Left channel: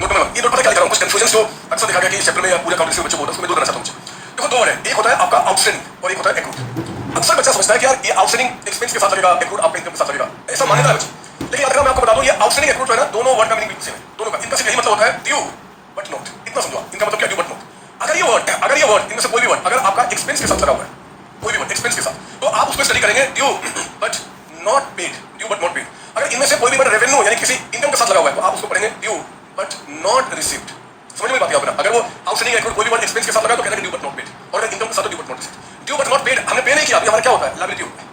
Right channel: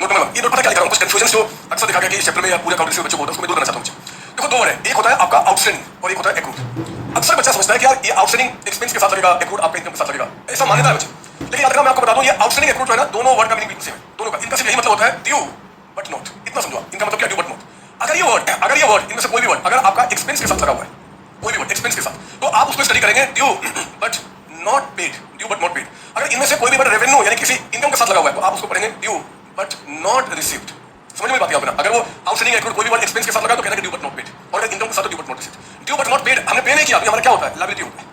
Note करना, ये note पता क्या लिखा हूं, कुछ कंफ्यूजन जो अक्सर देखा गया कि इस चैप्टर में या पूरे अकाउंटेंसी में बच्चों को होता है, उसको मैं दूर करना चाहता हूं। देखो दो वर्ड है, एक होता है आपका आउटस्टैंडिंग और एक होता है एक्रूड। अक्सर बच्चा समझता है कि यार ये आउटस्टैंडिंग एक्सपेंस के साथ लगेगा, एक्रूड आपके इनकम के साथ लगेगा, ऐसा मान्यता है बच्चे। लेकिन याद रखना, मैं आपको बता दूं ये आउटस्टैंडिंग एक्रूड जो है ना, दोनों वर्ड का मीनिंग बिल्कुल सेम है, दोनों का। इनका सिर्फ यही मतलब होता है ड्यू बट नॉट, इतना समझो। इनका मतलब क्या, ड्यू बट नॉट। अगर ये वर्ड इनमें से कोई भी वर्ड अगर आपका एक्सपेंस के साथ लगा हुआ है, कोई भी वर्ड एक्सपेंस के साथ, तो आप उसमें स्टडी करेंगे due but not paid, due but not paid. अगर इनमें से कोई भी वर्ड रेवेन्यू यानी किसी इनकम के साथ लगा हुआ है, तो आप उसको पढ़ेंगे ड्यू बट नॉट रिसीव्ड। समझ में बात है? अगर वो आउटस्टैंडिंग एक्रूड कोई भी वर्ड एक्सपेंस के साथ लगा तो कहना ड्यू बट नॉट पेड, और अगर इनकम के साथ तो due but not received. Due but not paid हमने पे नहीं किया, हमारा क्या होता है, लायबिलिटी होता है,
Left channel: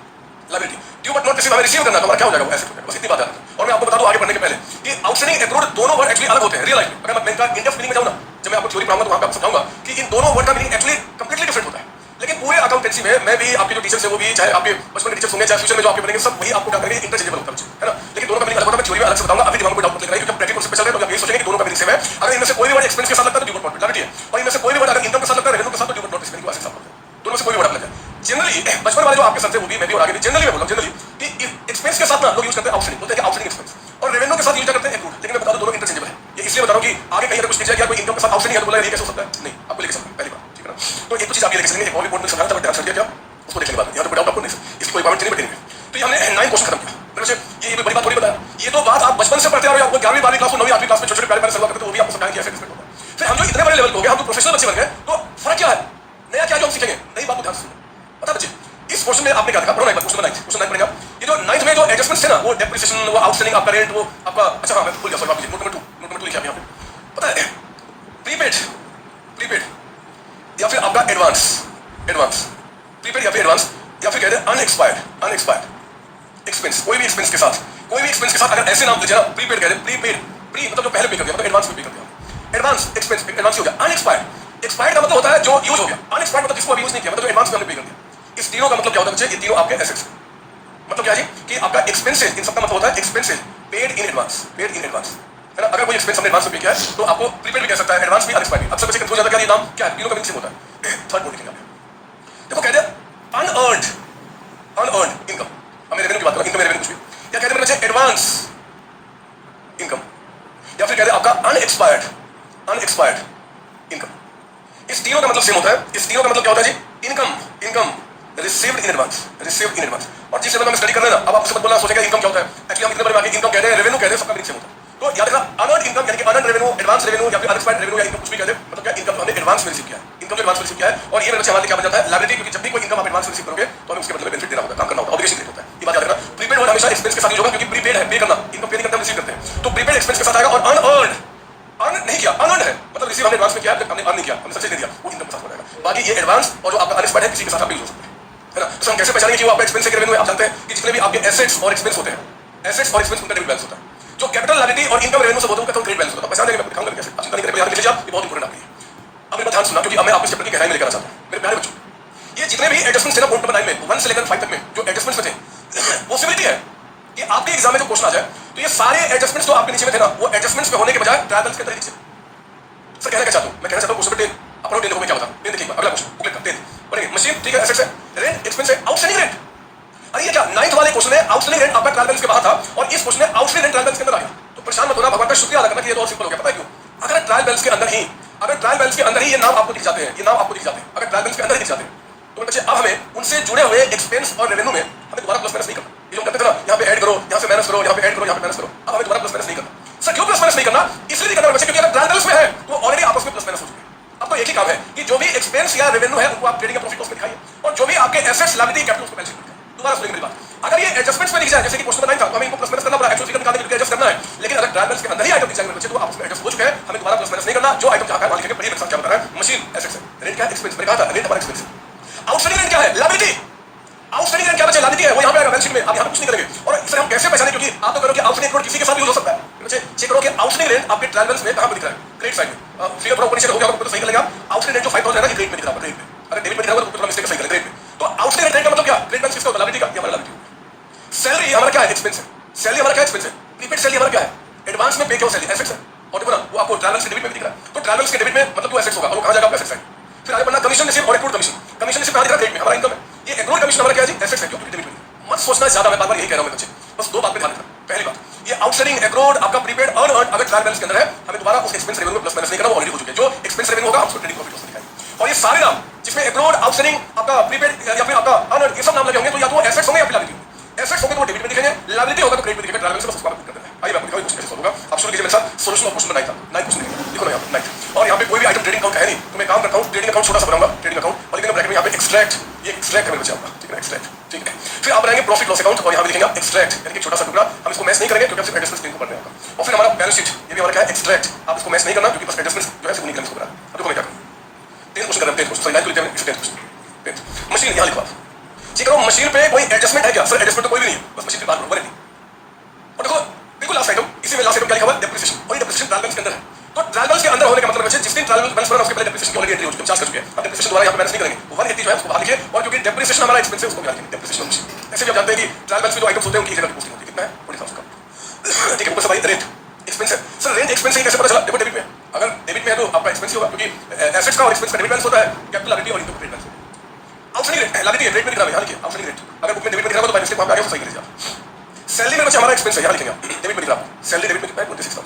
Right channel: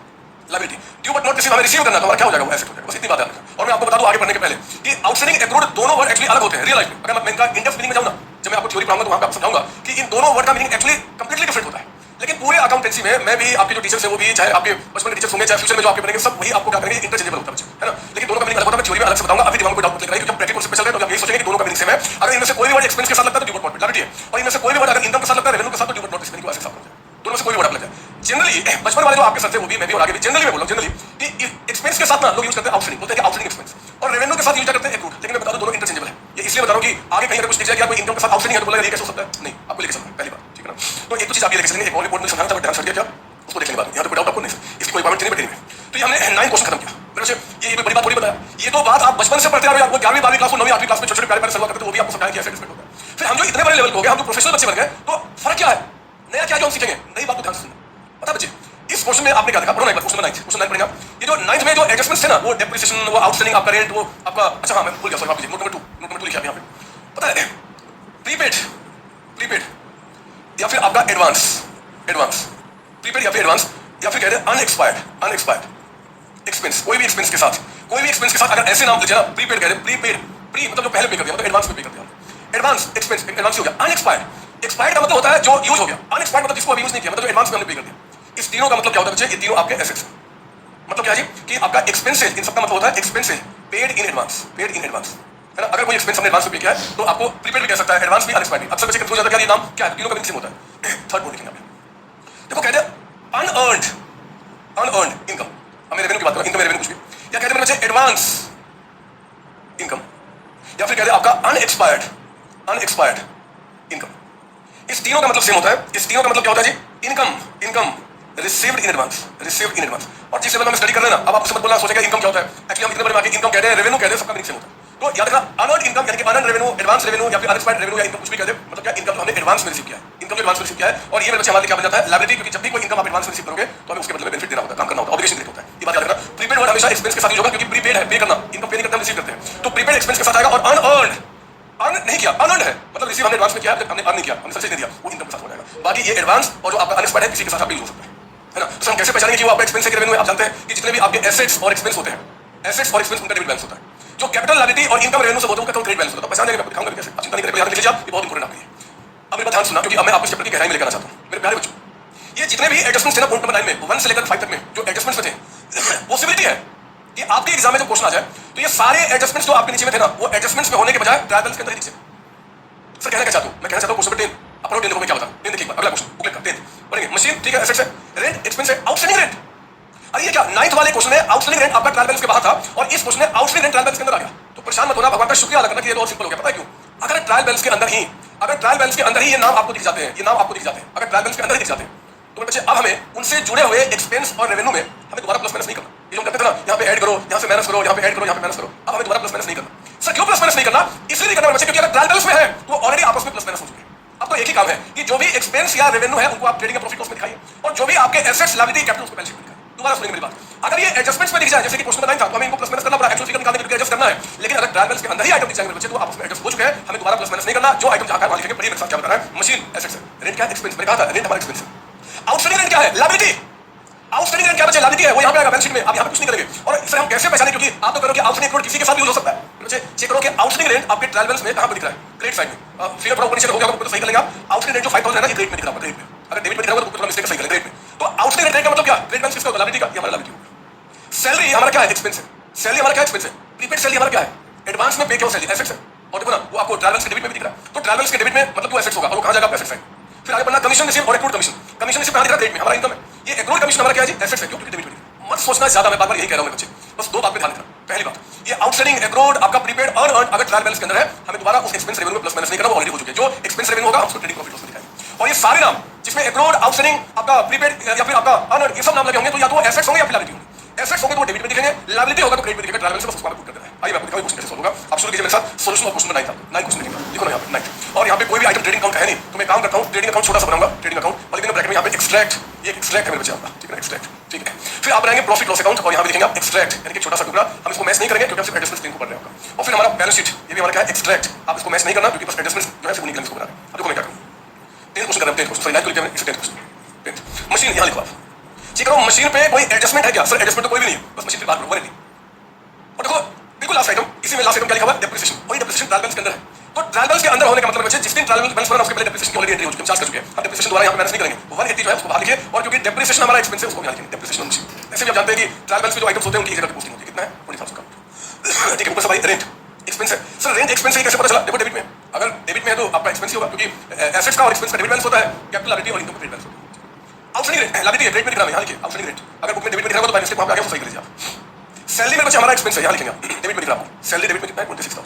liability. Due but not receive हमें रिसीव करना, तो हमारा क्या हो जाएगा, वो एसेट हो जाएगा। बस इतनी बात है। और मैं आपको बता दूं आगे बढ़ने के पहले कि आउटस्टैंडिंग एक्रूड दोनों वर्ड एक्चुअली अलग होते हैं रियल लाइफ में। अगर मैं इनका इंडेप्थ मीनिंग में जाऊं ना, जब मैं आपको थ्योरी पढ़ाऊंगा तो वहां पे आपको समझाऊंगा कि इन दोनों वर्ड का मीनिंग एक्चुअली कंप्लीटली डिफरेंट होता है। लेकिन पूरे अकाउंटेंसी में मैं भी, आपके जो टीचर्स हैं वो भी, चाहे आपके बचपन के टीचर्स होंगे, चाहे फ्यूचर में जो आपके बनेंगे, सब वही आपको क्या करेंगे, इंटरचेंजेबल होता है ना। लेकिन दोनों का मीनिंग अलग होता है। मैं थ्योरी में अलग से बताऊंगा, अभी दिमाग में कोई डाउट नहीं, जब प्रैक्टिकल स्पेशल है तो आप ये सोचेंगे कि दोनों का मीनिंग सेम है। अगर इनमें से कोई भी वर्ड एक्सपेंस के साथ लगता है तो ड्यू बट नॉट पेड है, और इनमें से कोई भी वर्ड अगर इनकम के साथ लगता है, रेवेन्यू के साथ, तो ड्यू बट नॉट रिसीव्ड को ऐसे साथ करते हैं। दोनों में से कोई वर्ड लग जाए। जनरली बचपन वाले जो आपके साथ थे वो भी, मैं भी और आगे भी जनरली मैं बोल रहा हूं, जनरली कि एक्सपेंस के साथ ना लोग यूज करते हैं आउटस्टैंडिंग, बोलते हैं कि आउटस्टैंडिंग एक्सपेंस, और रेवेन्यू के साथ यूज करते हैं एक्रूड। लेकिन मैं बता दूं दोनों इंटरचेंजेबल है। ये इसलिए बता रहा हूं कि आगे कहीं अगर कुछ दिख जाए कि कोई इनकम के साथ आउटस्टैंडिंग है तो बोला ये कैसे हो सकता है, नहीं, आपको लेके चलना पहली बात, ठीक है ना। तो एक तो चीज आप ये लेके चलेंगे, एक और रिपोर्ट में समझाना था, मैं ध्यान से क्या उसको देखने के बाद यहाँ पे कोई डाउट आपको नहीं, इसकी कोई पावर नहीं बैठेंगे। तो ये हमने 9 क्वेश्चन खत्म किया। मेरे से ये कोई बड़ी बात थोड़ी बताया, ये तो बात आप बचपन से पढ़ते आ रहे हो, आपको 11वीं 12वीं क्लास में 9वीं 8वीं क्लास में छोटे-छोटे प्यारे सवाल करते, तो वो भी आपको समझाया कि ऐसे कैसे होता है। फिर हम जो इतने बड़े लेवल पे हो गए, हम जो प्रोफेशनल बच्चे बन गए, तो फर्क क्या है, नया क्या जो हम सीखेंगे, नई बात को ध्यान से सुनिए। पता बच्चे, इस क्वेश्चन में आपने क्या देखा, पढ़ो ना एक बार क्वेश्चन 9 पढ़ेगा। ये जो 9 में जो एडजस्टमेंट्स थे ना, वो डेप्रिसिएशन, वो आउटस्टैंडिंग आपका रेंट, वो आपका, अच्छा हां मैं भूल गया, सॉरी आप लीजिए, नोट नंबर 2 लिखा है यहाँ पे। पता है प्रीपेड या फिर आपका एडवांस, प्रीपेड या फिर एडवांस, या फिर कहते हैं अनएक्सपायर्ड एक्सपेंस। कोई भी एक्सपेंस के साथ अगर ऐसे नाम लिखे ना, प्रीपेड कह रहे हैं, प्री मतलब जो पहले पे कर दिया, मतलब एडवांस में पे कर दिया। एडवांस एक्सपेंस एडवांस हो गया। अनएक्सपायर्ड का मतलब होता है जो यूज हो गया, अनएक्सपायर्ड मतलब जिसको अभी यूज नहीं किया, मतलब जो एडवांस में हमने पे कर दिया। इस तीनों का मतलब क्या होता है बच्चे, ये तीनों आपके एसेट्स। मतलब क्या है कि आपका एक्सपेंसेस, इन सबका मतलब होता है एक्सपेंसेस पेड इन एडवांस, है ना। अगर कोई एक्सपेंस हमने एडवांस में पे किया है तो आपको प्रीपेड भी कह सकता है, एडवांस भी, अनएक्सपायर्ड भी। अक्सर बच्चे कंफ्यूज हो जाता है कि ये नाम क्या है, तीनों का मीनिंग सेम होता है। थर्ड पॉइंट लिखेंगे आप, देखो कहते हैं अनअर्न्ड इनकम। हम रेवेन्यू की बात करें, इनकम रेवेन्यू कुछ भी, या कहते हैं बच्चे एडवांस इनकम, या फिर कहते हैं आपका अनएक्सपायर्ड इनकम। इस तीनों का मतलब सेम होता है। इस तीनों का मतलब क्या होता है जी, इनकम रिसीव्ड इन एडवांस। और जिस लेवल में स्टडी कर रहे हैं ना, अब आप उससे मत बोलना सोचेगा इनकम क्या होता है, एक्चुअली हम इतने बड़े आगे इनकम कहते हैं, रेवेन्यू कहते हैं, सबका मीनिंग सेम होता है। तो याद रखना, अनअर्न्ड इनकम यानी कि अनअर्न्ड रेवेन्यू, एडवांस रेवेन्यू या फिर अनएक्सपायर्ड रेवेन्यू या इनकम कुछ भी कहते हैं, मतलब क्या इनकम हमने एडवांस में रिसीव किया है, इनकम जो एडवांस में रिसीव किया है। और ये मेरे बच्चे हमारे क्या बन जाता है, लायबिलिटी, क्योंकि जब भी कोई इनकम आप एडवांस में रिसीव करोगे तो हमें उसके बदले बेनिफिट देना होता है, काम करना होता है, ऑब्लिगेशन होता है। ये बात याद रखना। प्रीपेड वर्ड हमेशा एक्सपेंस के साथ यूज होगा, क्योंकि प्रीपेड है, पे करना, इनकम पे नहीं करते, हम रिसीव करते हैं। तो प्रीपेड एक्सपेंस के साथ आएगा। और अर्न नहीं किया, अनअर्न्ड है, मतलब रिसीव हमने एडवांस में किया है, हमने अर्न नहीं किया, हमने सबसे दे दिया, वो इनकम के साथ हो जाएगा। बाकी ये एडवांस और जो आपका अनएक्सपायर्ड है, किसी के साथ आप यूज हो सकते हैं, है ना। तो हम कैसे पहचानेंगे कि वो आपका एक्सपेंस है कि रेवेन्यू है? आप जानते हैं कि जितने भी आपके एसेट्स और एक्सपेंस होते हैं, एसेट्स और एक्सपेंस उनका डेबिट बैलेंस होता है। जो कैपिटल लायबिलिटी और इनकम रेवेन्यू से होता है उनका क्रेडिट बैलेंस होता है। पहचान देंगे, मैं दिखाऊंगा कैसे, आप चिंता नहीं करें, याद रख लीजिए आप, ये बहुत इंपॉर्टेंट आपके लिए। अब मेरा ध्यान सुनना, क्योंकि अब मैं आपको इस चैप्टर की गहराई में लेकर आना चाहता हूं। मेरे प्यारे बच्चों, ये जितने भी एडजस्टमेंट्स थे ना, पॉइंट नंबर 9 में 1 से लेकर 5 तक में जो एडजस्टमेंट्स थे, पॉसिबिलिटी है कि आपके एग्जाम में जो क्वेश्चन आ जाए तो ये सारे एडजस्टमेंट्स जो आपके नीचे में थे ना, वो एडजस्टमेंट्स में होने के बजाय ट्रायल बैलेंस के अंदर नीचे। सर कहना क्या चाहता हूं, मैं कहना चाहता हूं क्वेश्चन पे अपना देखो, मैं क्या बता, ये देखिए अगला क्वेश्चन बुकलेट का 10 पढ़ेंगे। मशीन, ठीक है, एसेट्स है, रेंट एक्सपेंस है, आउटस्टैंडिंग रेंट। अरे ये क्या, 9th वाले क्वेश्चन है आउटस्टैंडिंग रेंट आपका ट्रायल बैलेंस के बाहर था, और इस क्वेश्चन में आउटस्टैंडिंग रेंट ट्रायल बैलेंस के अंदर आ गया। तो परेशान मत होना, भगवान का शुक्रिया अदा करना कि ये तो और सिंपल हो गया। पता है क्यों? अगर ट्रायल बैलेंस के अंदर ही ये नाम आपको दिख जाते हैं, अगर ट्रायल बैलेंस के अंदर ही दिख जाते हैं, तो बच्चे अब हमें उनसे जुड़े हुए एक्सपेंस और रेवेन्यू में हमें दोबारा प्लस माइनस नहीं करना। ये लोग कहते थे ना, यहाँ पे ऐड करो, यहाँ से माइनस करो, यहाँ पे ऐड करो, यहाँ पे माइनस करो। अब हमें दोबारा प्लस माइनस नहीं करना। सर क्यों प्लस माइनस नहीं करना? इसलिए नहीं करना बच्चे, क्योंकि अगर ट्रायल बैलेंस में है तो ऑलरेडी आपस में प्लस माइनस हो चुके हैं। अब तो एक ही काम है कि जो भी एक्सपेंस या रेवेन्यू है उनको आप ट्रेडिंग प्रॉफिट लॉस में दिखाइए, और जो भी आपके एसेट्स लायबिलिटी कैपिटल उसको बैलेंस शीट में दिखाइए। दोबारा सुनिए मेरी बात, अगर ये एडजस्टमेंट्स में दिख जाए, जैसे कि क्वेश्चन नंबर 9 था, तो हमें इनको प्लस माइनस करना पड़ा, एक्चुअल फिगर निकालने के लिए एडजस्ट करना है। लेकिन अगर ट्रायल बैलेंस के अंदर ही आइटम दिख जाएंगे बच्चे, तो आपस में एडजस्ट हो चुके हैं, हमें दोबारा प्लस माइनस नहीं करना। जो आइटम जहां का मान लिखेंगे, पढ़िए मेरे साथ क्या बता रहा है। मशीन एसेट्स है, रेंट क्या है, एक्सपेंस। मैंने कहा था रेंट हमारा एक्सपेंस है। आउटस्टैंडिंग रेंट क्या है, लायबिलिटी। आउटस्टैंडिंग रेंट क्या बच्चे, लायबिलिटी है, वो यहां पे आएगा बैलेंस शीट में। आप यहां पे कुछ नहीं करेंगे। और इसे हम कैसे पहचानें, क्योंकि आप तो करोगे आउटस्टैंडिंग रेंट किसी के साथ यूज हो सकता है। बच्चे चेक करो कि आउटस्टैंडिंग रेंट आपके ट्रायल बैलेंस में कहां पे दिख रहा है, क्रेडिट साइड में। फिर थोड़ा ऊपर नीचे हो गया तो सही चलेगा। आउटस्टैंडिंग रेंट जो 5000 है ना, ये क्रेडिट में दिख रहा है, क्रेडिट में। अगर डेबिट में दिख रहा है तो थोड़ा मिस्टेक सही करें, क्रेडिट में। तो आउटस्टैंडिंग रेंट का मतलब क्या, क्रेडिट बैलेंस किसका होता है, लायबिलिटी का, ये हमारा लायबिलिटी। सैलरी हमारा क्या है, एक्सपेंस है। सैलरी हमारा क्या एक्सपेंस है, प्रीपेड सैलरी हमारा क्या है, एडवांस में पे किया सैलरी, एसेट्स है। और देखो ना, वो आपको ट्रायल बैलेंस के डेबिट में भी दिख रहा है। तो ट्रायल बैलेंस के डेबिट में मतलब तो एसेट्स होगा, और वो कहां जाएगा, एसेट्स साइड। फिर आगे बढ़ना, कमीशन रिसीव और एक्रूड कमीशन। कमीशन रिसीव कहां दिख रहा है, क्रेडिट में, हमारा इनकम है। ये एक्रूड कमीशन हमारा क्या है जी, एसेट्स है, क्योंकि डेबिट में। मत सोचना ज्यादा, मैं बार बार यही कह रहा हूं बच्चे, बस दो बात पे ध्यान देना। पहली बात, ये आउटस्टैंडिंग एक्रोड आपका प्रीपेड अर्न अगर ट्रायल बैलेंस के अंदर है, हमें दोबारा उस एक्सपेंस रेवेन्यू को प्लस माइनस नहीं करना, वो ऑलरेडी हो चुके हैं। जो एक्सपेंस रेवेन्यू होगा हम उसको ट्रेडिंग प्रॉफिट लॉस में दिखाएंगे। और ये सारे नाम जिसमें एक्रोड, आउटस्टैंडिंग, आपका प्रीपेड या फिर आपका अर्न, ये सब नाम लगे होंगे तो या तो एसेट्स होंगे या फिर लायबिलिटी होंगे। एसेट्स होंगे तो डेबिट में दिखेंगे, लायबिलिटी होगा तो क्रेडिट में दिखेगा। ट्रायल बैलेंस में उसको कर देना है। आइए मैं आपको क्वेश्चन कैसे सॉल्व होगा। आप शुरू कीजिए मेरे साथ। Solution of question number 9 question लिखो ना यहाँ पे 9। और यहाँ पे कोई भी आइटम ट्रेडिंग अकाउंट है नहीं, तो मैं काम करता हूँ ट्रेडिंग अकाउंट छोटा सा बनाऊंगा, ट्रेडिंग अकाउंट, और लेकिन ब्रैकेट में यहाँ पे एक्सट्रैक्ट, ये एक्सट्रैक्ट है मेरे बच्चे आपका, ठीक है, एक्सट्रैक्ट, ठीक है। फिर आप बनाएंगे प्रॉफिट लॉस अकाउंट और यहाँ पे लिखेंगे आप एक्सट्रैक्ट, यानी कि छोटा सा टुकड़ा, हम इसको मैच नहीं करेंगे क्योंकि सिर्फ एडजस्टमेंट लिंक को पढ़ रहे हैं। और फिर हमारा बैलेंस शीट, ये भी हमारा क्या है, एक्सट्रैक्ट, आप इसको मैच नहीं करना क्योंकि बस एडजस्टमेंट जो है सिर्फ निकलने को पढ़ रहा है। अब देखो मैं क्या करूँ, 10 क्वेश्चन कर रहे हैं, 10 क्वेश्चन, सॉरी 9 को लिखते हैं, 10 क्वेश्चन। मशीन यहाँ लिखो आप, चेक करो मशीन पे कोई एडजस्टमेंट है क्या? सर एडजस्टमेंट तो कोई भी नहीं, बस मशीन पे बात करो, वरी। और देखो बिल्कुल लास्ट आइटम, इसी में लास्ट आइटम क्या लिखा हुआ है, डेप्रिसिएशन, और ये डेप्रिसिएशन ट्रायल बैलेंस के अंदर है। तो ट्रायल बैलेंस के अंदर होने का मतलब है जिस दिन ट्रायल बैलेंस बना उसके पहले डेप्रिसिएशन की ऑलरेडी एंट्री हो चुकी है, चार्ज कर चुके हैं। अब डेप्रिसिएशन दोबारा यहाँ पे बैलेंस नहीं करेंगे, 180 जो है उसको बाहर लिखिए, और क्योंकि डेप्रिसिएशन हमारा एक्सपेंस है उसको ध्यान रखिए, डेप्रिसिएशन मशीन। ऐसे भी आप जानते हैं कि ट्रायल बैलेंस में जो आइटम्स होते हैं उनकी जगह की पोस्टिंग होती है, कितना है 40,000 का, ठीक है। ऊपर से भाई रेंट एक्सपेंस है, सर रेंट एक्सपेंस है कैसे पता चला? देखो डेबिट में, अगर डेबिट में है तो आपका एक्सपेंस ही होगा क्योंकि एसेट्स का और एक्सपेंस का डेबिट बैलेंस होता है, कैपिटल लायबिलिटी और income credit balance. Outstanding liability credit में दिखा रहा है, यहाँ लिखिए आउटस्टैंडिंग रेंट, अगर बुक में डेबिट में दिखा होगा तो बाय मिस्टेक वहां पे आ गया, सही कर लीजिए आप। सैलरी में बच्चे हमारा एक्सपेंस है, यहाँ लिखेंगे आप, डेबिट में दिख रहा है, सैलरी डेबिट में कितना है 26,000।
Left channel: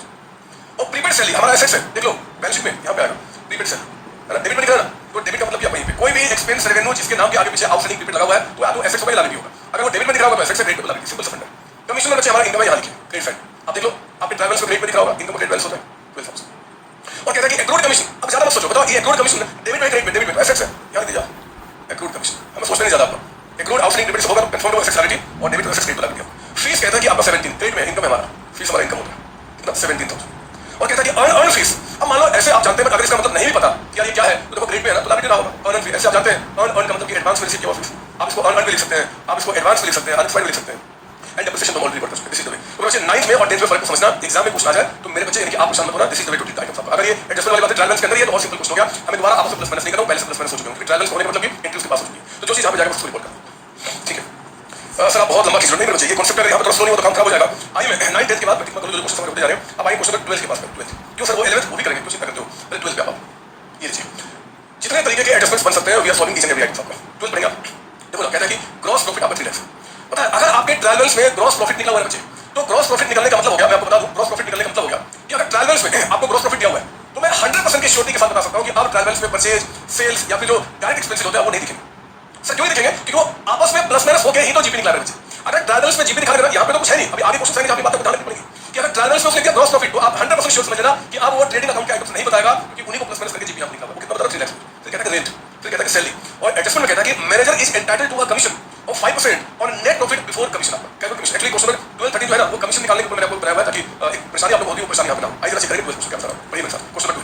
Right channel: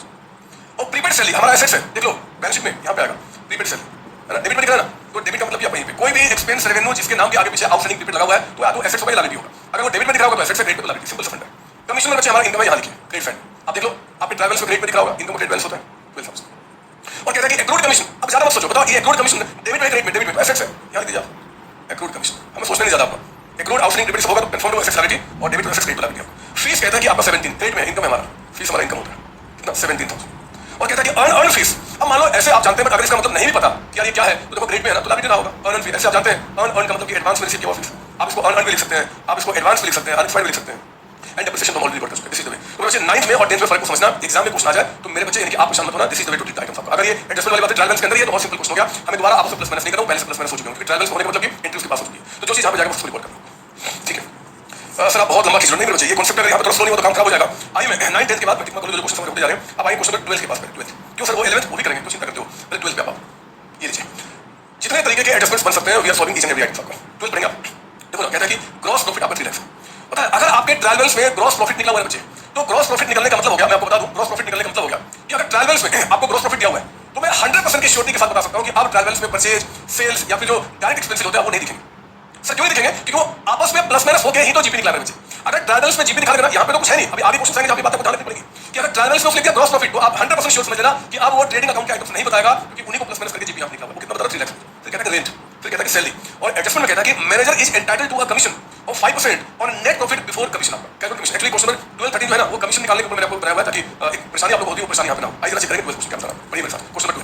और प्रीपेड सैलरी हमारा एसेट्स है, देख लो बैलेंस शीट में यहाँ पे आएगा प्रीपेड सैलरी, है ना, डेबिट में दिख रहा है ना, तो डेबिट का मतलब क्या है, कोई भी एक्सपेंस रेवेन्यू जिसके नाम के आगे पीछे आउटस्टैंडिंग प्रीपेड लगा हुआ है तो या तो एसेट्स होगा या लायबिलिटी होगा। अगर वो डेबिट में दिख रहा होगा तो एसेट्स है, क्रेडिट पे लायबिलिटी, सिंपल सा फंडा। कमीशन में बच्चे हमारा इनकम है, यहाँ लिखिए क्रेडिट साइड, आप देख लो आपके ट्रैवल्स में क्रेडिट पे दिख रहा होगा, इनकम क्रेडिट बैलेंस होता है 12,000। और कहता है कि एक्रूड कमीशन, अब ज्यादा मत सोचो, बताओ ये एक्रूड कमीशन डेबिट पे क्रेडिट पे, डेबिट पे एसेट्स है, यहाँ लिख दीजिए एक्रूड कमीशन, हमें सोचना नहीं ज्यादा आपका। एक्रूड आउटस्टैंडिंग डेबिट से होगा कंफर्म होगा एसेट्स लायबिलिटी, और डेबिट पे एसेट्स क्रेडिट पे लायबिलिटी। फीस कहता है कि आपका 17 क्रेडिट में इनकम है हमारा, फीस हमारा इनकम होता है कितना 17,000। और कहता है कि अर्न फीस, अब मान लो ऐसे आप जानते हैं अगर इसका मतलब नहीं भी पता कि यार ये क्या है तो देखो ग्रेड पे है ना तो लायबिलिटी ना होगा अर्न फीस, ऐसे आप जानते हैं अर्न का मतलब कि एडवांस में रिसीव किया हुआ फीस, आप इसको अर्न भी लिख सकते हैं, आप इसको एडवांस भी लिख सकते हैं, अनएक्सपायर्ड भी लिख सकते हैं, एंड डेप्रिसिएशन तो ऑलरेडी पढ़ चुके हैं, दिस इज द वे। तो बच्चे 9th में और 10th में फर्क को समझना, एग्जाम में क्वेश्चन आ जाए तो मेरे बच्चे यानी कि आप परेशान मत होना, this is the way to treat items आपका। अगर ये एडजस्टमेंट वाली बात है ट्रायल बैलेंस के अंदर, ये तो बहुत सिंपल क्वेश्चन हो गया, हमें दोबारा आपस में प्लस माइनस नहीं करना, पहले से प्लस माइनस हो चुके हैं, ट्रायल बैलेंस होने का मतलब कि एंट्री उसके पास हो चुकी है, तो जो चीज यहाँ पे जाएगा उसको रिपोर्ट करना, ठीक है। सर आप बहुत लंबा खींच रहे हैं, ये कॉन्सेप्ट अगर यहाँ पे थोड़ा स्लो नहीं हो तो काम खराब हो जाएगा। आइए मैं 9th 10th के बाद मैं जो क्वेश्चन होते जा रहे हैं, अब आइए क्वेश्चन 12th के पास, 12th क्यों सर वो 11th वो भी करेंगे, क्वेश्चन करते हो पहले 12th पे आप ये लीजिए, जितने तरीके के एडजस्टमेंट्स बन सकते हैं we are solving each and every item आपका 12th पढ़ेंगे आप। देखो ना कहता है कि ग्रॉस प्रॉफिट आपका 3 लाख पता है, अगर आपके ट्रायल बैलेंस में ग्रॉस प्रॉफिट निकला हुआ है बच्चे, तो ग्रॉस प्रॉफिट निकलने का मतलब हो गया, मैं आपको बता दूं ग्रॉस प्रॉफिट निकलने का मतलब हो गया कि अगर ट्रायल बैलेंस में आपको ग्रॉस प्रॉफिट दिया हुआ है तो मैं 100% की श्योरिटी के साथ बता सकता हूं कि आप ट्रायल बैलेंस में परचेज, सेल्स या फिर जो डायरेक्ट एक्सपेंसेस होते हैं वो नहीं दिखेंगे। सर क्यों नहीं दिखेंगे? क्योंकि वो आपस में प्लस माइनस होके ही तो जीपी निकला रहे हैं बच्चे। अगर ट्रायल बैलेंस में जीपी दिखा रहे हैं यहाँ पे तो कुछ है नहीं, अभी आगे क्वेश्चन आएंगे आपकी बात को ध्यान रखनी पड़ेगी कि अगर ट्रायल बैलेंस में उसने दिया ग्रॉस प्रॉफिट तो आप 100% श्योर समझ लेना कि आप वो ट्रेडिंग अकाउंट के आइटम्स नहीं बताएगा क्योंकि उन्हीं को प्लस माइनस करके जीपी आप निकाला, वो कितना बता रहा 3 लाख। फिर कहते हैं रेंट, फिर कहता है कि सैलरी, और एडजस्टमेंट में कहता है कि manager is entitled to a commission of 5% on net profit before commission. आपका क्या कमीशन एक्चुअली क्वेश्चन 12 13 जो है ना वो कमीशन निकालने के ऊपर मैंने आपको बताया हुआ है ताकि एक परेशानी आप लोग होती है, परेशानी यहाँ पे ना हो। आइए जरा चेक करेंगे क्वेश्चन क्या बता रहा हूं, पढ़िए मेरे साथ क्वेश्चन 12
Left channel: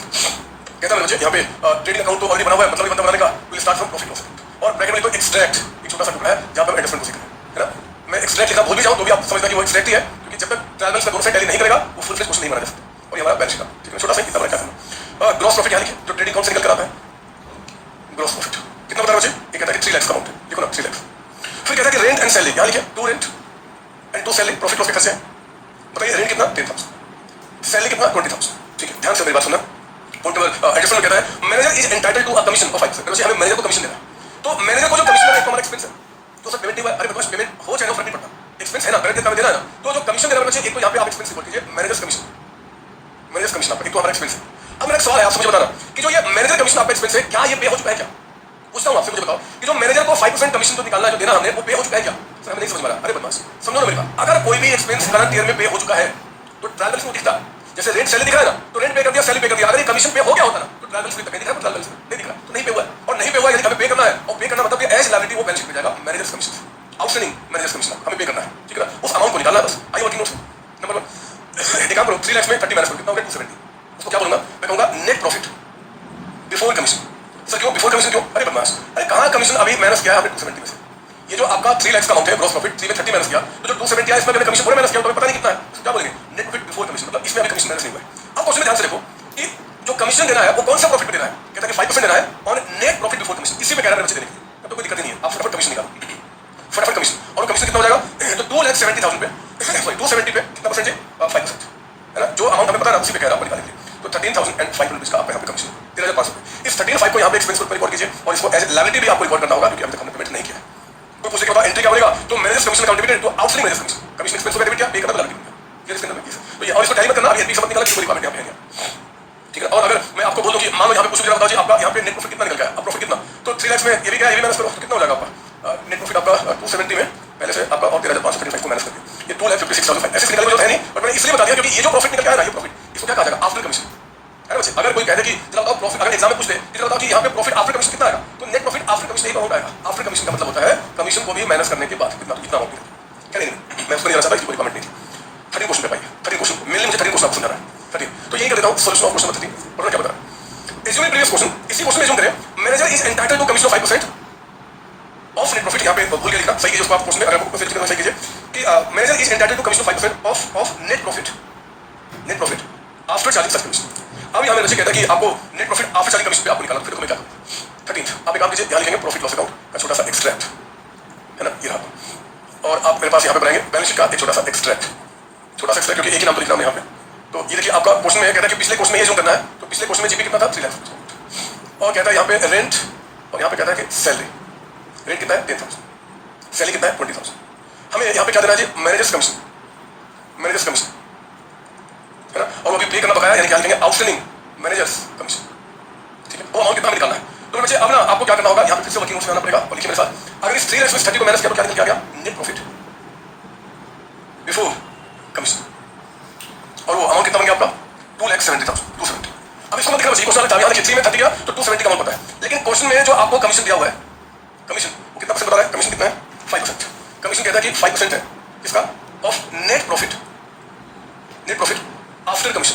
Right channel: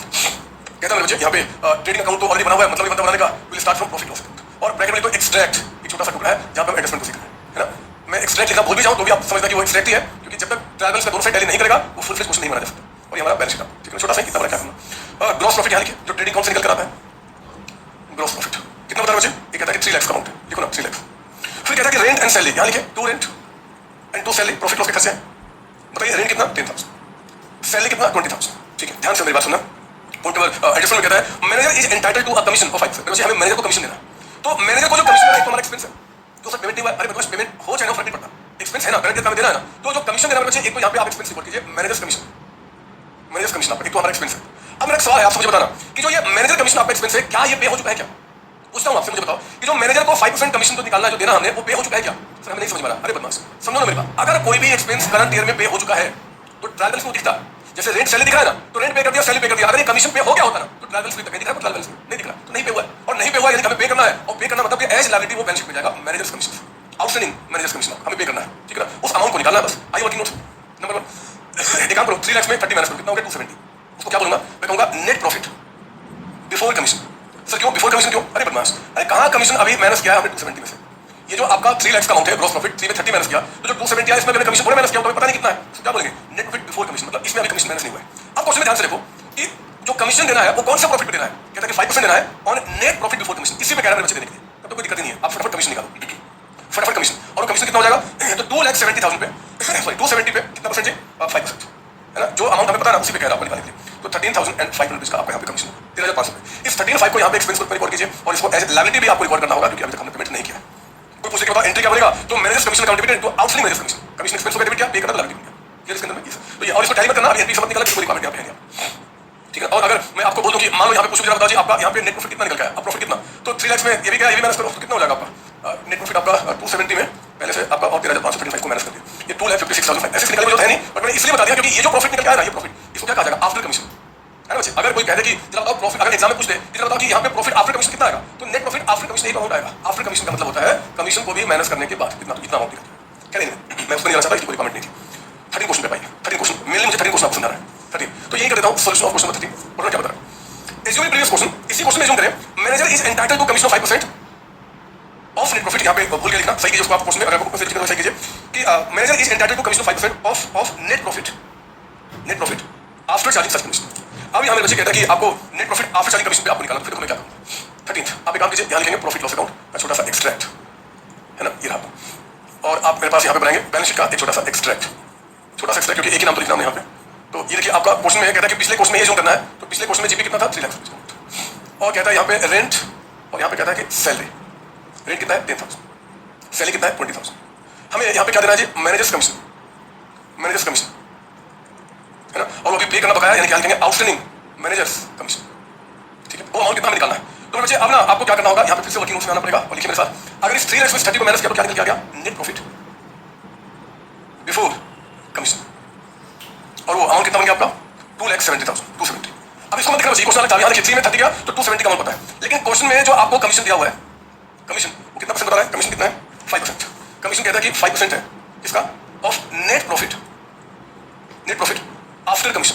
कहता है मुझे यहाँ पे ट्रेडिंग अकाउंट तो ऑलरेडी बना हुआ है, मतलब ये बंदा बना देगा, will start from profit loss और ब्रैकेट में तो एक्सट्रैक्ट एक छोटा सा टुकड़ा है जहां पे हम एडजस्टमेंट को सीखेंगे, है ना। मैं एक्सट्रैक्ट लिखना भूल भी जाऊं तो भी आप समझना कि वो एक्सट्रैक्ट ही है क्योंकि जब तक ट्रायल बैलेंस का दोनों साइड टैली नहीं करेगा वो फुल फ्लेज क्वेश्चन नहीं बना जा सकता। और ये हमारा बैलेंस शीट ठीक है, छोटा सा कितना बड़ा क्या ग्रॉस प्रॉफिट यहाँ लिखिए जो ट्रेडिंग अकाउंट से निकल कर आता है, ग्रॉस प्रॉफिट कितना बता रहा मुझे, ये कहता है कि 3 लाख का अमाउंट लिखो ना 3 लाख। फिर कहता है कि रेंट एंड सैलरी यहाँ लिखिए 2 rent and 2 salary, profit loss के खर्चे हैं, बताइए रेंट कितना 10,000, सैलरी कितना 20,000, ठीक है। ध्यान से मेरी बात सुनना, पॉइंट नंबर एडजस्टमेंट कहता है manager is entitled to a commission of 5%, हमें मैनेजर को कमीशन देना, तो मैनेजर को जो कमीशन देना है तो हमारा एक्सपेंस है, तो सर पेमेंट नहीं हुआ, अरे मतलब पेमेंट हो जाएगा फर्क नहीं पड़ता, एक्सपेंस है ना, डायरेक्ट काम देना है ना, तो जो कमीशन देना बच्चे एक तो यहाँ पे आप एक्सपेंस रिपोर्ट कीजिए मैनेजर्स कमीशन, मैनेजर्स कमीशन आपका एक तो हमारा एक्सपेंस है। अब मेरा एक सवाल है आपसे मुझे बताना कि जो ये मैनेजर कमीशन आपका एक्सपेंस है क्या ये पे हो चुका है क्या? पूछता हूँ आपसे, मुझे बताओ कि जो मैनेजर को 5% कमीशन तो निकालना है जो देना हमने वो पे हो चुका है क्या? सर हमें नहीं समझ में आ रहा, अरे बदमाश समझो ना मेरी बात, अगर कोई भी एक्सपेंस करंट ईयर में पे हो चुका है तो ट्रायल बैलेंस में दिखता है, जैसे रेंट सैलरी दिख रहा है ना तो रेंट पे कर दिया सैलरी पे कर दिया, अगर ये कमीशन पे हो गया होता ना तो ट्रायल बैलेंस में दिख रहा है, ट्रायल बैलेंस नहीं दिख रहा तो नहीं पे हुआ है, और नहीं पे हुआ यदि हमें पे करना है और पे करना मतलब कि एज लायबिलिटी वो बैलेंस शीट में जाएगा managers commission, outstanding managers commission हमें पे करना है, ठीक है ना, उस अमाउंट को निकालना है बस। आइए वर्किंग नोट्स नंबर 1 एक काम करो 3 लाख में 30 माइनस कर कितना होगा 270, उसको क्या बोलूंगा मैं कहूंगा net profit before commission. Sir क्यों बिफोर कमीशन क्यों? अरे बदमाश, अरे कहाँ कमीशन अभी माइनस किया है हमने 270 में से, ये जो आपका 3 लाख का अमाउंट है ग्रॉस प्रॉफिट 3 में 30 माइनस किया तो जो 270 है इसमें मैंने कमीशन पूरे माइनस किया तो पता नहीं कितना है, क्या बोलेंगे नेट प्रॉफिट बिफोर कमीशन, मतलब इसमें अभी कमीशन माइनस नहीं हुआ है। अब क्वेश्चन में ध्यान से देखो कि जो कमीशन देना है वो कौन सा प्रॉफिट पे देना है, कहता है कि 5% देना है on net profit before commission, इसी में कह रहा है बच्चे देने के लिए, तब तो कोई दिक्कत नहीं है, आप फटाफट कमीशन निकालो फटाफट कमीशन, और कमीशन कितना हो जाएगा तो 2,70,000 पे सॉरी 270 पे कितना परसेंट है 5% है ना, जो अमाउंट हमें पता है उसी पे कह रहा हूं निकालने के लिए, तो 13,500 रुपीज का आपका यहाँ पे कमीशन 13,500 रुपये, इस 13,500 को यहाँ पे एक्सपेंस पर रिकॉर्ड कीजिए और इसको एज लायबिलिटी भी आपको रिकॉर्ड करना होगा क्योंकि अभी तक हमने पेमेंट नहीं किया। तो पूछने के बाद एंट्री क्या बनेगा तो मैनेजर्स कमीशन अकाउंट डेबिट तो outstanding managers commission, commission expense होगा डेबिट क्या पे करना लायबिलिटी इसके अंदर में तो ये और इसको टैली मत करना, अभी समझ निकाला कि कोई रिक्वायरमेंट यहाँ पे है, ठीक है। और अगर मैं आपको बोल दूं कि मान लो यहाँ पे कुछ भी बताओ जी आपका यहाँ पे नेट प्रॉफिट कितना निकल गया, अब प्रॉफिट कितना, तो 3 लाख में ये भी क्या, ये भी माइनस करो तो कितना हो जाएगा आपका नेट प्रॉफिट आपका 270 में पहले से आपका और 13,525 को माइनस करके ये 2,56,005 ऐसे निकलने को है नहीं, पर मैंने इसलिए बता दिया क्योंकि ये जो प्रॉफिट निकल के आया ना, ये प्रॉफिट इसको क्या कहा जाएगा, आफ्टर कमीशन, है ना बच्चे। अगर कोई कहते कि जरा बताओ प्रॉफिट, अगर एग्जाम में पूछ दे कि जरा बताओ कि यहाँ पे प्रॉफिट आफ्टर कमीशन कितना आएगा, तो नेट प्रॉफिट आफ्टर कमीशन एक अमाउंट आएगा। आफ्टर कमीशन का मतलब होता है कमीशन को भी माइनस करने के बाद कितना, तो कितना अमाउंट क्या नहीं, मैं उसको नहीं चाहता, कोई कमेंट नहीं थी। 13 क्वेश्चन पे पाइए, 13 क्वेश्चन मेनली मुझे 13 क्वेश्चन आपको समझाना है, 13। तो यही कर देता हूँ सोल्यूशन ऑफ क्वेश्चन नंबर 13 और क्या बता रहा है। एज्यूम प्रीवियस क्वेश्चन, इसी क्वेश्चन में एज्यूम करें manager is entitled to commission of 5% of net profit, यहाँ पे भूल के लिखना, सही कीजिए उसको आप क्वेश्चन में, अगर आपको सही कीजिए कि manager is entitled to commission of 5% of net profit after charging such commission. अब यहाँ मेरे बच्चे कहता है कि आपको net profit after charging commission पे आपको निकालना, फिर तुम्हें क्या 13th आप एक काम कीजिए, ध्यान लिखेंगे प्रॉफिट लॉस अकाउंट का छोटा सा एक्सट्रैक्ट, है ना, ये रहा। और आप मेरे पास यहाँ पे बनाएंगे बैलेंस शीट का एक छोटा सा एक्सट्रैक्ट, क्योंकि एक ही नाम तो लिखना है यहाँ पे। तो ये देखिए आपका क्वेश्चन में कहता है कि पिछले क्वेश्चन में ये जो करना है, तो पिछले क्वेश्चन में जीपी कितना था 3 लाख, और कहता है यहाँ पे रेंट, और यहाँ पे कहता है कि सैलरी, रेंट कितना है 10,000, सैलरी कितना है 20,000। हमें यहाँ पे क्या देना है जी, मैनेजर्स कमीशन, है ना, और वो भी पे करना बकाया, यानी क्या लिखेंगे आउटस्टैंडिंग मैनेजर्स कमीशन, ठीक है। वो अमाउंट कितना निकालना है, तो बच्चे अब ना आपको क्या करना होगा, यहाँ पे फिर से वर्किंग नोट्स में आना पड़ेगा, और लिखिए मेरे साथ, अगर इस 3/30 को माइनस करो क्या निकल के आ गया, नेट प्रॉफिट बिफोर कमीशन, और वो अमाउंट कितना बन गया आपका 2,70,270। अब इसको मैं दिखा, क्वेश्चन आना चाहिए, खिचड़ी में 30 गया तो 270 का अमाउंट पता है, लेकिन क्वेश्चन में जो आपको कमीशन दिया हुआ है, कमीशन वो कितना परसेंट बता रहा है, कमीशन कितना है 5%। कमीशन कहता है कि 5% है किसका, of net profit after commission,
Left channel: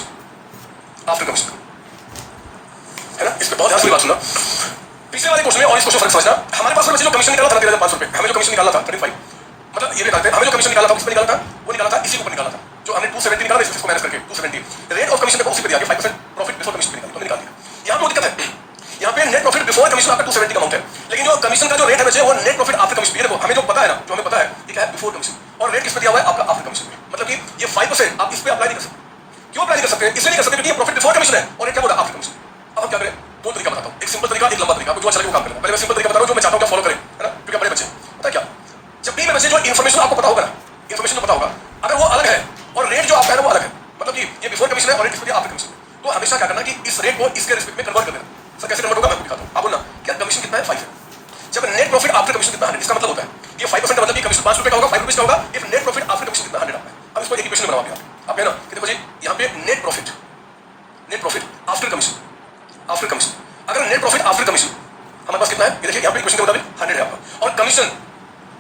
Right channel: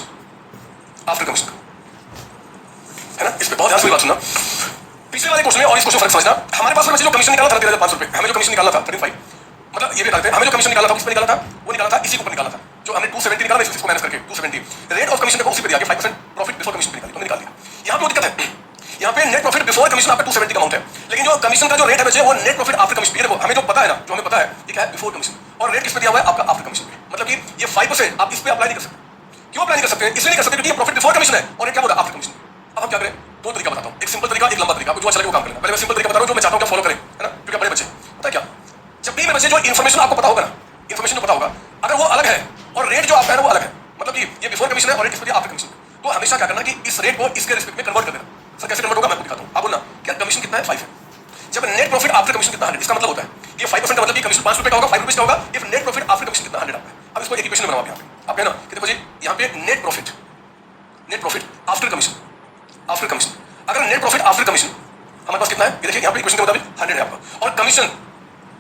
है ना। इसमें बहुत ध्यान से बात सुनना, पिछले वाले क्वेश्चन में और इस क्वेश्चन फर्क समझना। हमारे पास जो कमीशन निकाला था 13,500 रुपए, हमें जो कमीशन निकाला था 35, मतलब ये निकालते हैं, हमें जो कमीशन निकाला था किस पे निकाला था, वो निकाला था इसी के ऊपर निकाला था, जो हमने 270 निकाला, इसको माइनस करके 270 रेट ऑफ कमीशन देखो उसी पे दिया गया 5% प्रॉफिट बिफोर कमीशन पे निकाल दिया। यहाँ पे दिक्कत है, यहाँ पे नेट प्रॉफिट बिफोर कमीशन आपका 270 का अमाउंट है, लेकिन जो कमीशन का जो रेट है बच्चे वो नेट प्रॉफिट आफ्टर कमीशन, देखो हमें जो पता है ना, जो हमें पता है ये क्या है बिफोर कमीशन, और रेट किस पे दिया हुआ है आपका आफ्टर कमीशन पे, मतलब कि ये 5% आप इस पे अप्लाई नहीं कर सकते। क्यों अप्लाई नहीं कर सकते, इसलिए नहीं कर सकते क्योंकि ये प्रॉफिट बिफोर कमीशन है और रेट क्या होगा आफ्टर कमीशन। अब हम क्या करें, दो तरीका बताता हूँ, एक सिंपल तरीका, एक लंबा तरीका, आपको जो अच्छा लगे वो काम करें। पहले मैं सिंपल तरीका बता रहा हूँ जो मैं चाहता हूँ फॉलो करें, है ना, क्योंकि बड़े बच्चे पता है क्या, जब भी मेरे बच्चे जो इन्फॉर्मेशन आपको पता होगा ना, इन्फॉर्मेशन जो पता होगा अगर वो अलग है और रेट जो आपका है वो अलग है, मतलब कि ये बिफोर कमीशन है और रेट आफ्टर कमीशन, तो हमेशा क्या करना कि इस रेट को इसके रिस्पेक्ट में कन्वर्ट कर देना। सर कैसे कन्वर्ट होगा मैं आपको दिखाता हूँ, आप बोलना क्या कमीशन कितना है 5 है, जब नेट प्रॉफिट आफ्टर कमीशन कितना 100, इसका मतलब होता है ये 5% का मतलब कि कमीशन 5 रुपए का होगा, 5 रुपीज का होगा, if net profit after commission कितना 100 आता है। अब इसको एक इक्वेशन बनाओ आप, है ना, कि देखो जी यहाँ पे नेट प्रॉफिट आफ्टर कमीशन, अगर नेट प्रॉफिट आफ्टर कमीशन हमारे पास कितना है, ये देखिए यहाँ पे इक्वेशन के मुताबिक 100 है आपका, और कमीशन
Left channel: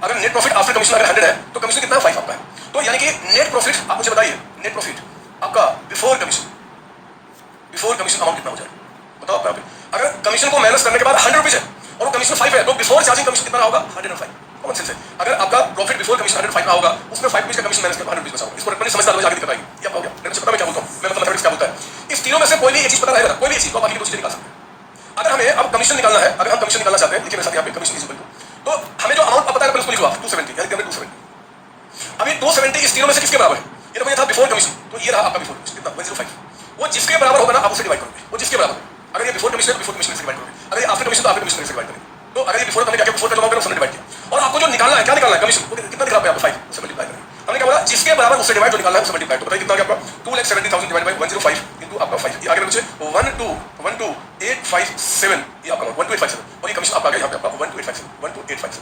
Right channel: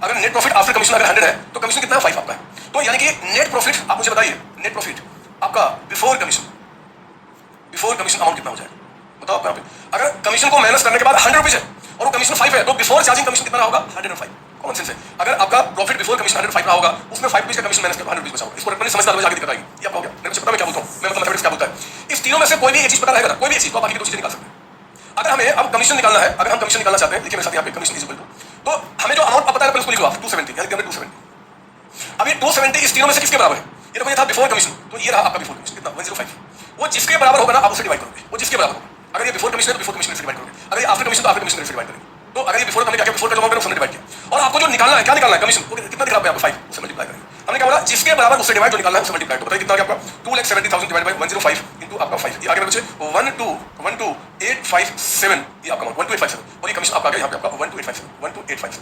अगर नेट प्रॉफिट आफ्टर कमीशन अगर 100 है तो कमीशन कितना है 5 आपका है। तो यानी कि नेट प्रॉफिट आप मुझे बताइए, नेट प्रॉफिट आपका बिफोर कमीशन अमाउंट कितना हो जाए, बताओ आप यहाँ पे। अगर कमीशन को माइनस करने के बाद 100 रुपीज है और वो कमीशन 5 है, तो बिफोर चार्जिंग कमीशन कितना होगा 105। कॉमन सेंस है, अगर आपका प्रॉफिट बिफोर कमीशन 105 का होगा, उसमें 5 रुपीज का कमीशन माइनस कर 100 रुपीज बचा होगा। इसको रटने समझदार लोग आगे दिखाएंगे, ये आपको हो गया, मेरे को पता मैं क्या बोलता हूँ, मैं मतलब मैथमेटिक्स क्या बोलता है। इस तीनों में से कोई भी एक चीज पता रहेगा ना, कोई भी एक चीज तो बाकी की दो चीजें निकाल सकते हैं। अगर हमें अब कमीशन निकालना है, अगर हम कमीशन निकालना चाहते हैं, लिखिए मेरे साथ यहाँ पे कमीशन इज इक्वल टू, तो हमें जो अमाउंट पता है उसको लिखो आप 270, यानी 270। अब ये 270 इस तीनों में से किसके बराबर है, ये तो मुझे था बिफोर कमीशन, तो ये रहा आपका बिफोर कमीशन कितना 105। वो जिसके बराबर होगा ना आप उसे डिवाइड करोगे, वो जिसके बराबर, अगर ये बिफोर कमीशन है तो बिफोर कमीशन से डिवाइड करोगे, अगर ये आफ्टर कमीशन तो आफ्टर कमीशन से डिवाइड करोगे। तो अगर ये बिफोर हमने क्या किया, बिफोर का अमाउंट उसने डिवाइड किया, और आपको जो निकालना है, क्या निकालना है कमीशन, वो कितना दिख रहा है आपको 5 उससे मल्टीप्लाई करेंगे। हमने क्या बोला, जिसके बराबर उससे डिवाइड जो निकालना है उससे मल्टीप्लाई, तो बताइए कितना आ गया आपका 2,70,000 डिवाइड बाय 105 इनटू आपका 5, ये आगे बच्चे 12857, ये आपका 12857, और ये कमीशन आपका आ गया यहाँ पे आपका 12857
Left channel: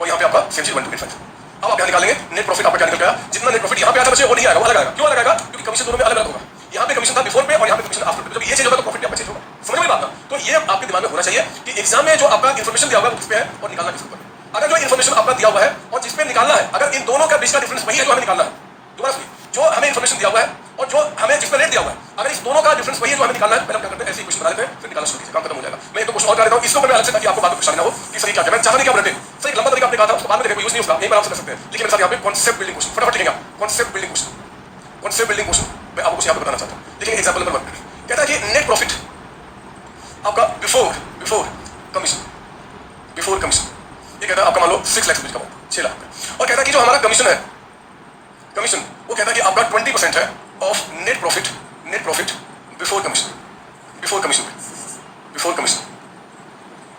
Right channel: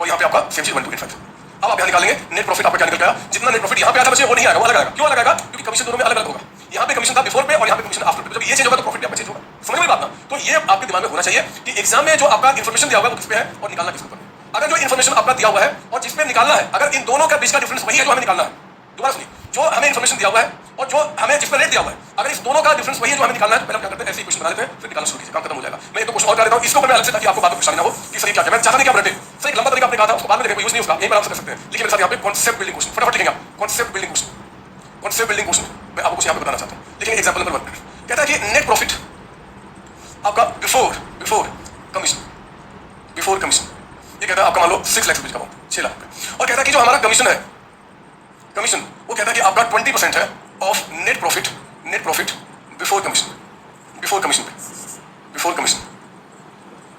और यहाँ पे आपका सेंचुरी 12857। अब आप यहाँ निकालेंगे नेट प्रॉफिट आपका क्या निकल गया, जितना नेट प्रॉफिट यहाँ पे आया था बच्चे वो नहीं आएगा, वो अलग आएगा। क्यों अलग आएगा, क्योंकि कमीशन दोनों में अलग अलग होगा, यहाँ पे कमीशन था बिफोर पे और यहाँ पे कमीशन आफ्टर पे, जब ये चेंज होगा तो प्रॉफिट आपका चेंज होगा। समझ में बात ना, तो ये आपके दिमाग में होना चाहिए कि एग्जाम में जो आपका इन्फॉर्मेशन दिया हुआ है वो किस पे है और निकालना किस ऊपर। अगर जो इन्फॉर्मेशन आपका दिया हुआ है और जिस पे निकालना है, अगर इन दोनों का बीच का डिफरेंस वही है जो हमें निकालना है, दोबारा सुनिए, जो हमें इन्फॉर्मेशन दिया हुआ है और जो हमें जिस पे रेट दिया हुआ है, अगर इस दोनों का डिफरेंस वही है जो हमें निकालना है, पहले हम क्या करते हैं ऐसे इक्वेशन बना लेते हैं, फिर निकालना शुरू करते हैं, काम खत्म हो जाएगा। मैं तो कुछ और कर देता हूं इसको मैं अलग से, ताकि आपको बात में परेशानी ना हो कि सही क्या है। मैं चाहता नहीं कि आप रटे सही लंबा तरीका आपने कहा था उसको बाद में देखो यूज नहीं होगा, यही आराम से कर सकते हैं। लेकिन मेरे साथ यहाँ पे कॉन्सेप्ट बिल्डिंग क्वेश्चन फटाफट लिखेंगे, कॉन्सेप्ट बिल्डिंग क्वेश्चन मैं आपको यहाँ पे बताना चाहता हूँ। देखिए एग्जाम्पल नंबर 1 कहता है कि नेट प्रॉफिट आपका बिफोर कमीशन, ये कहता है आपका मान लो 6 लाख रुपए का अमाउंट 6 लाख, और कहता है कि जो हमारा कमीशन है, कमीशन वो कहता है कि आपका 20% है of net profit before commission.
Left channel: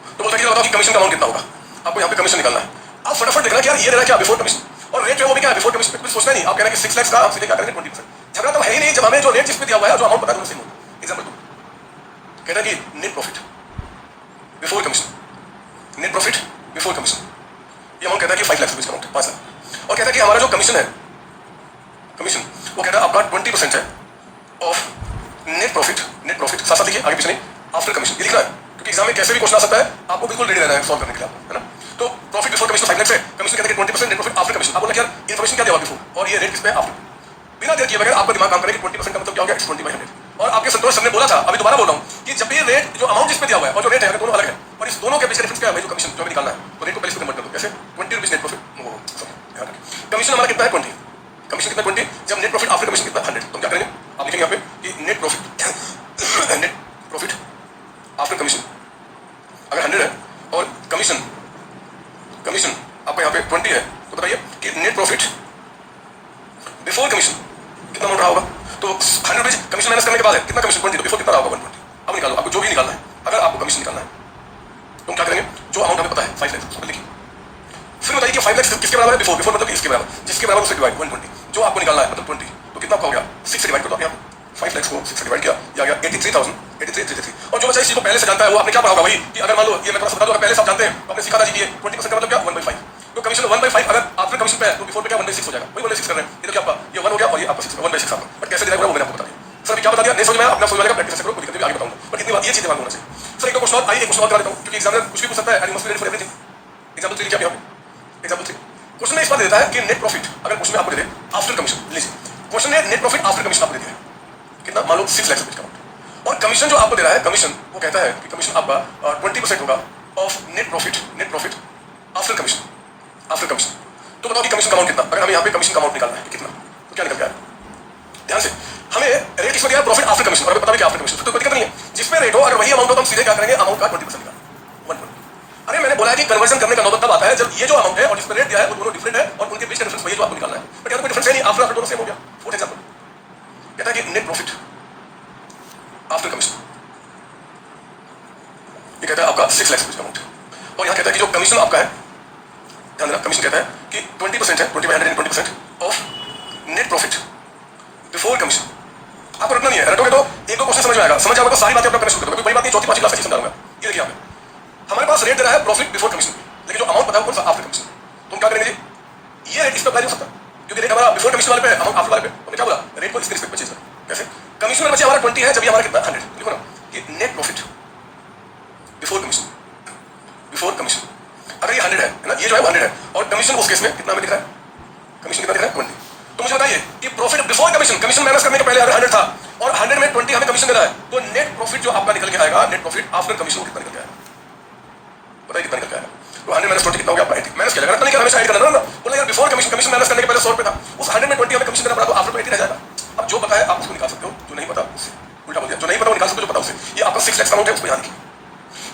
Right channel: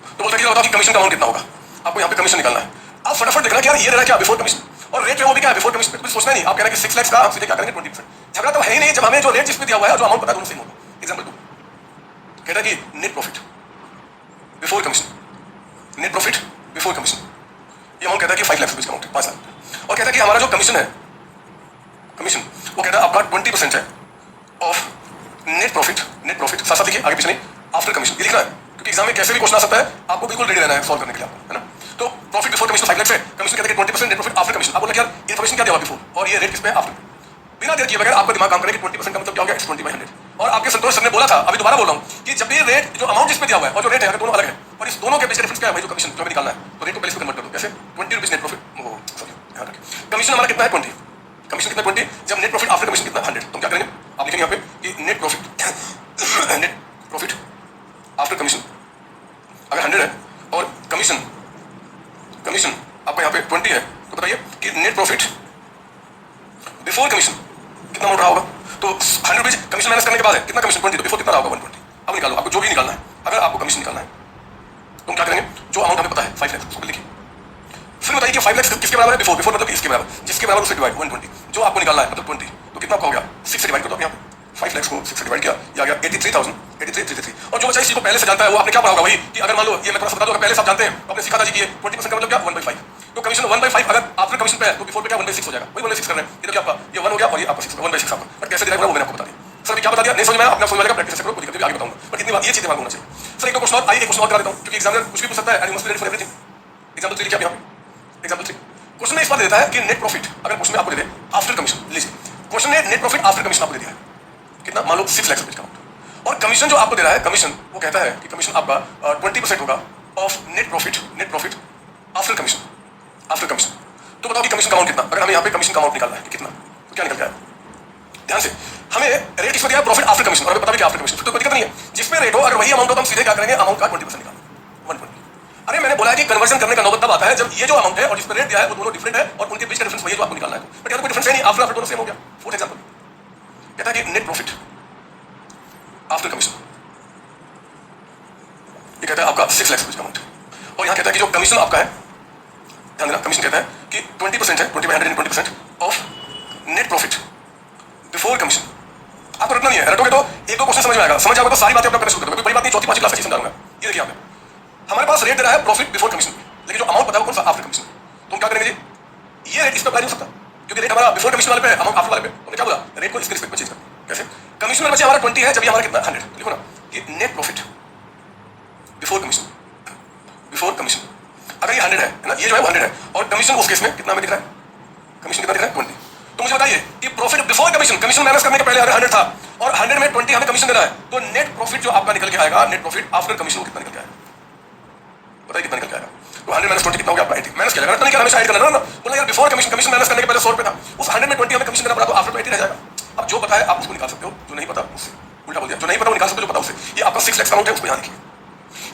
तो बोलता है कि बताओ कि कमीशन का अमाउंट कितना होगा, आपको यहाँ पे कमीशन निकालना है। आप फटाफट देखना कि यार ये रहा क्या बिफोर कमीशन, और रेट जो वो भी क्या है बिफोर कमीशन पे कुछ सोचना नहीं, आप कह रहे हैं कि 6 लाख का आप सीधे क्या करेंगे 20%। झगड़ा तो है ही नहीं जब हमें जो रेट जिस पे दिया हुआ है जो अमाउंट बता दूं सेम होगा। एग्जांपल दो, कहता है कि net profit before commission, net profit before commission, ये अमाउंट कहता है कि 5 लाख रुपीज का अमाउंट है 5 लाख, और कहता है कि हमारा जो कमीशन है, कमीशन वो कहता है आपका 20% है of net profit, net profit साथ साथ देखिए आगे पीछे नहीं, आफ्टर कमीशन ये लिखा है क्योंकि एग्जाम में कैसे भी क्वेश्चन आ सकता है, आपको बिल्कुल रेडी रहना है सॉल्व करने के लिए, है ना। तो प्रॉफिट बिफोर कमीशन 5 लाख है, कमीशन कहते हैं 20%, नेट प्रॉफिट आफ्टर कमीशन। आप बोले यार इन्फॉर्मेशन क्या दिया बिफोर और ये रेट किस पे आफ्टर, बिना देर किए बगैर आपका दिमाग काम करे कि 20% का मतलब क्या हो गया 20/100। और आपके संतोष सर ने बोला था, अभी दोबारा बोल रहा हूं कि जब भी रेट जो अमाउंट जिस पे दिया हुआ है और जो रेट है दोनों अलग है, और इस दोनों के बीच डिफरेंस क्या है भाई, जो कमीशन जो हमें निकालना है, तो रेट को पहले से कन्वर्ट कर दो, जैसे 20 रुपीस नेट प्रॉफिट, कमीशन हमारा कितना है 20, कमीशन कितना 20, जब नेट प्रॉफिट आफ्टर कमीशन कितना 100, तो क्या करेंगे आप लिखेंगे यहाँ पे कि नेट प्रॉफिट आफ्टर कमीशन अगर 100 है और कमीशन आपका यहाँ पे 20 है, तो बताइए कि नेट प्रॉफिट बिफोर कमीशन कितना अमाउंट रहा होगा। तो 100 रुपीज कमीशन माइनस करने के बाद है कितना कमीशन 20, तो बिफोर कितना रहा होगा 120। अब निकालो, आपको जो भी निकालना है, अगर आपको कमीशन निकालना है तो क्या करेंगे, जो अमाउंट हमें पता है 5 लाख उसको लिखिए, फिर बताइए कि 5 लाख किसके बराबर है बिफोर, बिफोर मतलब इसके बराबर, जिसके बराबर उसे डिवाइड 120, जो आपको निकालना है मतलब 20, तो कितना आपका हो गया 6 से डिवाइड कर दो आप यहाँ 5 लाख को 6 से डिवाइड किया, ये आ गया 83,083, और जो बच्चा इसी को पहले से जानता है वो आपने क्या पढ़ा होगा वही कि अगर मान लो ये मैं थोड़ा सा बता दूं, अगर पहले से आप जानते हैं तो आपने सिखा था जी कि 20% का मतलब क्या 1/5, तो कमीशन 1/5 अगर आफ्टर कमीशन पे है तो बिफोर पे क्या 1/6 हो जाएगा, वही 1/6 कर रहे हैं, ये तो क्या आपका ये 1 हो गया और ये आपका 6 1/6 आपका, बट कैसे दिया वो मैंने आपको बता दिया। सर क्या बता दिया नहीं समझ में आया, अपना समझ वाला प्रैक्टिस करो, खुद करके आगे बताऊंगा, बट इतनी बात ये चीज दिमाग में होना चाहिए। सर एक क्वेश्चन और आइए, एक क्वेश्चन और करा देता हूं क्योंकि एग्जामिनर कुछ भी पूछ सकता है, and you must be ready for everything. Example 3 लिखिए आप यहां, एग्जांपल 3 क्वेश्चन में इस बात देता है कि नेट प्रॉफिट अगर क्वेश्चन में आपको दे दे आफ्टर कमीशन, लीजिए क्वेश्चन में नेट प्रॉफिट आफ्टर कमीशन आपको दे दिया है कितना, मान लो 6 लाख रुपए का, और कमीशन जो आपको दे रहा है कमीशन वो कहता है कि कमीशन आपका 20% होगा of net profit after commission. तो बताओ कि कमीशन का अमाउंट कितना, अगर हमें यहाँ पे कमीशन का अमाउंट निकालना है कि कितना, तो क्या निकल जाएगा, ध्यान से हमें रेट किसमें दिया है प्रॉफिट आफ्टर कमीशन, और हमें पता है कि आफ्टर कमीशन तो कोई दिक्कत नहीं है, जिसमें रेट हो अगर वही अमाउंट हो तो हम सीधे क्या करेंगे अमाउंट का 20% निकाल 120। अरे मैंने बोला है कि कन्वर्जन करने का नौबत तब आता है जब ये जो अमाउंट है और जिसमें रेट दिया है वो दोनों डिफरेंट है और उनके बीच का डिफरेंस वही जो आपको निकालना है, बट यहाँ कोई डिफरेंस है नहीं, आफ्टर दोनों सेम हो गया। फॉर एग्जांपल कहता है कि नेट प्रॉफिट आफ्टर कमीशन, ये कहता है आपका 6 लाख रुपीज का अमाउंट, और यहाँ कहता है कि जो कमीशन आपका है, ध्यान देना कमीशन कहता है कि 20% है 20/100 20% of net profit before commission. आपको रटना नहीं है, रटोगे तो एक दो क्वेश्चन समझ में आएगा, समझ आएगा तो सारी बातें अपना करना शुरू कर दोगे, बड़ी बात नहीं, चौथी पांचवी क्लास की समझाऊंगा। ये देखिए आपने हमारे पास रेट दे रहा है प्रॉफिट बिफोर कमीशन, लेकिन जो अमाउंट पता है वो कौन सा आफ्टर कमीशन, तो क्या करेंगे जी ये रेट इस पर अप्लाई हो सकता क्योंकि रेट हमारा बिफोर कमीशन वाले पे है, अमाउंट आफ्टर वाले पे, तो क्या बोला रेट को इसके रिस्पेक्ट में चेंज करो, कैसे कमीशन में बचे हमारा 20 है जब ये हमारा कितना 100, देखो ना ये नेट प्रॉफिट बिफोर कमीशन अगर ये 100 है ना, ये जो है 100 है और कमीशन उस केस में कितना हमें दिख रहा है, कमीशन कितना दिख रहा है 20, तो मुझे बताइए कि प्रॉफिट बिफोर कमीशन माइनस करने के पहले अगर 100 था और 100 में 20 हमें कमीशन दे रहा है, तो नेट प्रॉफिट जो आपका निकल के आएगा, नेट प्रॉफिट आफ्टर कमीशन कितना निकल के आएगा, बताइए कितना निकल के आएगा, तो 100 माइनस 20 कितना हो गया आपका 80, माइनस किया तो नहीं हमेशा ऐड करना ना, बोला यार बिफोर कमीशन माइनस करने के पहले 100 रुपए था, उस 100 में 20 हमें कमीशन देना पड़ा तो आफ्टर 80 रह जाएगा। अब जो पता है आप उसको निकाल सकते हो, जो नहीं पता उससे उल्टा बोल दिया, जो नहीं पता वो निकाल सकते हो, जो पता उससे। ये आपका 6 लाख का अमाउंट है, उसको ध्यान रखिए,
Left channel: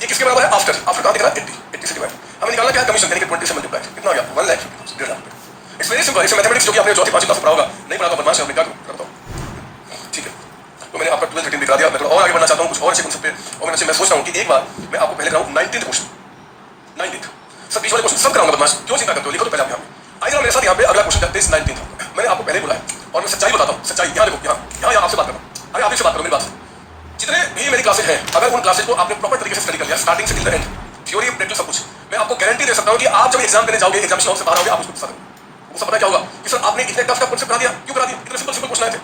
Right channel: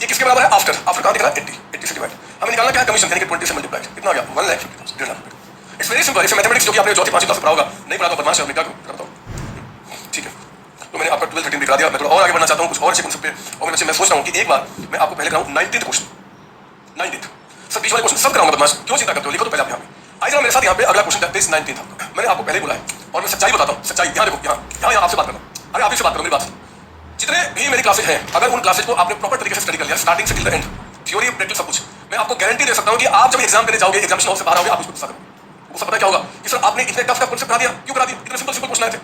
ये किसके बराबर है आफ्टर कहां दिख रहा है 80 से डिवाइड, हमें निकालना क्या है कमीशन, यानी कि 20 से मल्टीप्लाई कितना हो गया 1 लाख, इट्स वेरी सिंपल। इसे मैथमेटिक्स जो कि आपने चौथी पांचवी क्लास में पढ़ा होगा, नहीं पढ़ा तो बदमाश है, क्या बताओ, ठीक है। तो मैंने आपका 12 13 दिखा दिया, मैं थोड़ा और आगे बढ़ना चाहता हूं कुछ और अच्छे कॉन्सेप्ट पे, और मैं सोच रहा हूं कि एक बार मैं आपको पहले कराऊं 19th क्वेश्चन, 19th सब बीच वाले क्वेश्चन सब कराऊंगा, बदमाश क्यों चिंता करते हो, लिखो तो पहले आप यहां आइए मेरे साथ यहाँ पे अगला क्वेश्चन करते हैं 19th। मैंने आपको पहले बोला है और मैं सच्चाई बताता हूं, सच्चाई यहाँ देखो, यहाँ आपसे बात कर रहा हूं, अरे आप से बात करो, मेरी बात जितने भी मेरी क्लासेज हैं, अगर उन क्लासेज को आपने प्रॉपर तरीके से स्टडी कर लिया स्टार्टिंग से till the end, theory practice सब कुछ, मैं आपको गारंटी दे सकता हूं कि आप जब एग्जाम देने जाओगे, एग्जामिनेशन हॉल से बाहर आओगे, आप उसको गुस्सा करोगे। वो सब पता क्या होगा कि सर आपने इतने टफ का कॉन्सेप्ट करा दिया, क्यों करा दिया, इतने सिंपल सिंपल क्वेश्चन आए थे,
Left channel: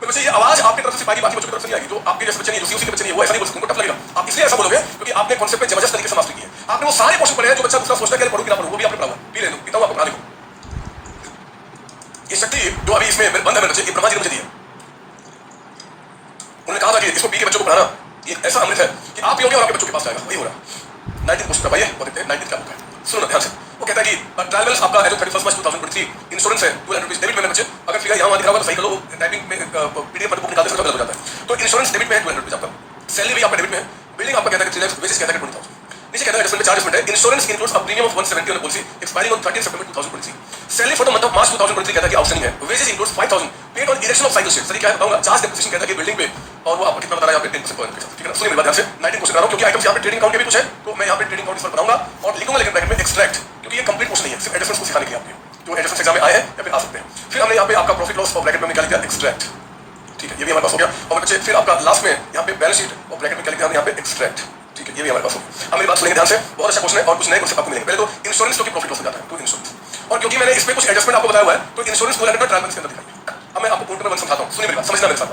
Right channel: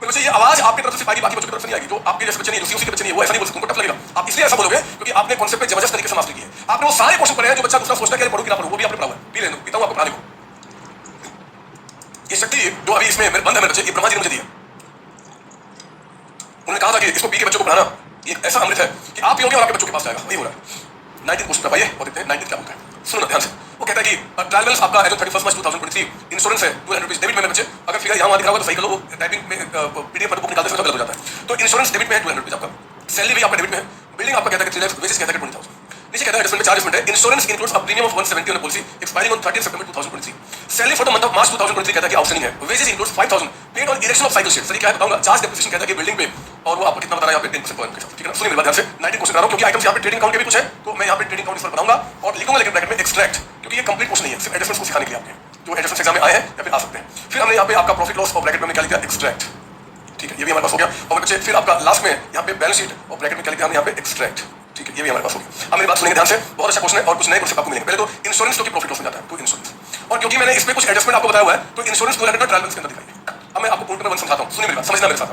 तो वैसे ये आवाज आपकी तरफ से बाकी बच्चों की तरफ से नहीं आएगी, जो आपके लिए बच्चे नहीं, उसी के बच्चे नहीं, वो ऐसा नहीं बोल सकते, उनको टफ लगेगा, आप इसलिए ऐसा बोलोगे क्योंकि आपने कॉन्सेप्ट पे जबरदस्त तरीके से मास्टरी की है, आपने वो सारे क्वेश्चन पढ़े हैं जो बच्चा दूसरा सोचता है कि पढ़ो कि ना पढ़ो, वो भी आपने पढ़ा हुआ है, भी ले लो, बताओ आपको पढ़ा देखो। ये शक्ति जो अभी इसमें बंद है मेरे बच्चे, ये ब्रह्मा जी ने मुझे दी है, उन्होंने कहा था कि इसको पी के बच्चों को पढ़ाना ये ऐसा अमृत है कि आप पियोगे और आपके बच्चों के पास जाएगा, वही हो रहा। 19 क्वेश्चन का भाई और देखते हैं 19 क्या होता है, सुनो ना ध्यान से। वो कहता है कि ट्रायल्स आपका है जो 31 मार्च 2023, इंश्योरेंस है 200 रुपीज डेबिट में बच्चे, अगर फिगर यहाँ दिखा हुआ तो सही कर लो, टाइपिंग में पीडीएफ पर बुक निकालते समय गलत हो जाता है, तो इंश्योरेंस डेबिट में है 200 रुपीज आपका, सैलरी भी आपका डेबिट में है, बिल्डिंग आपका कहता है कि 3 लाख, वेजेस कहता है 20,000, नीचे कहता है एडजस्टमेंट चार्जेस में insurance includes a premium of 170 on policy expiring on 30 September 2023, salary for the month of March 2023 कहता है कि आउटस्टैंडिंग है, wages includes 5,000 paid on erection of cycle shed, sir क्या है बताऊंगा, चार्ज डेप्रिसिएशन कहता है कि बिल्डिंग पे, और वो आपको कितना बता रहा है यहाँ पे 10% पर एनम, ठीक है ना। सुनिए मेरी बात ध्यान से, 19 क्वेश्चन कर रहा हूं क्योंकि आइटम्स यहाँ पे ट्रेडिंग अकाउंट के भी कुछ है, तो मैं यहाँ पे ट्रेडिंग अकाउंट इस पर बताऊंगा और लिखूंगा लेकिन ब्रैकेट में एक्सट्रैक्ट, क्योंकि ये कंप्लीट क्वेश्चन नहीं है, सिर्फ एडिशनल को सिखाने के लिए आपके जो एडजस्टमेंट एग्जाम में आए हैं या फिर आ सकते हैं। फिर हमने यहाँ पे आपका प्रॉफिट लॉस और ब्रैकेट में निकाल दिया एक्सट्रैक्ट, ठीक है, ये भी हमारे पास हो गया। और बच्चे फिर आपका लास्ट में यहाँ पे बैलेंस शीट और ब्रैकेट में निकाल दिया हमने यहाँ पे एक्सट्रैक्ट, ठीक है, ये भी हमारे पास हो गया। अब मेरी बात सुनेंगे ध्यान से, बहुत अच्छा क्वेश्चन है और कुछ नए क्वेश्चन आपको मिलेंगे। पहले तो इंश्योरेंस जो कि प्रॉफिट लॉस में जाता है, तो इंश्योरेंस, और क्योंकि मैंने इस पे कुछ एडजस्टमेंट आपको बताया हुआ है तो इंश्योरेंस को ट्रायल बैलेंस के अंदर दिखाई। अब मैं आपको पॉइंट नंबर 1 समझाता हूँ, सुनिए मेरी बात, समझना मेरे साथ।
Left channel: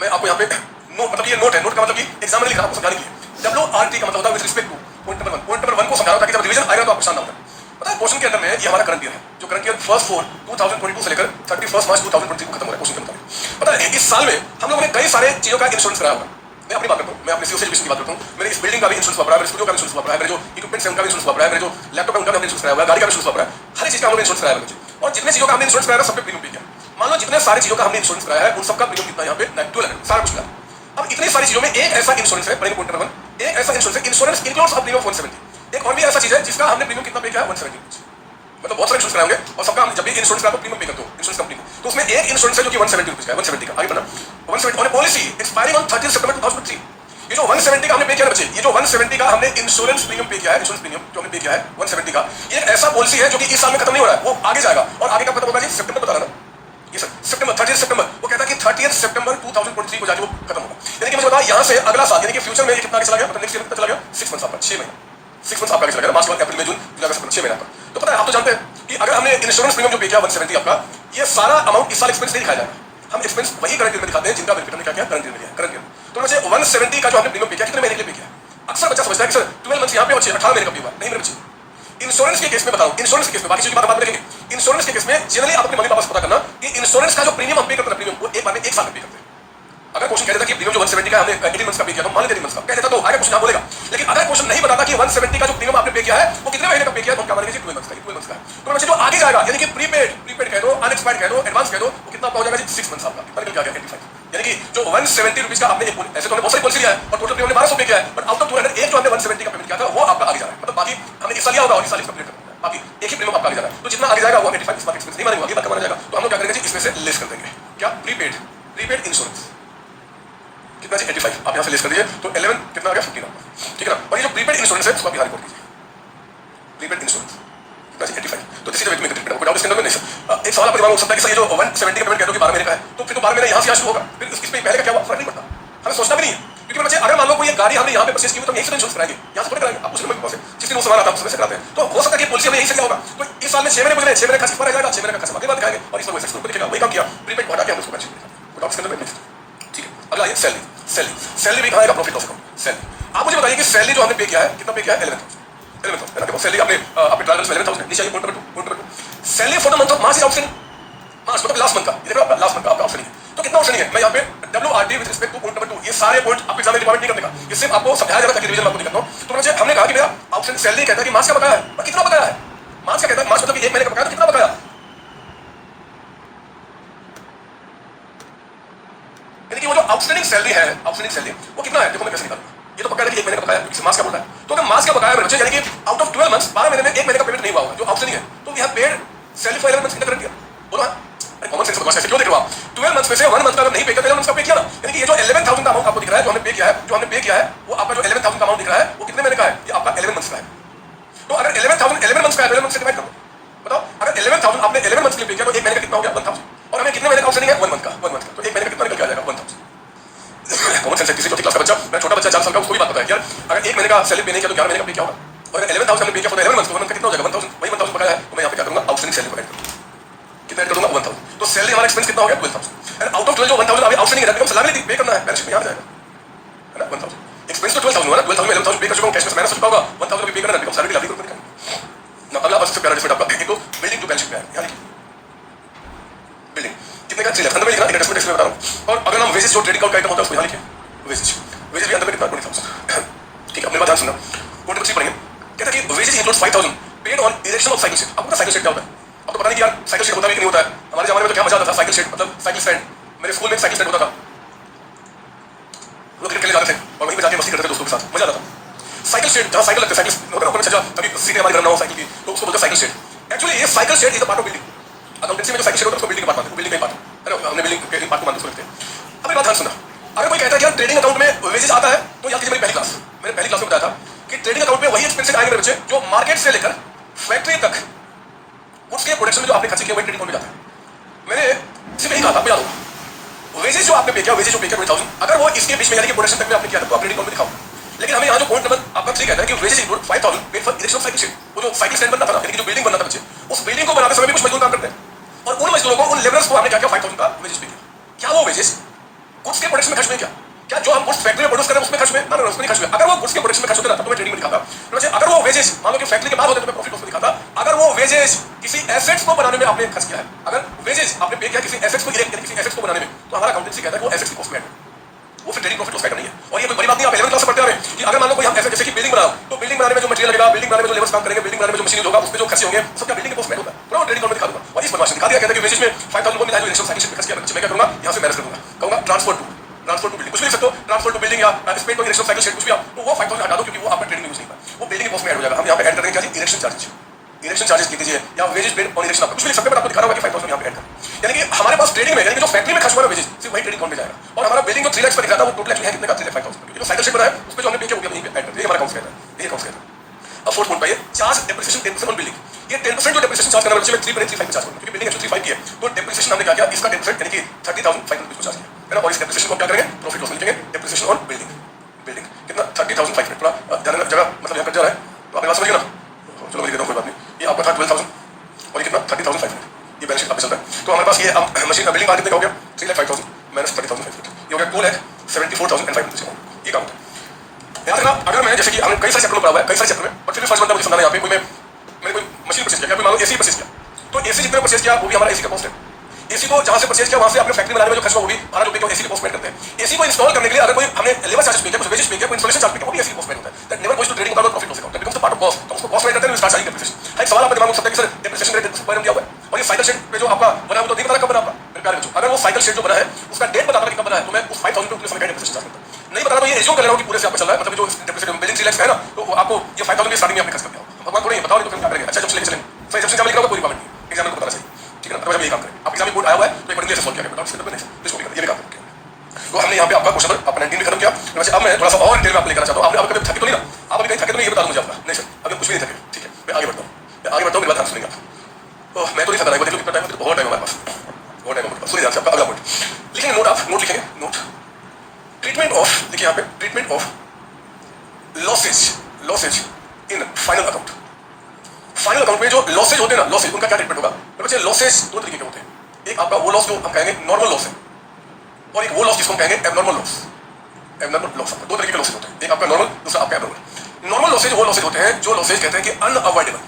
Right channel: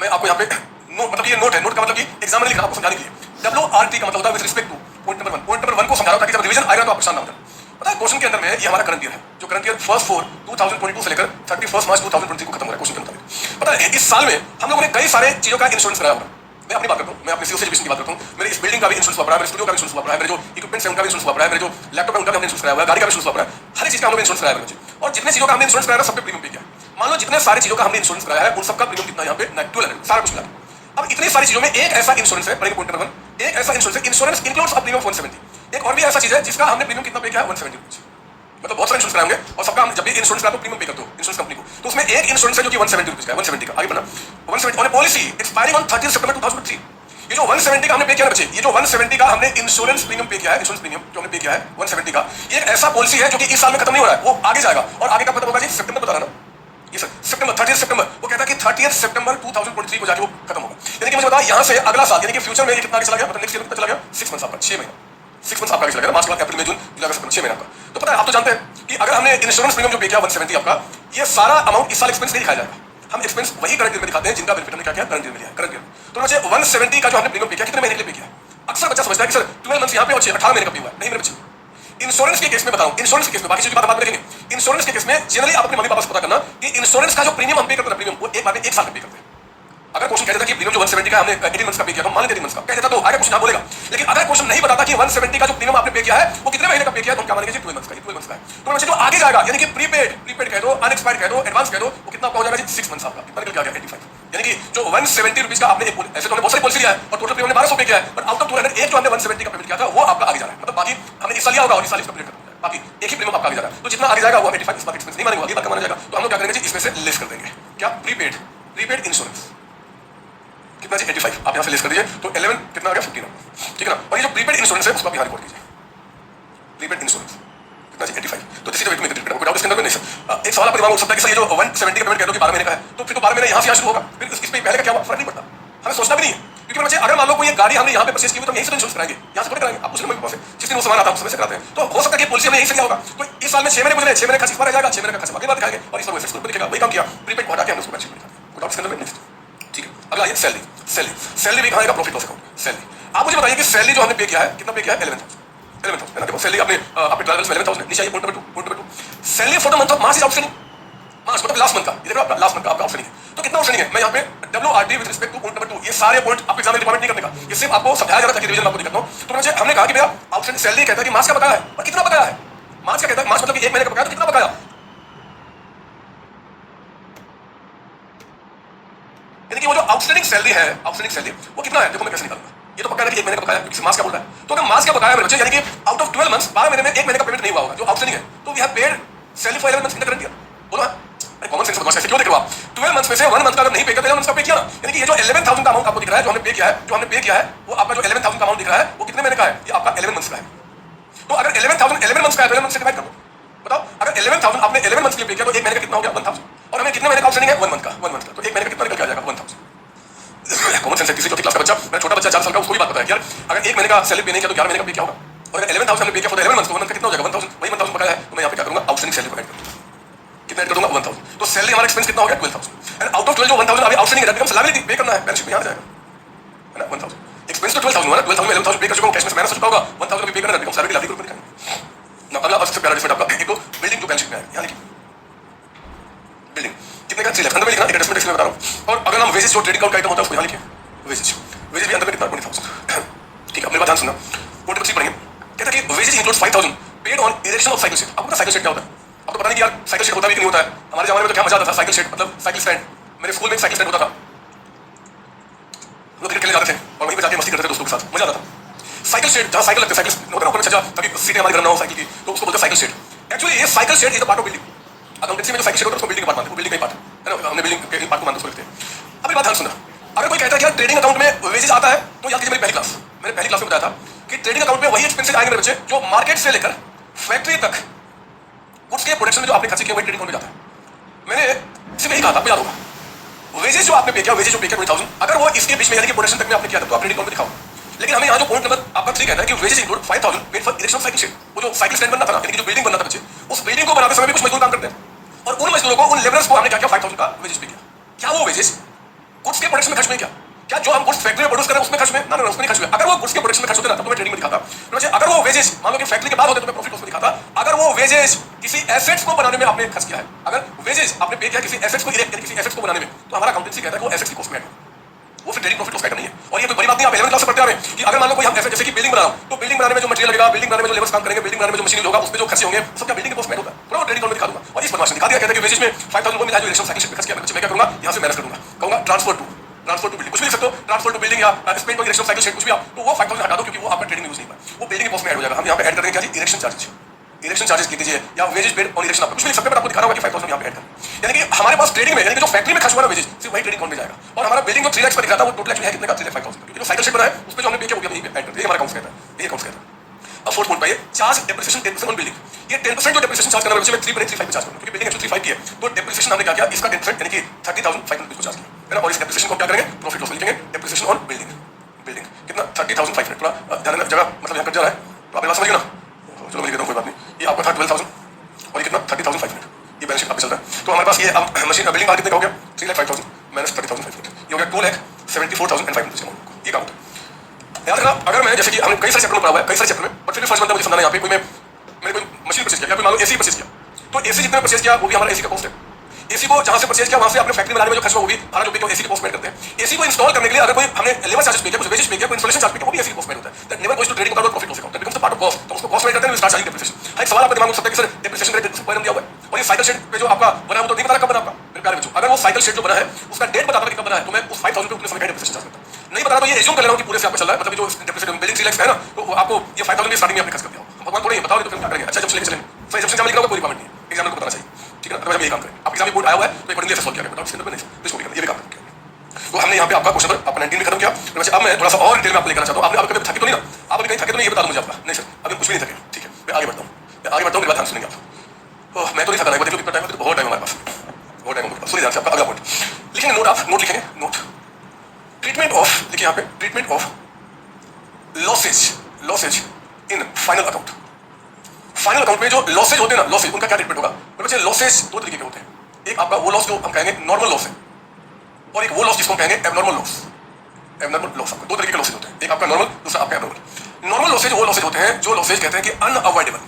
मैं आपको यहाँ पे नोट, मतलब ये नोट है, नोट का मतलब कि एग्जाम में लिख रहा हूँ आपको समझाने के लिए। WRT का मतलब होता है with respect to point number 1। Point number 1 को समझा रहा हूं ताकि जब रिवीजन आएगा तो आपको शानदार होता है। पता है क्वेश्चन के अंदर में ये हमारा करंट ईयर है, जो करंट ईयर 1/4/2022 से लेकर 31 मार्च 2023 को खत्म हो रहा है क्वेश्चन के अंदर। पता है इस साल में हम लोगों ने कई सारे चीजों का इंश्योरेंस कराया होगा। मैं अपनी बात करता हूँ, मैं अपने सीओ एजुकेशन की बात करता हूँ। मेरे इस बिल्डिंग का भी इंश्योरेंस हुआ पड़ा है, मेरे स्टूडियो का भी इंश्योरेंस हुआ पड़ा है, मेरे जो इक्विपमेंट्स हैं उनका भी इंश्योरेंस हुआ पड़ा है, मेरे जो लैपटॉप है उनका भी इंश्योरेंस कराया हुआ है, गाड़ी का भी इंश्योरेंस हुआ पड़ा है, हर चीज का हमने इंश्योरेंस कराया है। और जितने चीजों का हमने इंश्योरेंस कराया सबके प्रीमियम पे किया। मान लो जितने सारी चीजों का हमने इंश्योरेंस कराया है उन सबका प्रीमियम कितना यहाँ पे 12 सारा कुछ। अब इतनी सारी चीजों में एक ऐसा इंश्योरेंस है, पहले पॉइंट नंबर 1, एक ऐसा इंश्योरेंस है, इंश्योरेंस इंक्लूड्स अ प्रीमियम 170। एक और भी ऐसा चीज है जिसका हमने प्रीमियम कितना पे किया है 170। मतलब बहुत सारे इंश्योरेंस कराएंगे और सबका हम जब भी इंश्योरेंस कराते हो प्रीमियम पे करते हो इंश्योरेंस कंपनी को, तो उसमें एक इंश्योरेंस है जो कि 170 रुपीस का है, 170 का। आगे बढ़ना, 170 on A policy expiring on 30 सितंबर 2003। ये जो 170 का हमने पे किया है बच्चे, ये जो 170 का हमने इंश्योरेंस प्रीमियम पे किया है, इंश्योरेंस प्रीमियम जो हमने पे किया है 170 का, ये ऐसा पॉलिसी है जो कि इस साल में खत्म नहीं हो रहा है, वो आगे जाएगा। और आगे कब खत्म होगा जी? सितंबर बता रहा ना, ये सर सितंबर 30 सितंबर, वो कहता है कि 30 सितंबर 2023 को जाके वो खत्म होगा। यानी कि मुझे बता यहाँ से अगला साल यानी कि फ्यूचर में कितना आगे चला गया, मतलब नेक्स्ट ईयर कितना चला गया? 6 मंथ्स आपका, 6 महीने, 6 मंथ्स आपका आगे चला गया, मार्च के बाद अप्रैल मई जून जुलाई अगस्त 6 महीने आपका। तो पता है आप तो जानते हैं कि अगर हमने इंश्योरेंस प्रीमियम जो पे किया 170 आपका, ये सारा अमाउंट इस साल एक्सपेंस नहीं खाया जाएगा। हम एक्सपेंस वही करंट ईयर में दिखाते हैं जिनका बेनिफिट हमने क्या किया, करंट ईयर में किया, करंट ईयर। तो मुझे 170 का जो हमने प्रीमियम पे किया कितने महीने के लिए पे किया? अक्सर बच्चा समझता है कि सर 12 मंथ्स यहाँ पे और 18 महीने का पे हुआ। नहीं मेरे बच्चे, इंश्योरेंस के केस में बताऊं, इंश्योरेंस के केस में बाकी चीजों की बात बाद में देखेंगे। इंश्योरेंस के केस में जनरली आप अपने मम्मी पापा से पता करना कि इंश्योरेंस का जो प्रीमियम हम पे करते हैं, प्रीमियम वो एक बार में एक साल में पे करते हैं। अगर क्वेश्चन कह देता कि प्रीमियम जो 170 का हमने 18 मंथ्स का पे किया तो मान लेते 18 मंथ्स का कह देता तो आगे क्वेश्चन आप बोलेगा। लेकिन अगर क्वेश्चन नहीं बताता कि 170 का जो प्रीमियम आपने पे किया है वो कितने महीने का पे किया है तो हम क्या मानेंगे 12 मंथ्स का, 12 मंथ्स का। तो वैसे जो आगे जाएगा यानी कि प्रीपेड कह दो, अनएक्सपायर्ड कह दो, एडवांस कह दो, वो कितना हो जाएगा जी? 6 मंथ्स आपका, मतलब क्या 85। यानी कि जो 170 रुपीस का आपने एक ऐसे तो हमने बहुत सारी पॉलिसी किया है और टोटल प्रीमियम 1200 पे किया है, बट आउट ऑफ 200 एक जो हमने 170 का पेमेंट किया था वो आपका आगे जा रहा है। मतलब बाकी हमने इस साल लिया होगा और इस साल इसका पेमेंट करना है, बाकी एक ही प्रीमियम आपका आगे जा रहा है। तो जितना आगे जाएगा वो 85 इसका एक्सपेंस नहीं मानेंगे, बाकी माना जाएगा। तो हम लोग क्या करेंगे जी? इसमें से लेस कर देंगे। क्या? प्रीपेड इंश्योरेंस कितना जी? 85 आप यहाँ से लेस कर दीजिए तो 11 कितना आ गया? 15 आपका, ठीक है ना। और ये जो प्रीपेड इंश्योरेंस है उसको आप ध्यान कर दीजिए, प्रीपेड इंश्योरेंस कितना जी? 85। तो this is the way to make it. कोई डाउट इसके अंदर नहीं सर? एक सवाल आपके दिमाग में हो सकता है कि सर ये जो 170 का पेमेंट कहते हो कि 12 महीने का है, तो फिर तो 12 महीने यहाँ से यहाँ शुरू होगा, फिर इसमें पहले का क्या हुआ फर्क नहीं पड़ता, हमें सोचना भी नहीं। क्योंकि बच्चे अगर मान लो कोई ये गाड़ी हमने यहाँ पे परचेज की तो यहीं से इंश्योरेंस कराएंगे, यहाँ से थोड़ी कराएंगे। आप उसमें पास है जिस दिन वो सामान आता है उसमें से कराते हैं। तो हो सकता है कि पॉलिसी हमने यहीं से लिया होगा, तो इस साल में 6 महीने गुजरे, 6 महीने का खर्च रह जाएगा, 6 महीने का खर्च अगली बार दिखाएंगे और इस पर वैसे लिखेगा। वही काम किया, प्रीपेड को हटा के हमने उसको मैच किया। कोई डाउट इसके अंदर नहीं? ठीक है। अगला ये सैलरी भी खाएगा प्रॉफिट लॉस अकाउंट। सैलरी आप मुझे बताइए कि सैलरी जो हमने पे किया है कितना पे किया है? 11,000 देखो सैलरी आपने आपके ट्रैवल्स में 11,000 नीचे आइए, point number 2 salary for the month of March is outstanding. March मतलब लास्ट मंथ का, ये देखो आपका लास्ट मंथ का आपका आउटस्टैंडिंग। तो कितना आउटस्टैंडिंग है? मैं यहाँ पे WRT with respect to point number 2, ये सारे पॉइंट आपके एग्जाम में डिपार्टमेंट नहीं करने का, ये सिर्फ आपको समझाया जाता है कि रिवीजन आपको दिखाता हूं। तो मुझे हमने कहा कि भैया आउटस्टैंडिंग सैलरी कहता है कि मार्च का बकाया है, और कितना बकाया है? मार्च का कहता है, मार्च मतलब कि 1 महीने का बकाया, तो कितना बकाया? यानी कि वो जो आउटस्टैंडिंग सैलरी है, आउटस्टैंडिंग सैलरी वो कितना है? देखो मैं कैसे निकालूंगा। ये तो पक्का है कि 1 महीने का बकाया है क्योंकि मार्च का बोल रहा है। तो अगर मार्च का बकाया मेरे बच्चे यानी कि आउट ऑफ 12 मंथ्स 12 महीने में 1 महीने का पेमेंट नहीं हुआ होगा जो आउटस्टैंडिंग है, तो we have paid salary for 11 months in the current year. बोलो हां, अरे कॉमन सेंस बदमाश ऐसे क्यों देख रहे हो आप? 12 मंथ्स में से 1 मंथ का अगर नहीं पे करते 11 मंथ्स का पे किया ना, यानी कि ये जो 11,000 का अमाउंट आपको दिख रहा है जो हमने पे किया है, जो हमने पे किया है वो आपका जो 11,000 का अमाउंट दिख रहा है वो कितने महीने का है? ये आपका 11 मंथ्स का है। तो अगर 11,000 11 मंथ्स का है, 11 मंथ से डिवाइड कर दो, बताओ अगर 11,000 आपने 11 मंथ्स के लिए पे किया तो 1 महीने का कितना हो गया? 1,000। और हमें कितने महीने का आउटस्टैंडिंग है? 1 मंथ का, 1 मंथ का, तो 1 महीने का कितना निकल के आ जाएगा? 1,000। कॉमन सेंस है, किसी छोटी क्लास का बच्चा, मैं छोटा बच्चा 4 साल का, उसको भी बात पता है यार अगर 1 महीने का सैलरी पे नहीं किया तो 11 महीने का पे क्या होगा? और अगर 11,000 हमने पे किया फॉर 11 मंथ्स तो 1 मंथ का कितना हो जाएगा? 1,000। वही 1,000 बकाया है, तो मैं यहाँ पे क्या करूंगा? आउटस्टैंडिंग सैलरी को ऐड करूंगा, कितना ऐड करूंगा? 1,000। तो सैलरी हमारा एक्सपेंस कितना हो गया? 12,000। एंड आउट ऑफ 12 जो 1,000 अभी आउटस्टैंडिंग है, हम सैलरी पे करना है, बैलेंस शीट में आ जाएगा, है ना? 1,000 एक्सपेंस तो 12,000 हुआ ना, 12,000 में 11,000 पे कर चुका हूं, कैश में माइनस हो चुका होगा, 1,000 अभी पे करना है, बिकॉज़ सैलरी लाभ ग्रुप में ना। अगला बस से प्यारा डिफरेंट आपका एक तो बिल्डिंग टू बैलेंस शीट में है, यानी बिल्डिंग कितने का चीज है अंदर में लिखना, एडजस्टमेंट इसमें बता रहा हूं। और अगर हम वेजेस जो ट्रेडिंग आउट का आइटम होता है उसको यहां लिखिए, वेजेस भी अंदर में कितना? 20,000। ठीक है, अपने बात ध्यान सुनना, पॉइंट नंबर 3 पढ़ेंगे। कहता है कि wages includes 5,000 paid on erection of cycle set. आपको पता साइकिल सेट क्या होता है? आपको पता नहीं कि यार साइकिल सेट होता भी कि नहीं होता है? हमारे जमाने में तो क्या मजा आता था साइकिल सेट, मतलब साइकिल स्टैंड। मेरे स्कूल में एक साइकिल स्टैंड होता था, लोग क्रिकेट खेलने जाते थे और वहीं पे जाके मस्ती करते थे दोस्तों के साथ, मजा आता था। साइकिल सेट जहां साइकिल लगते साइकिल होता है ना, सजा तभी सीटें हमारी रन हो साइकिल की, तो उसको बोलते हैं साइकिल सेट। एक्चुअली ये cycle set is a part of building. Accountancy में जो साइकिल सेट होता है उसको बिल्डिंग का पार्ट मानते हैं, बिल्डिंग का पार्ट है ना, हमने बिल्डिंग पार्ट को मानते हैं। अब एक बात ध्यान सुनना, अगर कोई कहता है कि यार ट्रेडिंग अकाउंट में वेजेस आता है तो याद कीजिए मेरी पहली क्लास में बताया था कि ट्रेडिंग अकाउंट में वही एक्सपेंसेस आएंगे बच्चे जो मार्केट से लेकर फैक्ट्री तक गुड्स के प्रोडक्शन में जो आपने खर्च किया वही ट्रेडिंग अकाउंट में जाता है। मैंने सिर्फ यही कहा था, आपको याद होगा वेजेस जो आपने पे किया, वेजेस जो पे किया 20,000, अगर वो इसके बीच में यानी कि प्रोडक्शन तक में आपने किया था तो आप ट्रेडिंग अकाउंट में दिखाओ। लेकिन हमें यहाँ जो पॉइंट नंबर आपका 3 कहता है कि wages include 5,000 paid for erection of cycle shed, वो जो साइकिल स्टैंड बनना था ना, यानी कि जो बिल्डिंग बनना था बच्चे, उस बिल्डिंग को बनाते समय भी कुछ मजदूर काम करते हैं और उन मजदूरों को, उन लेबरर्स को हमने क्या किया 5,000 का वेजेस पे किया। क्या वो वेजेस गुड्स के प्रोडक्शन में खर्च नहीं किया? क्या जो हम गुड्स फैक्ट्री में प्रोड्यूस कर रहे हैं उसमें खर्च में? ना, उसमें नहीं खर्च हुए। अगर वो गुड्स के प्रोडक्शन में खर्च होते ना तो मैं ट्रेडिंग में दिखाता। तो अगर वो वेजेस मान लो कि फैक्ट्री के बाद होते तो मैं प्रॉफिट उसमें दिखाता। अगर वो वेजेस किसी एसेट्स को बनाने में आपने खर्च किया है, अगर वेजेस आपने पे किया किसी एसेट्स को इरेक्ट किसी एसेट्स को बनाने में, तो हमारा अकाउंटेंसी कहता है वो एसेट्स की कॉस्ट में है, वो फिर ट्रेडिंग प्रॉफिट उसका नहीं है। और ये कोई बड़ी बात नहीं, आप 11th क्लास से पढ़ते आ रहे हैं कि अगर मान लो कोई हम ऐसे जैसे कि बिल्डिंग बना रहा हूं तो बिल्डिंग बनाने में जो मटेरियल लगेगा, बिल्डिंग बनाने में जो लेबर्स काम करेंगे, बिल्डिंग बनाने में जो मशीनरी होगा, उसमें जो खर्चे होंगे सब बिल्डिंग के कॉस्ट में होता है, पूरा ट्रेडिंग अकाउंट में दिखा दूंगा। और इस बदमाशी दिखा दिया कहते हैं कि वेजेस में 5,000 को मिला जो इरेक्शन साइकिल खर्च किया, मैं क्या करूंगा यहाँ से मैनेज कर दूंगा, कहूंगा ट्रांसफर टू बिल्डिंग, कुछ भी लिख सकते हो, ट्रांसफर टू बिल्डिंग या स्पेन को इरेक्शन साइकिल शेड कुछ भी आप, तो वो 5,000 हटा दो क्योंकि वो आपका ट्रेडिंग यूज नहीं है, वो बिल्डिंग के कॉस्ट में ऐड हो जाएगा। हम यहाँ पे ऐड कर देंगे इरेक्शन चार्जेस, इरेक्शन चार्जेस लिख दीजिए या वेजेस पेड और इरेक्शन, आप कुछ भी लिख सकते हैं, बट आपको दिखा रहा होगा कि 5,000 यहाँ पे ऐड कर, यानी कि हमारे पास ट्रेडिंग में यानी कि जो फैक्ट्री में खर्च हुआ वेजेस सिर्फ वही ट्रेडिंग अकाउंट में जाएगा। और हमारा बिल्डिंग जो 3 लाख का दिखाता है वो टोटल एक्चुअली है कितने का 3,05,000, जो साइकिल शेड बना है उस पे जो हमने पे किया वो यहीं पे ऐड कर दिया, हमारा अकाउंट कहता है, ये अकाउंट कहता है। अब फोर्थ पॉइंट पाइए, चार्ज डेप्रिसिएशन 10% ऑन बिल्डिंग। ये 10% जो डेप्रिसिएशन चार्ज करना है, मैं 3.35 चार्ज करूं क्योंकि बिल्डिंग एक्चुअली 35 की है, तो डेप्रिसिएशन हमने क्या किया, इसका 10% यानी कि 30,500 को चार्ज किया है ना। और इस डेप्रिसिएशन को क्या करेंगे, प्रॉफिट लॉस में लिखेंगे, डेप्रिसिएशन ऑन बिल्डिंग, बिल्डिंग कितना 30,500, थोड़ा जगह मतलब यहाँ कट जा रहा है तो आप बात समझिए ना, चलो मैं देता हूं कोई बात नहीं। ये आपका था 12,000 और ये कितना 30,500, ये बैलेंस शीट आप चलता है। तो हमारे पास ये मशीन का बिल्डिंग मार्केट कितना हो गया 3,05,000 माइनस 30,500, ये हो गया 2,74,500, ये काम होता है। याद रखना, अगर मैं जैसे कि हमने कई सारे चैप्टर में पढ़ा हुआ है, कई सारे चैप्टर में, बट फिर भी फर्स्ट बनता मुझे समझाना यहाँ पे, मैंने कोई मशीन परचेज किया, मान लो एसी परचेज किया, तो एसी जितना परचेज किया वो भी हमारा एसी का कॉस्ट है। एसी को जहां से परचेज किया वहां से अपने फैक्ट्री में लाने में जो खर्च हुआ वो भी हमारा जो एसी के कॉस्ट में करते हैं। एसी को इंस्टॉल करने के लिए अगर कोई हमने लेबर चार्जेस पे किया, कुछ वेजेस पे किया, कोई इंस्टॉलेशन चार्ज पे किया, वो भी एसी कॉस्ट में होता है। That never goes to trading account profit loss account, that becomes the part of cost. तो उसको कॉस्ट में करते हैं, स्टार्ट चार्जिंग डेप्रिसिएशन। एक सवाल आपके दिमाग में उठ सकता है कि सर डेप्रिसिएशन रेट पर क्या हुआ है, और ये साइकिल शेड पे जो आपका बना वो तो नहीं पता कब बना आपका, मेरे प्यारे बच्चों। अगर वो साइकिल शेड जो बना है उसका डेट बता कि कब बना है तो मैं उस 5,000 पे उतने समय का डेप्रिसिएशन चार्ज करता हूं। नहीं बता रहा तो ये एज्यूम कर ले रहा हूं कि पूरे से आपका चल रहा है, मतलब जो डेप्रिसिएशन बिल्डिंग 3 लाख है ना तो आपको ये 5,000 स्टार्टिंग में आपने खर्च कर दिया। भगवान थोड़ी बताओ तो फिर क्या करेंगे, अच्छा जब चलेंगे चलेंगे, सर एग्जाम से क्या लिखा होगा कोई कमेंट नहीं, एग्जाम को बताना चाहिए, ठीक है ना। तो हम ये काम करें, आप एग्जाम रिपोर्ट आया हुआ है तो एक बड़ी से सॉल्व किया बताओ, इसके अंदर नहीं इसको भी ये भी काम करें। तो हमने यहाँ पे आपका क्वेश्चन आपका 19 में खत्म किया। वैसे अब मैं थोड़ा सा और डिटेल में आपको लेकर चाहता हूँ, आपने कभी थके तो नहीं ना, आप अभी कहीं थके तो नहीं ये बता दो मुझे अपना, नहीं सर अभी कुछ भी नहीं थके, ठीक है मैं आगे बढ़ता हूँ, मैं आगे बढ़ता हूँ, मेरी बात ध्यान सुनेंगे आप। तो मैं तो नहीं थका देखो कितना टाइम है, बहुत टाइम हमारे पास, बहुत टाइम हमारे पास, सुनिए ध्यान से आपका अगला पॉइंट लिखेंगे, नोट आप नोट लिखेंगे, नोट ट्रीटमेंट ऑफ, लिखिए यहाँ पे treatment of losses in final account. Final account में जो लॉसेज होते हैं ना, लॉसेज उनका क्या ट्रीटमेंट होगा, तो बच्चे लॉसेज दो तरीके के होते हैं, एक आपका वो लॉस जो हम कहेंगे नॉर्मल लॉस है, और एक वो लॉस जिसको हम कहेंगे एबनॉर्मल लॉस। एबनॉर्मल लॉस दो तरीके के लॉसेज होते हैं, एक आपका नॉर्मल, दूसरा आपका एबनॉर्मल। नॉर्मल लॉसेज वो लॉसेज होते हैं जो लॉसेज कहते हैं कि अनअवॉइडेबल,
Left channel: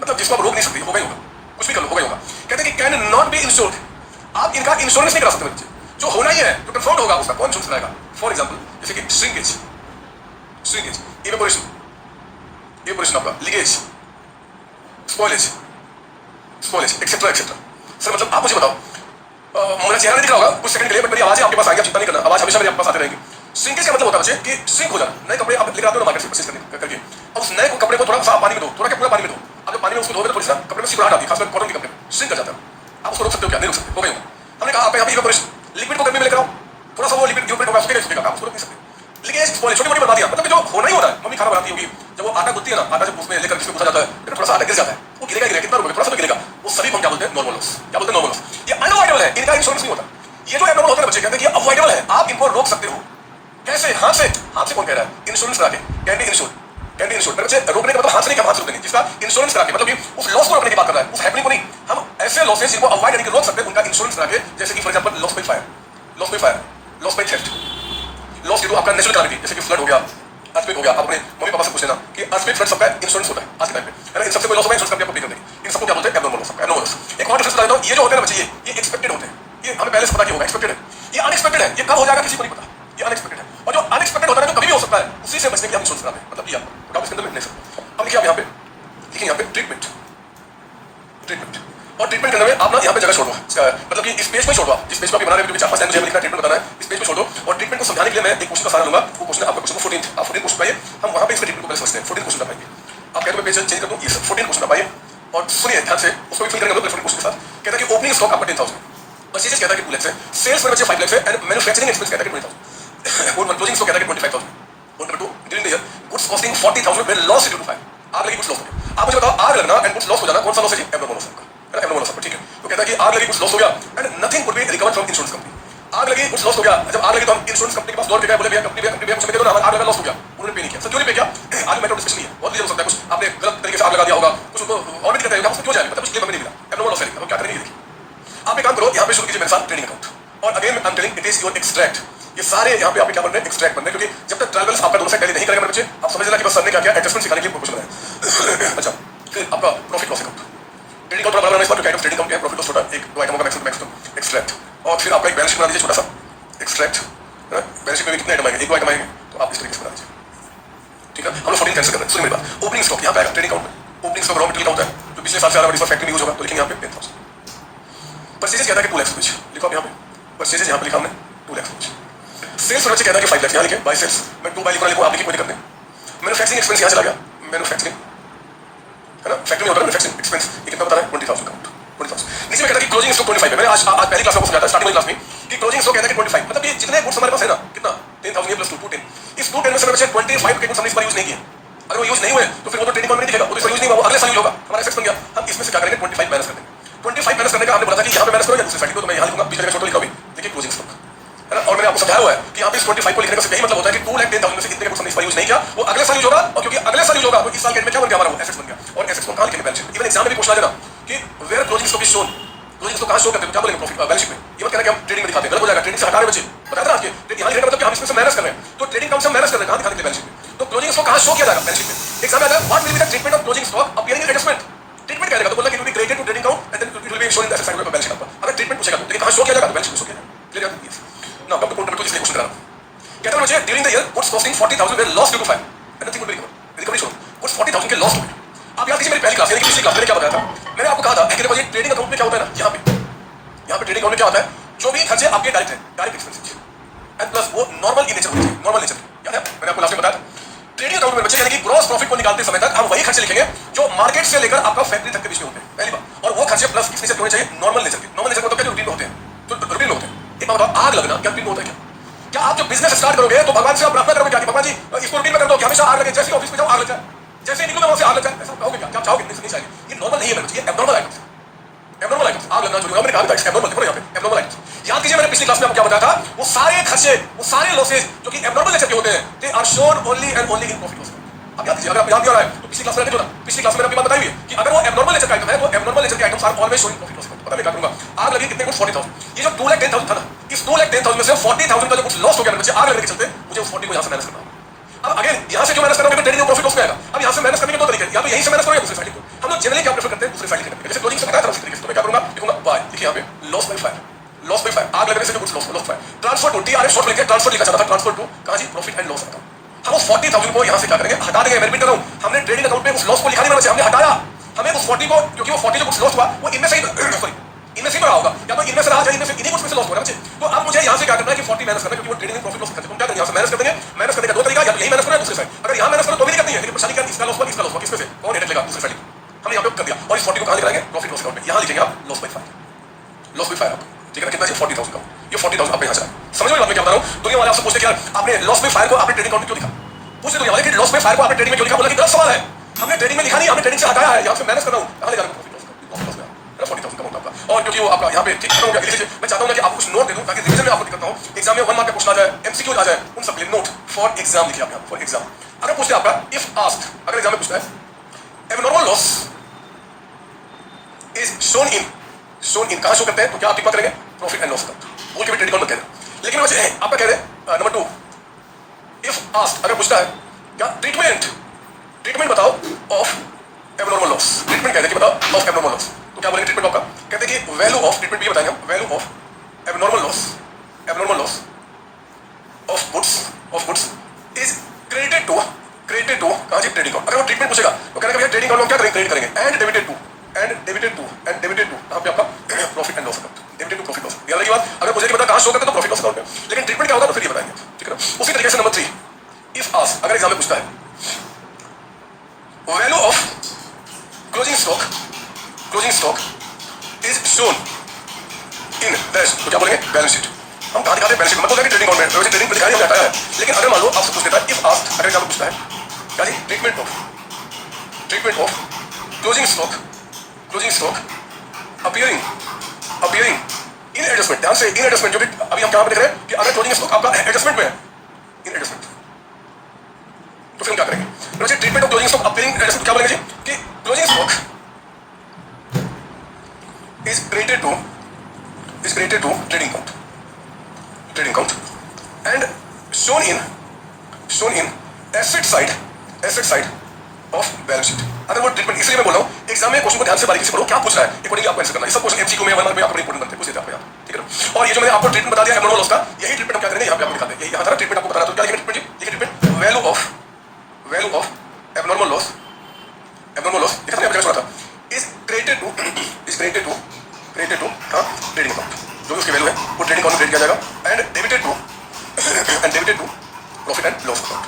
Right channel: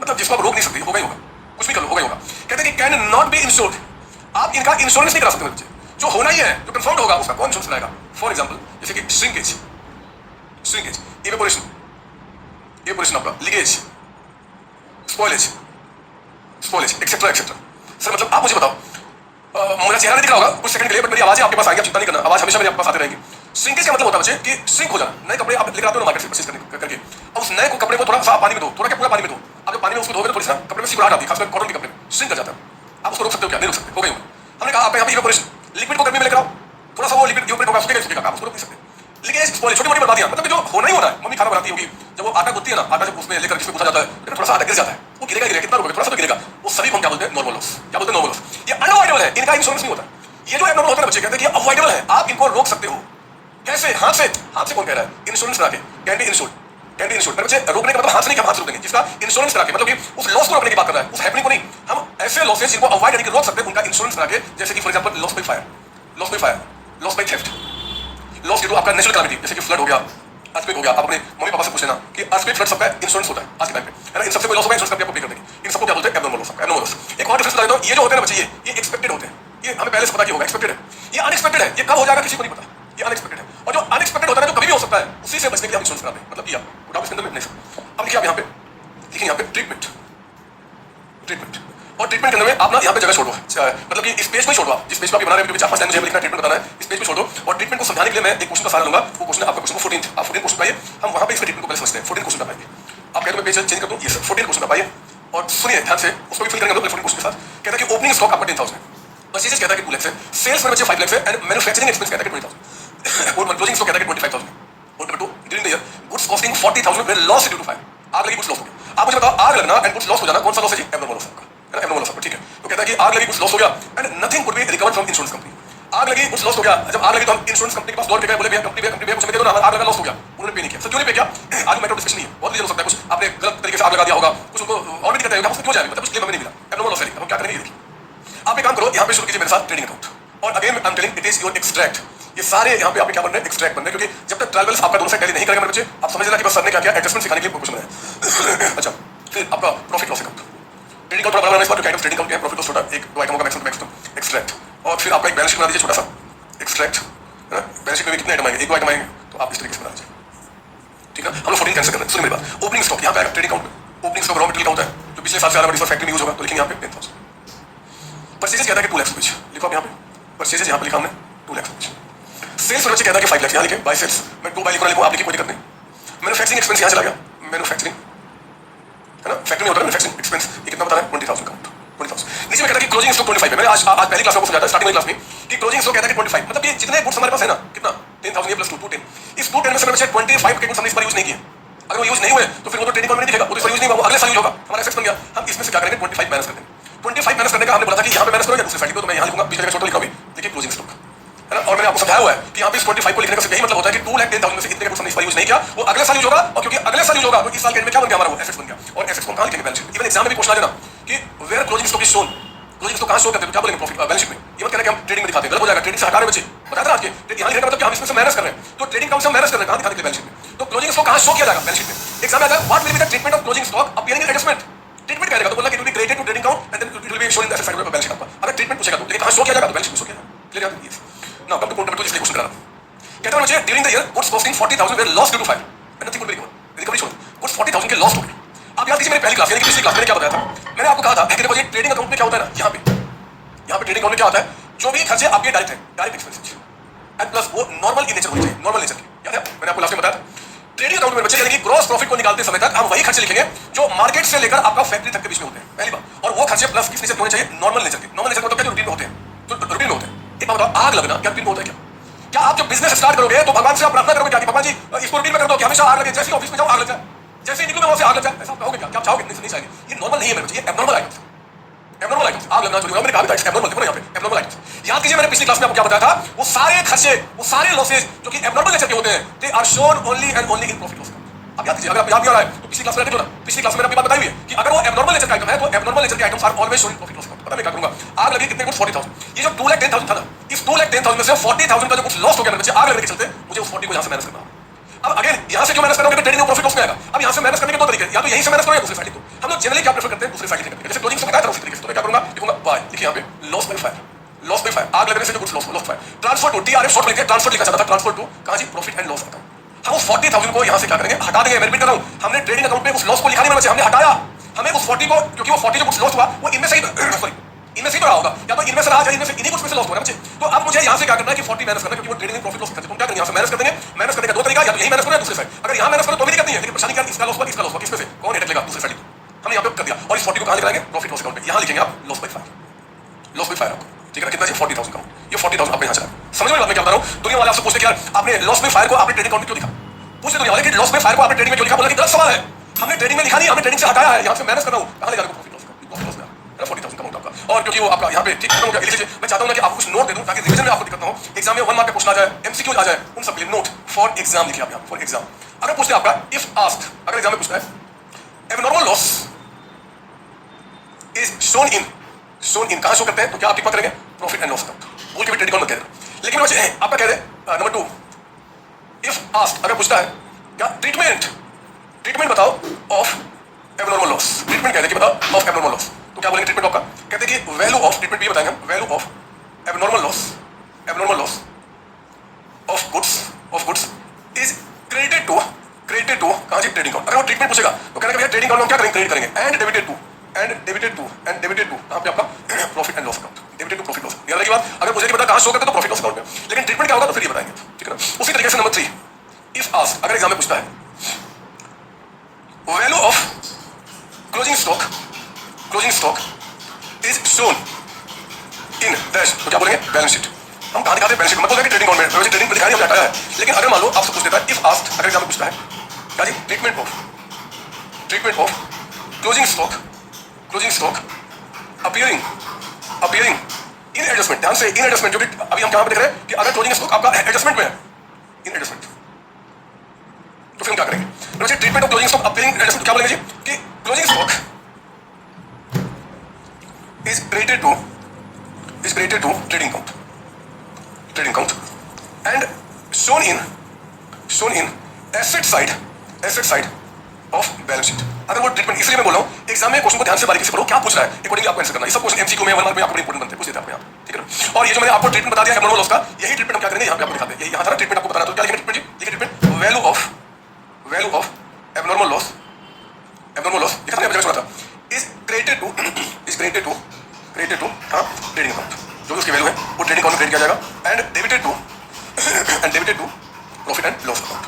मतलब जिसको आप रोक नहीं सकते, होगा ही होगा, कुछ भी कर लो होगा ही होगा। कहते हैं कि कैन नॉट बी इंश्योर्ड, आप इनका इंश्योरेंस नहीं करा सकते बच्चे, जो होना ही है जो कंफर्म होगा उसका कौन इंश्योरेंस कराएगा। फॉर एग्जांपल जैसे कि श्रिंकेज, इवेपोरेशन आपका, leakage, spoilage etcetera etcetera. Sir मतलब आप मुझे बताओ, मेरा चेहरा नहीं दिख रहा होगा कुछ सेकंड के लिए, बट मेरी आवाज है आपके पास आएगी, आप चिंता नहीं करना, आवाज हमेशा मेरे पास आती रहेगी। श्रिंकेज का मतलब होता है बच्चे कि श्रिंक हो जाना, नए कपड़े आप लेकर आते हो मार्केट से परचेज करके, अब उस नए कपड़े को थोड़ा सा पानी में दो, थोड़ा क्या पूरा पानी में दो, आप जब पानी में उसको धोगे तो थोड़ी सा कपड़े में सिकुड़ाहट आती है, खासकर कॉटन के कपड़े में श्रिंक कर जाता है। आप उसको रोक सकते हो क्या, नहीं रोक सकते, हो गई। हमने कहा आप यहाँ पे इवेपोरेशन, लिक्विड को गर्मी में लेकर आओ, थोड़ा सा वो लिक्विड इवेपोरेट होगा, सूखेगा, आप उसको रोक नहीं सकते। लेकिन स्पॉइलेज छोटी मोटी बर्बादियां, मतलब जो होना ही हो रहा है, मम्मी खाना बनाती होगी, जब वो आटा गूंथती है ना, आटा जब उसमें लेकर जिसमें गूंथा जाता है तो थोड़ा सा आटा गिर जाता है, वो गिरेगा कितना रुपए, थोड़ा सा तो गिरेगा, वो सभी को हम क्या बोलते हैं नॉर्मल लॉस, क्या बोलते हैं नॉर्मल लॉस। ये अनअवॉइडेबल है, इनका इंश्योरेंस नहीं होता। ये जो एबनॉर्मल होता है बच्चे कहते हैं कि अवॉइडेबल है, आप इनको रोक सकते हो। कैसे, हाथ से कौन कह रहा है, इंश्योरेंस करा के, कैन बी इंश्योर्ड, बच्चे रोकने का मतलब हाथ से नहीं, हाथ से रोक देंगे, जिसका इंश्योरेंस करा के, मतलब कि उस लॉस को रोकने की बात कर रहा है, उस हैपनिंग को नहीं। हम ऐसे लॉसेस जिनको अवॉइड करके रोक सकते हैं उनका इंश्योरेंस करा के, जैसे कि for example loss by fire, loss by theft, loss जो आपका नेचुरल कैलामिटी जैसे कि फ्लड हो गया, अर्थक्वेक हो गया, आप अपने मम्मी पापा से पूछ लेना कि अर्थक्वेक फ्लड सबका इंश्योरेंस होता है आज के टाइम पे, है ना। इन सबसे कोई लॉस होगा इंश्योरेंस करके आपको पे करने की, इन सबको क्या बोलते हैं एबनॉर्मल लॉस, एबनॉर्मल लॉस। एक और डिफरेंस बता देता हूं, ये जो होते हैं ना बच्चे, ये एक्सपेक्टेड होते हैं, ये हमें पहले से पता कि होगा, एक्सपेक्टेड है। ये अनएक्सपेक्टेड है, ये कब हो जाएगा किसी को नहीं पता, ये अनएक्सपेक्टेड है। और जो अनएक्सपेक्टेड होता है ना, जो कभी भी हो सकता है, उसी से बचने के लिए आप इंश्योरेंस कराते हैं, मतलब ये आपको डाउट इसके अंदर नहीं सकते। अब देखिए आप यहाँ पे लिखिए, यहाँ पे ट्रीटमेंट, और ट्रीटमेंट करने में आप ना यहाँ पे जगह छोड़ दो, मतलब कि इस पेज को छोड़ दो, जिस पेज को आप बना रहे हैं, 4-5 लाइन मुझे लिखना ट्रीटमेंट बताना है, इस पेज को छोड़ दो। और ट्रीटमेंट को समझाने के लिए मैं एक क्वेश्चन का सहारा लूंगा, वो क्वेश्चन आपका क्वेश्चन को 14 आप 14 क्वेश्चन पाइए, हम वहाँ पे इसके ट्रीटमेंट को पहले समझते हैं। 14 क्वेश्चन पाइए, आप कहते हो पेज चेंज कर दो, ये 14 क्वेश्चन पाइए और सुनिए ध्यान से, उसको भी फिल करेंगे 14 क्वेश्चन के साथ। कहता है कि ओपनिंग स्टॉक आपका 10,000, परचेजेस कहता है कि 2 लाख है, सेल्स में बचे 5 लाख है, एंड मैन्युफैक्चरिंग एक्सपेंस कहता है कि 20,000, और क्लोजिंग स्टॉक कहता है कि 25,000। और number 2 during the year goods costing 40,000 were loss due to fire, आग लगी कुछ लॉस हो गया। आप मुझे बताओ आग लगना एंड कुछ लॉस हो जाना कौन सा लॉस है? एब्नॉर्मल लॉस है, एब्नॉर्मल लॉस। ठीक है, तो कहता है कि आग लगी कुछ लॉस हो गया and nothing could be recovered from insurance company. आग लगी कुछ लॉस हो गया, जब आग लगी तो हम इंश्योरेंस कंपनी के पास दौड़ के गए, बोले भैया कंपनी भैया कुछ दे दो ना, आग लगा लॉस हो गया। उन्होंने पे नहीं किया। सर क्यों नहीं पे किया? आगे मैटर डिस्कशन नहीं है, बहुत रीजन हो सकता है, कुछ आपने गलत तरीके से आग लगा दिया होगा, कुछ उनको ऑडिट करते हैं, हम उसको क्यों जाएंगे, मतलब कुछ क्लेम हमें नहीं मिला, एब्नॉर्मल लॉस है। हम क्या करेंगे? आप एक काम करो, यहाँ पे शुरू कीजिए मेरे साथ ट्रेडिंग अकाउंट, और again I am telling it is your extract. ये सारे यहाँ पे आपके क्या बन रहे हैं? एक्सट्रैक्ट बन रहे हैं, क्योंकि जब तक ट्रायल्स आपका दोनों साइड टैली नहीं करेगा मेरे बच्चे, आप समझ लेना कि बस सर ने क्या किया, एडजस्टमेंट सिखाने के लिए कुछ बनाया। अच्छा, फिर आपका profit loss account, trading account बनाना इस बार, जो ट्रेडिंग अकाउंट है, प्रॉफिट लॉस छोटा, एक दो आइटमों का मैक्सिमम एक्सट्रैक्ट, और फिर आपका एक बैलेंस शीट बना दीजिए छोटा सा एक्सट्रैक्ट। बैलेंस शीट में कितने आइटम आएंगे? एक दो आइटम आएंगे, तो आप इस तरीके से बना दीजिए। ठीक है, हम लोग 14 कैंसिल कर रहे हैं। सुनिए मेरी बात, ओपनिंग स्टॉक यहाँ पे आएगा ट्रेडिंग अकाउंट में, ओपनिंग स्टॉक रॉ मटेरियल का होता है, तो पिछले साल से आ रहा है, इस बार फैक्ट्री में यूज होगा, तो लिखेंगे यहाँ पे 10,000। परचेजेस कहता है कि 2 लाख रुपीज, लिखो आप यहाँ पे परचेजेस, यहाँ पे लिखा हमने 2 लाख रुपीज। सेल्स और कहता है कि 5 लाख, यहाँ लिखे बाय सेल्स, मैं 2 बाय लिखो, आप लिखिए, कोई दिक्कत नहीं। मैन्युफैक्चरिंग एक्सपेंस यहाँ चला गया, मैन्युफैक्चरिंग है ना, फैक्ट्री में होता है मैन्युफैक्चरिंग एक्सपेंस, ये कितना बता रहा है? 20,000 का 20,000। नीचे में कहता है कि क्लोजिंग स्टॉक 25 है। मैंने आज पहली क्लास में समझाया था, स्टार्टिंग क्लास में, कि क्लोजिंग स्टॉक कहता है कि 25, मतलब कि जितने गुड्स हमारे पास है ना, कितना 10,000 प्लस 2 210, इस 210 में से मैंने 25 के गुड्स हमने इस बार यूज नहीं किए। अगर वो यूज नहीं हुए तो फिर वो तो ट्रेडिंग अकाउंट में दिखेगा, वो तो यूज नहीं हुआ, वो अगले साल यूज होगा, हमारा एसेट्स बन गया। हम इसमें से क्या करेंगे? 25 माइनस कर देंगे। 25 माइनस करने का हमने बोला था कि यहाँ पे माइनस करो या दूसरी साइड को, तो मैं यहाँ लिखूंगा, बीच में छोटा लिखा भी, देखिए क्लोजिंग स्टॉक है ना। और मैंने आपको समझाया हुआ है कि यहाँ पे इस 25 को लिखने का यही मतलब होता है कि 2,10,000 में से इतने का कुछ हमने इस बार यूज नहीं किया, वो अगले साल यूज होगा, और क्योंकि अगले साल यूज होगा तो इस साल के एंड में क्या बन गया? हमारा वो एसेट्स बन गया, और एसेट्स को कहाँ लिखेंगे? Balance sheet. इवन एग्जाम में भी पूछना देना कि where closing stock is shown, closing stock कहाँ शो करते हैं, क्या बोलेंगे? प्रॉफिट बैलेंस शीट में। ये मत कहना कि हम ट्रेडिंग में दिखाते हैं, गलत हो जाएगा, ट्रेडिंग से हटा रहे बच्चे, बताया था आज के, तो यहाँ लिखने का मतलब कि हम इसमें से माइनस कर रहे हैं, तो ट्रेडिंग काम से माइनस कर रहे हैं, कहाँ दिखाते हैं? बैलेंस शीट में। तो क्लोजिंग स्टॉक कहाँ शो किया जाएगा? बैलेंस शीट में। एग्जाम आता है, what will be the treatment of closing stock appearing in adjustment. Treatment करेगा तो बोला कि it will be credited to trading account and then it will be shown in the asset side of balance sheet पर। अगर treatment पूछेगा तो लेकिन कहाँ शो किया जाएगा? तो बैलेंस शीट में शो किया जाएगा। क्लियर है? Now come to point number 2, इसलिए क्वेश्चन करा रहा हूं। कहता है मुझे during the year goods costing 40,000 were lost due to fire and nothing will be recovered. Recovery छोड़ो, गुड्स 40,000 के लॉस्ट हो गए। आप याद कीजिए मेरी पहली क्लास यानी कि पिछली क्लास में क्या बताया था? मैंने आपको कहा था कि देखो ये ट्रेडिंग अकाउंट में क्या होता है ना, यहाँ पे ट्रेडिंग अकाउंट में क्या होता है? जो भी खर्चे आपके डायरेक्ट है, डायरेक्ट एक्सपेंसेस एंड प्लस वो नॉर्मल इन नेचर होनी चाहिए, नॉर्मल नेचर। याद है मैंने आपको लास्ट में बताया था, ट्रेडिंग अकाउंट में बच्चे यानी कि ग्रॉस प्रॉफिट को निकालते समय तक हम वही खर्चे लिखेंगे जो मार्केट से लेकर आपका फैक्ट्री तक के बीच में होते हैं, पहली बात। और वो खर्चे प्लस किस नेचर के होने चाहिए? नॉर्मल नेचर के। नॉर्मल नेचर मतलब क्या? रूटीन में होते हैं, तो रूटीन में होते हैं। एक बात बताओ, आग लगना क्या रूटीन में होता है क्या? क्या आप जब बिजनेस स्टार्ट करोगे तो भगवान से आप प्रार्थना करोगे क्या कि भगवान जी इसको रूटीन में कर दो कि हमेशा आग लगे, जैसे ऑफिस में जाओ आग लग जाए, जैसे निकलो वहां से आग लग जाए, ऐसा कहोगे क्या? क्या चाहोगे? नहीं चाहिए। ये नॉर्मल नहीं है, ये एब्नॉर्मल आइटम्स, एब्नॉर्मल आइटम्स। आग लगना जो मैंने कहा था एब्नॉर्मल, देखो यहाँ पे एब्नॉर्मल आइटम्स। याद कीजिए मैंने पिछली क्लास में आपको क्या बताया था? वो सारे खर्चे, वो सारे लॉसेस जो कि एब्नॉर्मल नेचर के होते हैं, they are shown only and only in profit loss. अब याद कीजिए, अगर आप याद नहीं आ रहा है तो पिछली क्लास में देखो ना, पिछली क्लास में मैंने आपको बात बताई हुई है कि अगर वो एब्नॉर्मल नेचर का आइटम है तो एब्नॉर्मल नेचर के items are always shown in profit loss. पता मैं क्या करूंगा? आग लगी कितने को? 40,000। ये जो 2,10,000 था ना, इस 2,10,000 में से 40,000 का जो कुछ लॉस हो गया मुझे आग लगने के चलते, मुझे उस 40 को यहाँ से माइनस करना। अब अगेन यहाँ से क्यों माइनस करोगे? तो ट्रेडिंग प्रॉफिट लॉस में आएगा। अब यहाँ से माइनस करने के दो तरीके, या तो यहीं से माइनस करो या दूसरी साइड को। हम लोग जनरली क्या प्रेफर करते हैं? दूसरी साइड लिखने। जैसे क्लोजिंग से बताया था उसी तरीके से, तो मैं क्या करूंगा? लिखूंगा बाय, लिखिए यहाँ पे loss by fire, loss by fire. आग लगने से कुछ loss fire. Transfer to TRF short लिखिए, ट्रांसफर लिखा जाता था, ट्रांसफर टू कहां जी? Profit and loss account. हम उस 40,000 को यहाँ से क्या करेंगे? हटा देंगे। मैं रिपीट कर रहा हूँ, हमने ट्रेडिंग अकाउंट में उस लॉस को लिखा नहीं, हमने हटाया। हमें उस 40 को, क्योंकि वो 40 जो कुछ लॉस हुआ वो इनमें से ही सॉरी इनमें से ही रहा होगा, या तो इनमें से रहा, इनमें से इन्हीं कुछ में से लॉस हो रहा है। तो अब मुझे यहाँ से क्या करना है कि 40 माइनस करना है, क्योंकि वो ट्रेडिंग प्रॉफिट लॉस खर्चे को क्या करेंगे? यहाँ से माइनस कर देंगे। माइनस करने का दो तरीका, या तो यही माइनस करो या दूसरी साइड। अगर यहाँ माइनस करो तो भी दिक्कत नहीं है, लेकिन परेशानी क्या? इसका लॉस हुआ, इसका लॉस हुआ, किसमें से कौन हेडेक लेगा? दूसरी साइड। हमने यहाँ पे कर दिया, और इस 40 को कहाँ लिखाएंगे? प्रॉफिट लॉस अकाउंट में। यहाँ लिखेंगे आप loss by fire, loss by fire. ठीक है, कितना चाहिए? 40,000 का। ये 40,000 आपने यहाँ चला। समझ में क्या बता रहा हूँ? दुनिया वाले आपसे पूछते क्या आपने लॉस बाय फायर को आपने ट्रेडिंग अकाउंट में क्यों लिखा? पूछते दुनिया वाले कि लॉस बाय फायर को आपने ट्रेडिंग में क्यों लिखा? बोला कि गलत सवाल है, हमने ट्रेडिंग में लिखा नहीं, हमने ट्रेडिंग से हटाया है। यहाँ से माइनस कर रहा हूँ, कहाँ लिखा? प्रॉफिट लॉस का 40,000 का आपका। और क्योंकि वो आपका यहाँ पे ठीक हो गया, मैं चाहता हूँ कि आपको कुछ नोट दे दूँ ताकि रिवीजन में आपको दिक्कत ना हो, एग्जाम में 1 मार्क पे पूछना जाए, एमसीक्यू आ जाए, उन सब के लिए नोट फॉर एग्जाम लिखिए आप यहाँ, फॉर एग्जाम। अगर पूछते आपका इफ आस्क्ड, अगर एग्जाम में पूछता है abnormal loss is shown in कहाँ शो करते हैं? तो क्या आप लिखा करेंगे? Profit and loss account. बोल के भी ट्रेडिंग मत करें। लेकिन वैसे आपका कह रहे नंबर 2, इफ आस्क्ड अगर पूछता है क्या ट्रीटमेंट बताओ ऑफ एब्नॉर्मल लॉस। ट्रीटमेंट कहते हैं कि बताओ ऑफ एब्नॉर्मल लॉस, तो क्या बोलेंगे ट्रीटमेंट आपका? कहते हैं कि वैल्यू ऑफ ट्रीटमेंट भी बताएंगे हम, value of abnormal loss of goods is credited to कहां जी? Trading account. अगर वो ट्रीटमेंट पूछेगा तो कहना ट्रेडिंग अकाउंट में क्या करेंगे? क्रेडिट करेंगे एंड डेबिटेड टू कहां पे आपका? Profit and loss account, debited to profit loss. याद रखिए बात, अगर मुझे पता कहां शो करते तो प्रॉफिट लॉस अकाउंट में, लेकिन ट्रीटमेंट क्या होगा तो फिर ये बताएंगे। ठीक है ना? उसी तरीके से नंबर 3, इफ आस्क्ड अगर एग्जाम में पूछता है value of closing stock is shown in dash, तो क्या बोलेंगे? Balance sheet. हम कहां दिखाते हैं? Balance sheet. मतलब ट्रेडिंग अकाउंट में वैसे ट्रेडिंग को दिखाया हमने हटाया है, लेकिन अगर मान लो आपसे पूछ देता है इफ आस्क्ड अगर एग्जाम में पूछता है क्या जी? Treatment of closing stock appearing in adjustment. ध्यान से इन एडजस्टमेंट, जो कि अभी हम कहां पर देख रहे हैं कि अगर क्लोजिंग स्टॉक आपका एडजस्टमेंट में है, इन एडजस्टमेंट, तो फिर हम क्या करेंगे? तो बच्चे treatment of closing stock appearing adjustment क्या बोलेंगे जी कि closing stock is related to trading count and shown in asset side of balance sheet। अगर वो ट्रीटमेंट, इसलिए मैं बोल रहा हूँ एग्जाम में क्वेश्चन को ध्यान से बारीकी से पढ़ो, क्या पूछ रहा है अकॉर्डिंगली आपको आंसर करना है। सब क्वेश्चन एमसीक्यू में 1 मार्क में आपको इंपॉर्टेंट बनते हैं, पूछ देते हैं आपको यहाँ, ठीक है। और ये जो मैंने आपको ट्रीटमेंट बता दिया एब्नॉर्मल लॉस का, यही ट्रीटमेंट हम क्या करेंगे यहाँ पे आपको दिखाते हैं। यहाँ सारा ट्रीटमेंट आपको बताना, तो क्या लिखेंगे ट्रीटमेंट जी? लिखिए treatment value of abnormal loss ये हमने अभी सुना था, is credited to trading account. जो भी उसकी वैल्यू है वो ट्रेडिंग अकाउंट में क्रेडिट किया जाएगा and debited to profit and loss account.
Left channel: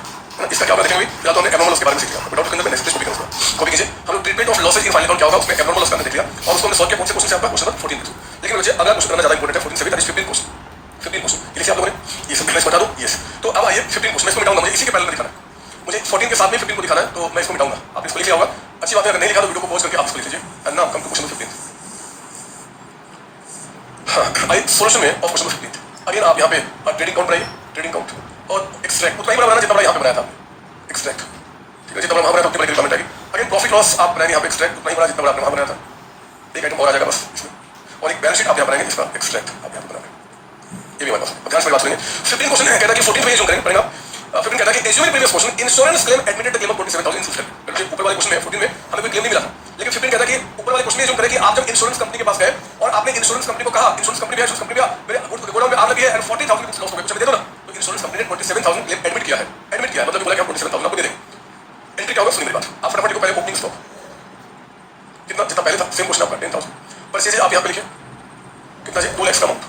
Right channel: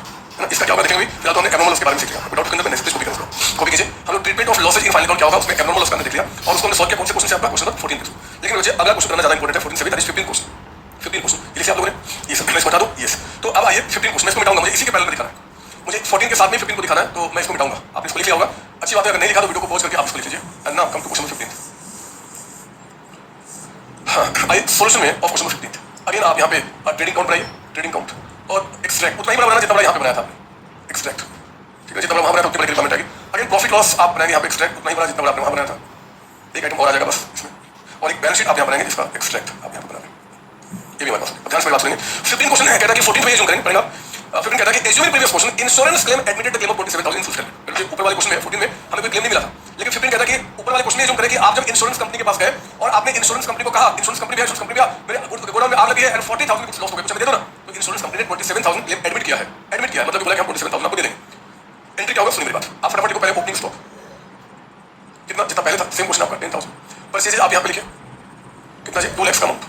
इसका क्या होगा देखेंगे। फिलहाल तो हमने एब्नॉर्मल लॉस के बारे में सीख लिया, डाउट के अंदर नेक्स्ट कॉपी करूंगा, कॉपी कीजिए। हम लोग treatment of losses in final account क्या होगा उसमें एब्नॉर्मल लॉस का अंदर देख लिया और उसको हमने सॉल्व किया। कौन से क्वेश्चन से? आपका क्वेश्चन 14 से। लेकिन बच्चे अगला क्वेश्चन करना ज्यादा इंपॉर्टेंट है 14 से भी, दैट इज 15 क्वेश्चन। ये लिखिए आप लोगों ने, ये सिंपल बता दो यस। तो अब आइए 15 क्वेश्चन इसको मिटाऊंगा, मुझे इसी के पहले दिखाना है, मुझे 14 के साथ में 15 को दिखाना है, तो मैं इसको मिटाऊंगा। आपने इसको लिख लिया होगा, अच्छी बात है। अगर नहीं लिखा तो वीडियो को पॉज करके आप इसको लिख लीजिए। And now come to question 15। आई सोल्यूशन में ऑफ क्वेश्चन 15 अगेन आप यहाँ पे ट्रेडिंग काउंट बनाइए, ट्रेडिंग काउंट और एक्सट्रैक्ट उतना ही बड़ा बनाना जितना बड़ा यहाँ पे बनाया था एक्सट्रैक्ट, ठीक है। जितना बड़ा वहाँ बनाया था उतनी बड़ी कमेंट आएगी। अगेन प्रॉफिट लॉस आप बनाएंगे यहाँ पे एक्सट्रैक्ट उतना ही बड़ा जितना बड़ा आपने वहाँ बनाया था, एक आइटम और आ जाएगा बस इसमें। और एक बैलेंस शीट आप यहाँ बनाएंगे जिसका एक्सट्रैक्ट आप यहाँ बनाएंगे, ये भी हमारे पास। ध्यान से बात सुनिए। 15 क्वेश्चन है, कहता है कि 14 पे करेंगे पड़ेगा। 15 कहता है कि assuming previous question insurance claim admitted the claim of 27,000 in Switzerland. जो ऊपर वाले क्वेश्चन में 14 में हमें कोई क्लेम नहीं मिला था, लेकिन 15 कहता है कि ऊपर वाले क्वेश्चन में जो करें कि आप जब इंश्योरेंस कंपनी के पास गए और आपने इंश्योरेंस कंपनी को कहा, इंश्योरेंस कंपनी है, इंश्योरेंस कंपनी का मेरे गोडाउन में आग लगी है एंड 40,000 रुपीस लॉस हो गए, कुछ दे दो ना। तो इंश्योरेंस कंपनी ने 27,000 क्लेम एडमिट किया है, मतलब बोला कि हम 27,000 आपको दे देंगे। एंट्री क्या होगा सुनिए मेरी बात। आप फटाफट को पहले ओपनिंग स्टॉक कितना, जितना पहले था सेम क्वेश्चन आपका 10,000 परचेज आप यहाँ पे लिखिए कितना जी 2 लाख का अमाउंट।